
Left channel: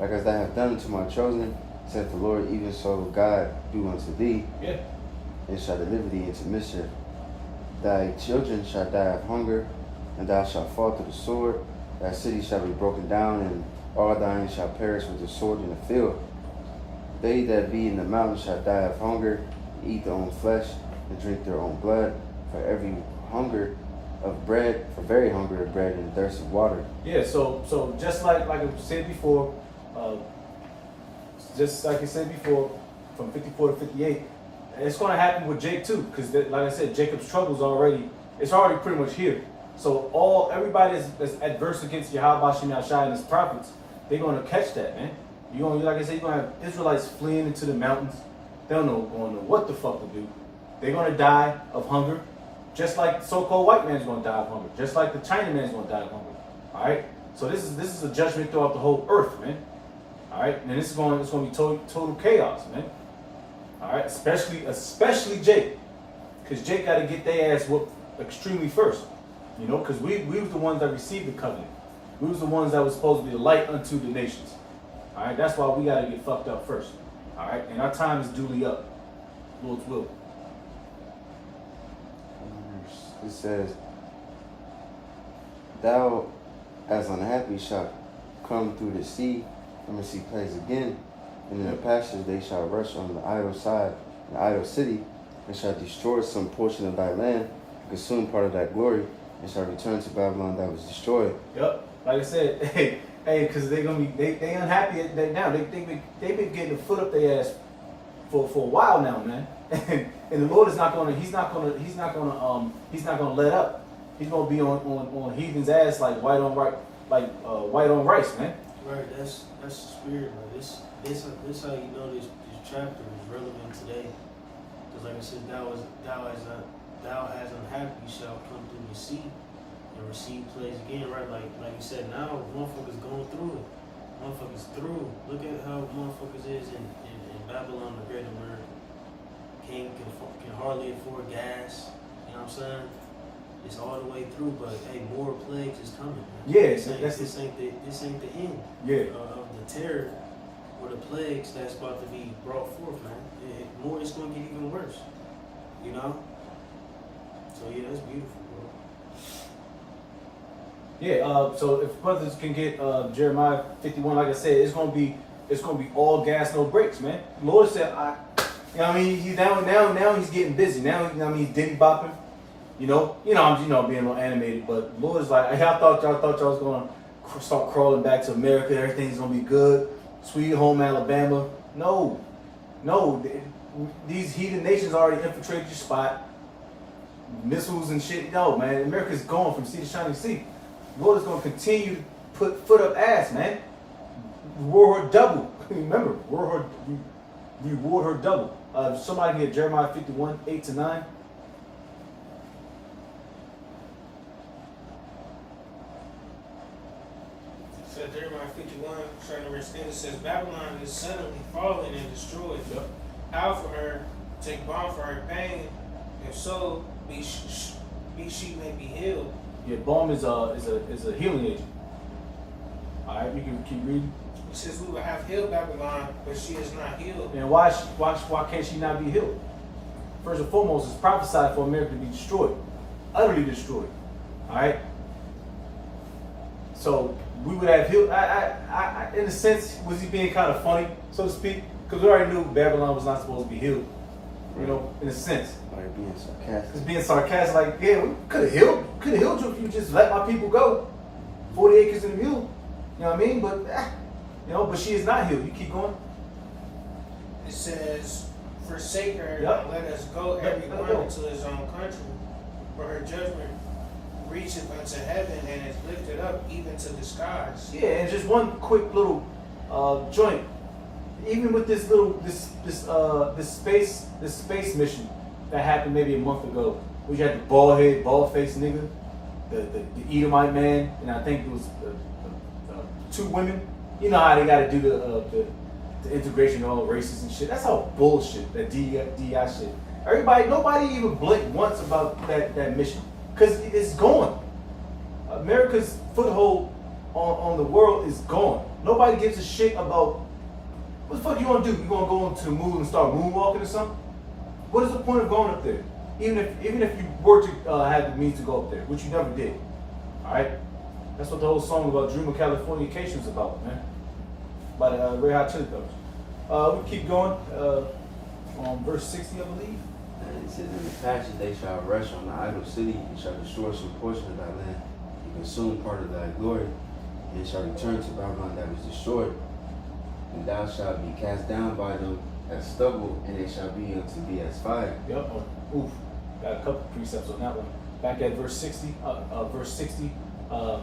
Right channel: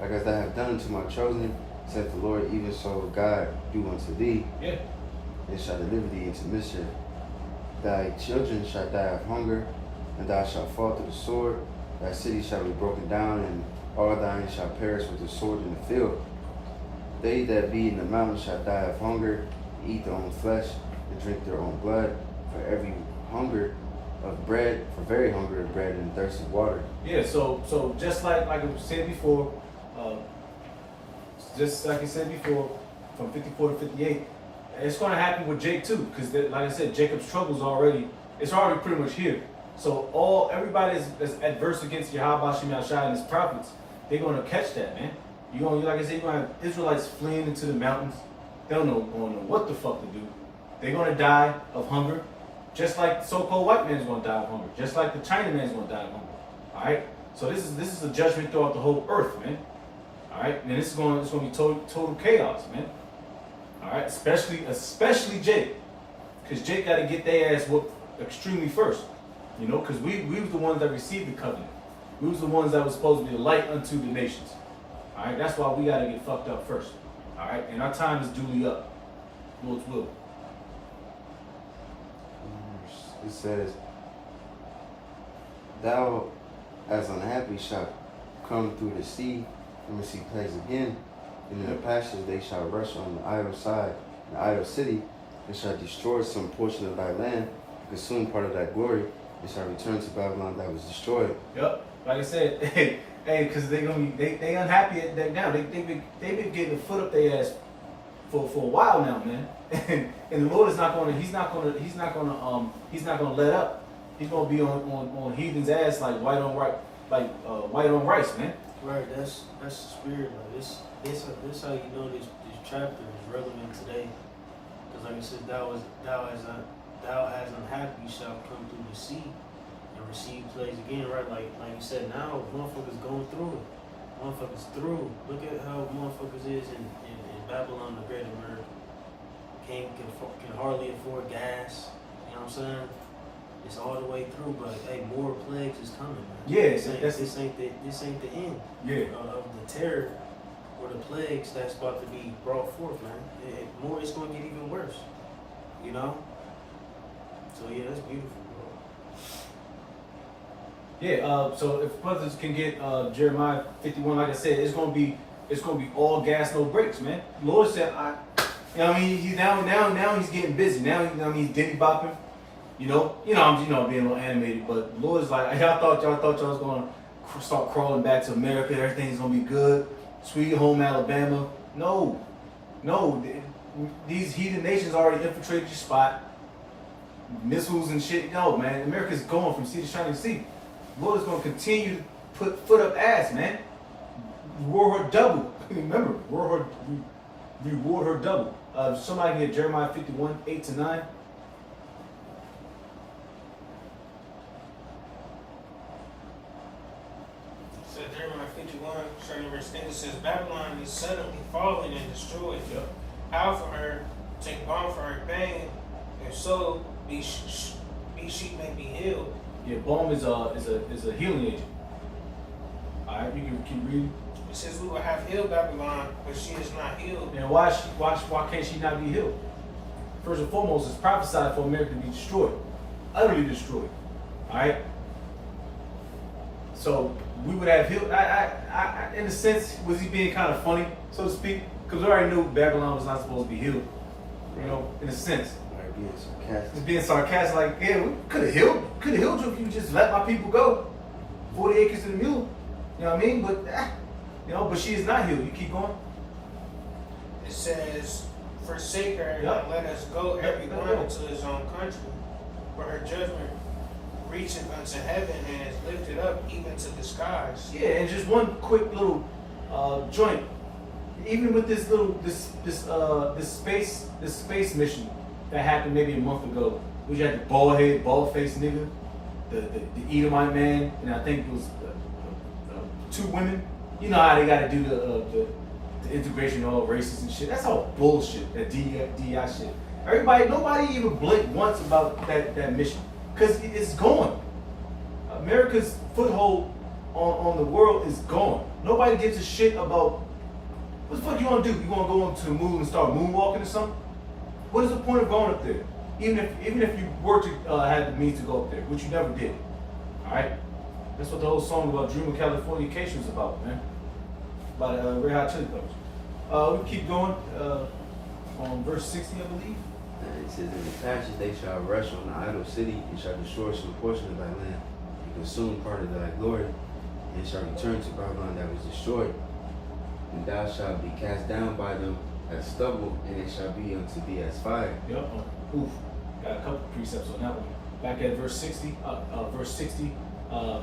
Like as thou hast done to my chosen, saith the Lord, even so God do unto thee. Yeah. And shall deliver thee into mischief. Thy children shall die of hunger, and thou shalt fall to the sword. Thy city shall be broken down, and all thine shall perish with the sword in the field. They that be in the mountains shall die of hunger, and eat their own flesh, and drink their own blood, for very hunger of bread, and thirst of water. Yeah. So just like I said before, from 54 to 58, it's going to happen with Jake too, because like I said, Jacob's trouble's already pretty much here. So everybody that's adverse against Yahweh Shem Yahshai and his prophets, they're going to catch that, man. Like I said, you're going to have Israelites fleeing into the mountains. They don't know what the fuck to do. They're going to die of hunger, just like the so-called white man's going to die of hunger, just like the Chinaman's going to die of hunger. All right. So this is a judgment throughout the whole earth, man. All right. And it's going to be total chaos, man. All right. Especially Jake, because Jake got to get their ass whooped extremely first. You know, because we was the ones that received the covenant. We was the ones that was supposed to be the light unto the nations. All right, that's why we got to get fucked up first. All right, and our time is duly up. Lord's will. It says, thou as unhappy shalt come through the sea, and see plagues again. And in the pastures they shall rush on the idle side, the idle city, and shall destroy some portion of thy land, consume part of thy glory, and shall return to Babylon that was destroyed. Yep. Like I said, hey, because they unhappy at that now. They've been getting a foot up their ass for a while now, man. And the Lord is not gonna let up. He's gonna be on heathen's ass like white on rice, man. Right, that's the spirit. Like this how you know this chapter is relevant today. Because like it says, thou as unhappy shall come through the sea and receive plagues again, right? Like you said, now motherfuckers going through it. Motherfuckers through. Look at how motherfuckers is in Babylon the Great, where can hardly afford gas. You know what I'm saying? It's all the way through, but hey, more plagues is coming, man. Yeah, this ain't the end. Yeah. Of the terror or the plagues that's about to be brought forth, man. It's gonna get even worse. You know? So yeah, that's beautiful, bro. Yeah, so if brothers can get Jeremiah 51, like I said, it's gonna be all gas, no brakes, man. The Lord said, you know what I mean? He now he's getting busy. Now, you know what I mean, he's diddy bopping. I'm being a little animated, but the Lord's like, I thought y'all was gonna start crawling back to America. Everything's gonna be good, sweet home Alabama. No, these heathen nations already infiltrated your spot. Missiles and shit. No, man, America's going from sea to shining sea. The Lord is gonna continue to put foot up ass, man. Reward her double. Remember, reward her double. Somebody get Jeremiah 51, 8-9. So Jeremiah 51, starting in verse 10, it says, Babylon is suddenly fallen and destroyed. Yep. How for her, take balm for her pain, and so be she may be healed. Yeah, balm is a healing agent. All right, you can keep reading. It says we will have healed Babylon, but she is not healed. And why can't she not be healed? first and foremost, it's prophesied for America to be destroyed, utterly destroyed. All right. So we would have healed. In a sense, was he being kind of funny, so to speak? Because we already knew Babylon was not supposed to be healed. You know, in a sense. Like being sarcastic. It's being sarcastic, like, yeah, we could have healed you if you just let my people go. 40 acres to the mule. You know what I mean? But you know, but she is not healed. You keep going. It says, forsake her Yep. and let us go Let every her one go. into his own country. For her judgment reacheth unto heaven and is lifted up even to the skies. Yeah, and just one quick little joint. Even with this little this space mission that happened maybe a month ago, we had the bald faced nigga, the Edomite man, and I think it was two women. You know how they got to do the integration of all races and shit. That's all bullshit. That DI shit. Nobody even blinked once about that mission because it's gone. America's foothold on the world is gone. Nobody gives a shit about what the fuck you gonna do. You gonna go into the moon and start moonwalking or something? What is the point of going up there? Even if you were to have the means to go up there, which you never did. All right, that's what the whole song about Dream of Californication is about, man. By the Red Hot Chili Peppers. We keep going on verse 60, I believe. And it says, in the passage they shall rush on the idol city, and shall destroy some portion of thy land, and consume part of thy glory, and it shall return to Babylon that was destroyed. And thou shalt be cast down by them as stubble, and it shall be unto thee as fire. Yep. Oof. Got a couple precepts on that one. Back at verse 60. The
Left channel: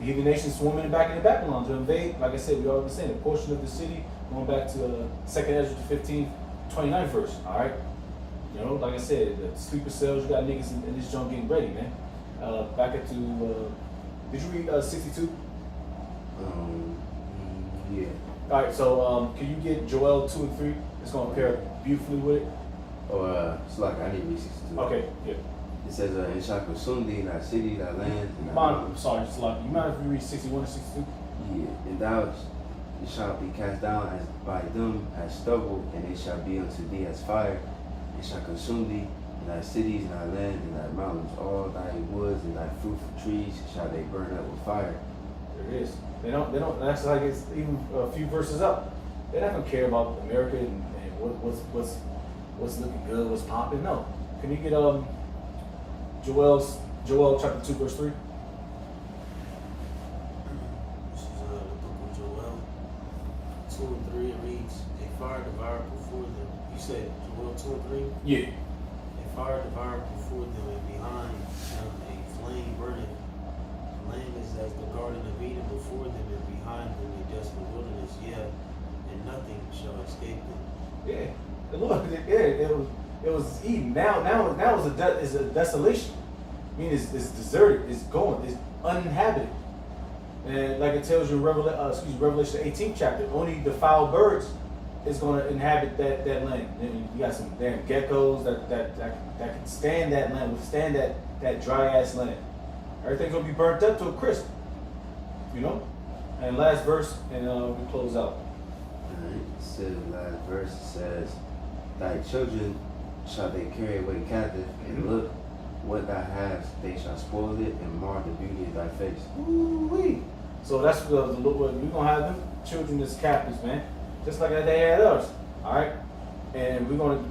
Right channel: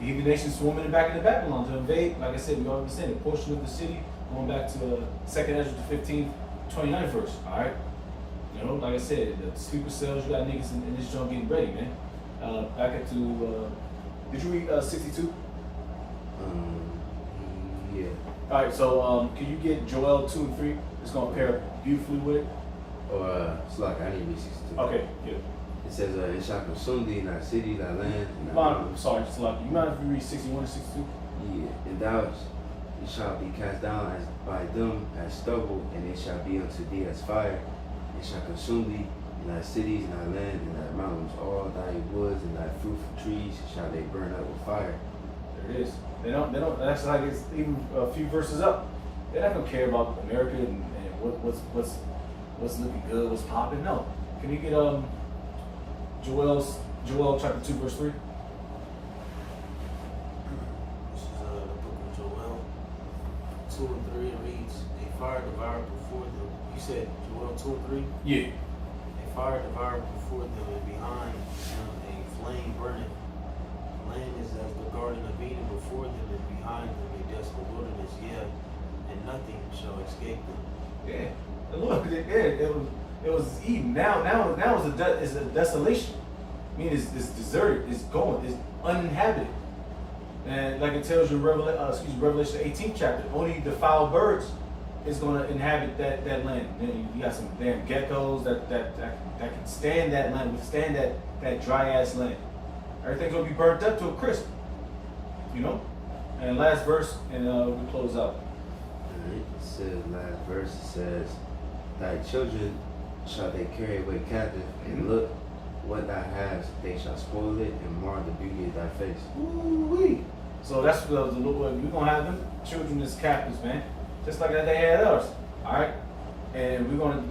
heathen nations swarming back into Babylon to invade. Like I said, we already said a portion of the city. Going back to 2nd Ezra to 15, 29th verse. All right. You know, like I said, the sleeper cells. You got niggas in this junk getting ready, man. Back up to. Did you read 62? Yeah. All right. So can you get Joel 2 and 3? It's gonna pair beautifully with it. Or, it's like, I need to read 62. Okay. Yeah. It says, it shall consume thee, thy city, thy land, and thy Mind, sorry, it's like you mind if you read 61 and 62? Yeah, and thou it shall be cast down as by them as stubble, and it shall be unto thee as fire. It shall consume thee, and thy cities, and thy land, and thy mountains, all thy woods, and thy fruitful trees shall they burn up with fire. There it is. They don't, that's like it's even a few verses up. They're not gonna care about America and what's looking good, what's popping. No. Can you get Joel chapter 2 verse 3? This is the book of Joel 2 and 3. It reads, a fire devoured before them. You said Joel 2 and 3? Yeah. A fire devoured before them, and behind them a flame burning. The land is as the garden of Eden before them, and behind them a desolate wilderness. Yeah, and nothing shall escape them. Yeah. The Lord, it was Eden. Now it's a desolation. I mean, it's deserted. It's gone. It's uninhabited. And like it tells you in Revelation 18th chapter, only the foul birds is going to inhabit that land. And you got some damn geckos that can stand that land, withstand that dry ass land. Everything's going to be burnt up to a crisp. You know? And last verse, and we close out. And it says, last verse, it says, thy children shall they carry away captive, and look what thou hast, they shall spoil it and mar the beauty of thy face. Ooh-wee. So that's the Lord. We're gonna have them children as captives, man, just like they had us. All right, and we're gonna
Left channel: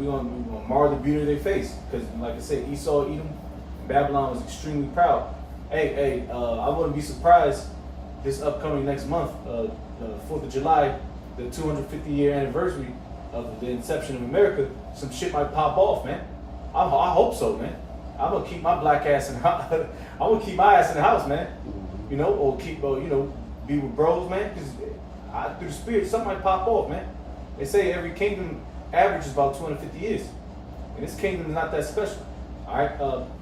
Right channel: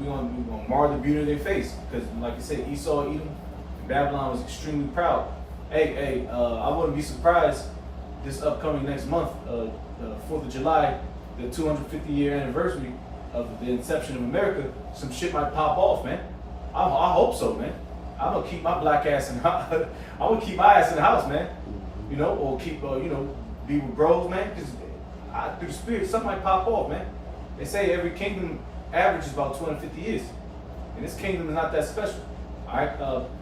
mar the beauty of their face, because, like I said, Esau, Edom, and Babylon was extremely proud. Hey, I wouldn't be surprised this upcoming next month, the 4th of July, the 250-year anniversary of the inception of America. Some shit might pop off, man. I hope so, man. I'm gonna keep my black ass in. I'm gonna keep my ass in the house, man. You know, or keep, be with bros, man. Because through the spirit, something might pop off, man. They say every kingdom averages about 250 years, and this kingdom is not that special. All right,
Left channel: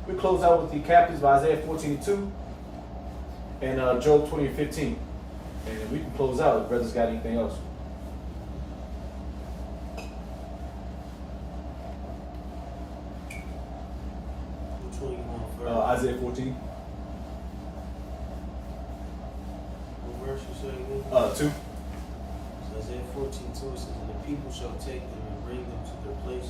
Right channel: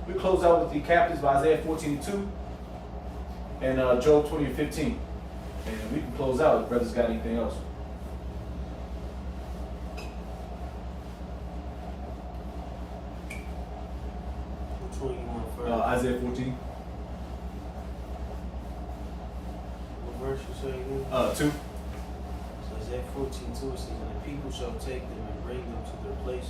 we close out with the captives by Isaiah 14:2 and Job 20:15, and we can close out if brothers got anything else. Which one you want first? Isaiah 14. What verse you say again? 2. So Isaiah 14:2 says, and the people shall take them and bring them to their place,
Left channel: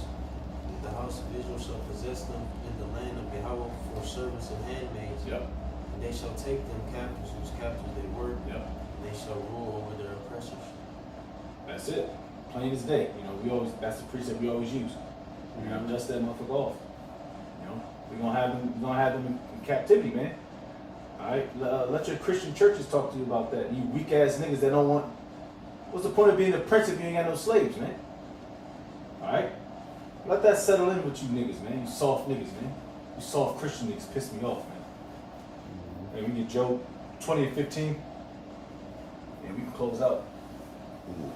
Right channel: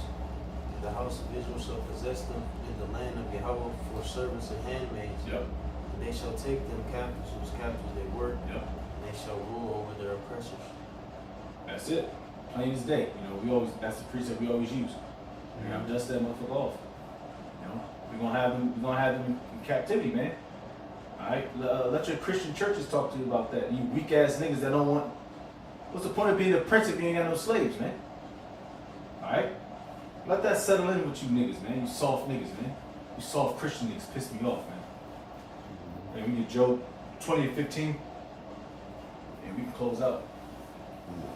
and the house of Israel shall possess them in the land of Yahweh for servants and handmaids. Yep. And they shall take them captives whose captives they were, Yep. and they shall rule over their oppressors. That's it. Plain as day. That's the precept we always use. You know, dust that motherfucker off. You know, we're gonna have them in captivity, man. All right, let your Christian churches talk to you about that. You weak ass niggas that don't want. What's the point of being a prince if you ain't got no slaves, man? All right, let that settle in with you niggas, man. You soft niggas, man. You soft Christian niggas piss me off, man. Hey, we get Job 20-15, and we can close out.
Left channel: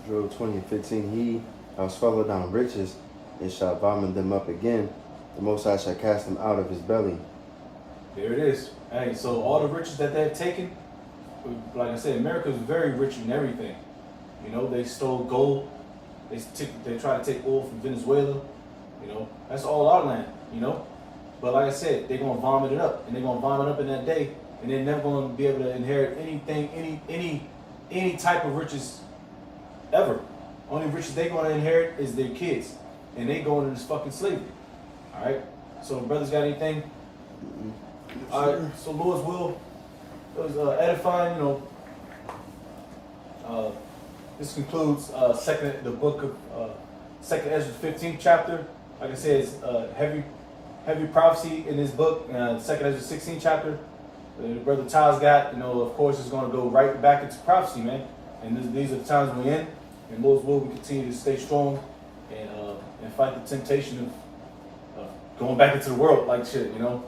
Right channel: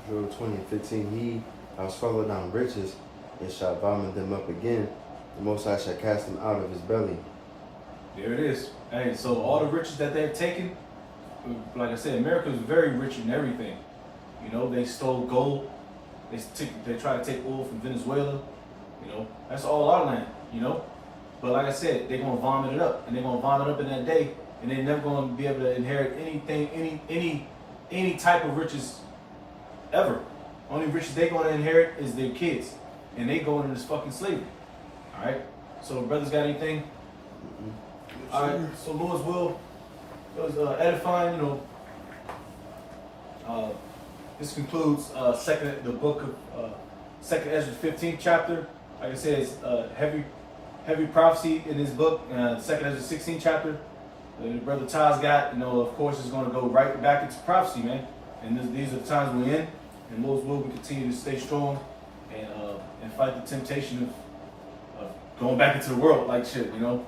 Job 20:15, he shall swallow down riches and shall vomit them up again. The Most High shall cast them out of his belly. There it is. Hey, so all the riches that they've taken, like I said, America is very rich in everything. You know, they stole gold. They try to take oil from Venezuela. You know, that's all our land. You know, but like I said, they're gonna vomit it up, and they're gonna vomit up in that day, and they're never gonna be able to inherit anything, any type of riches ever. Only riches they're gonna inherit is their kids, and they going into this fucking slavery. All right. So, brothers, got anything? All right, so Lord's will, it was edifying, you know. This concludes the book of Second Ezra 15th chapter. Like I said, it's heavy prophecy in this book. Second Ezra 16th chapter. Brother Ty's got, you know, of course, is going to go right back into prophecy, man. And these are the times we're in. And Lord's will, we continue to stay strong and fight the temptation of going back into the world like shit, you know.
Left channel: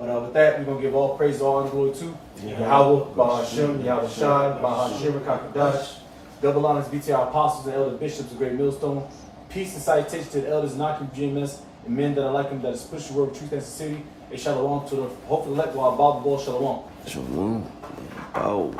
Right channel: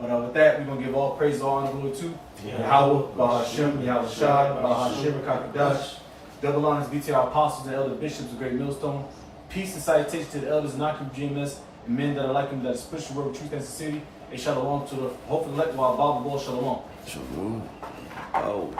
But with that, we're going to give all praise, all honor, and glory to Yahweh, Bahashem, Yahweh Shai, Bahashem, Kakadash. Double honors be to our apostles and elder bishops of Great Millstone. Peace and salutation to the elders knocking GMS and men that are like him that is pushing the word of truth and sincerity. And shalom to the hopefully elect while Bible Ball shalom. Shalom. Oh.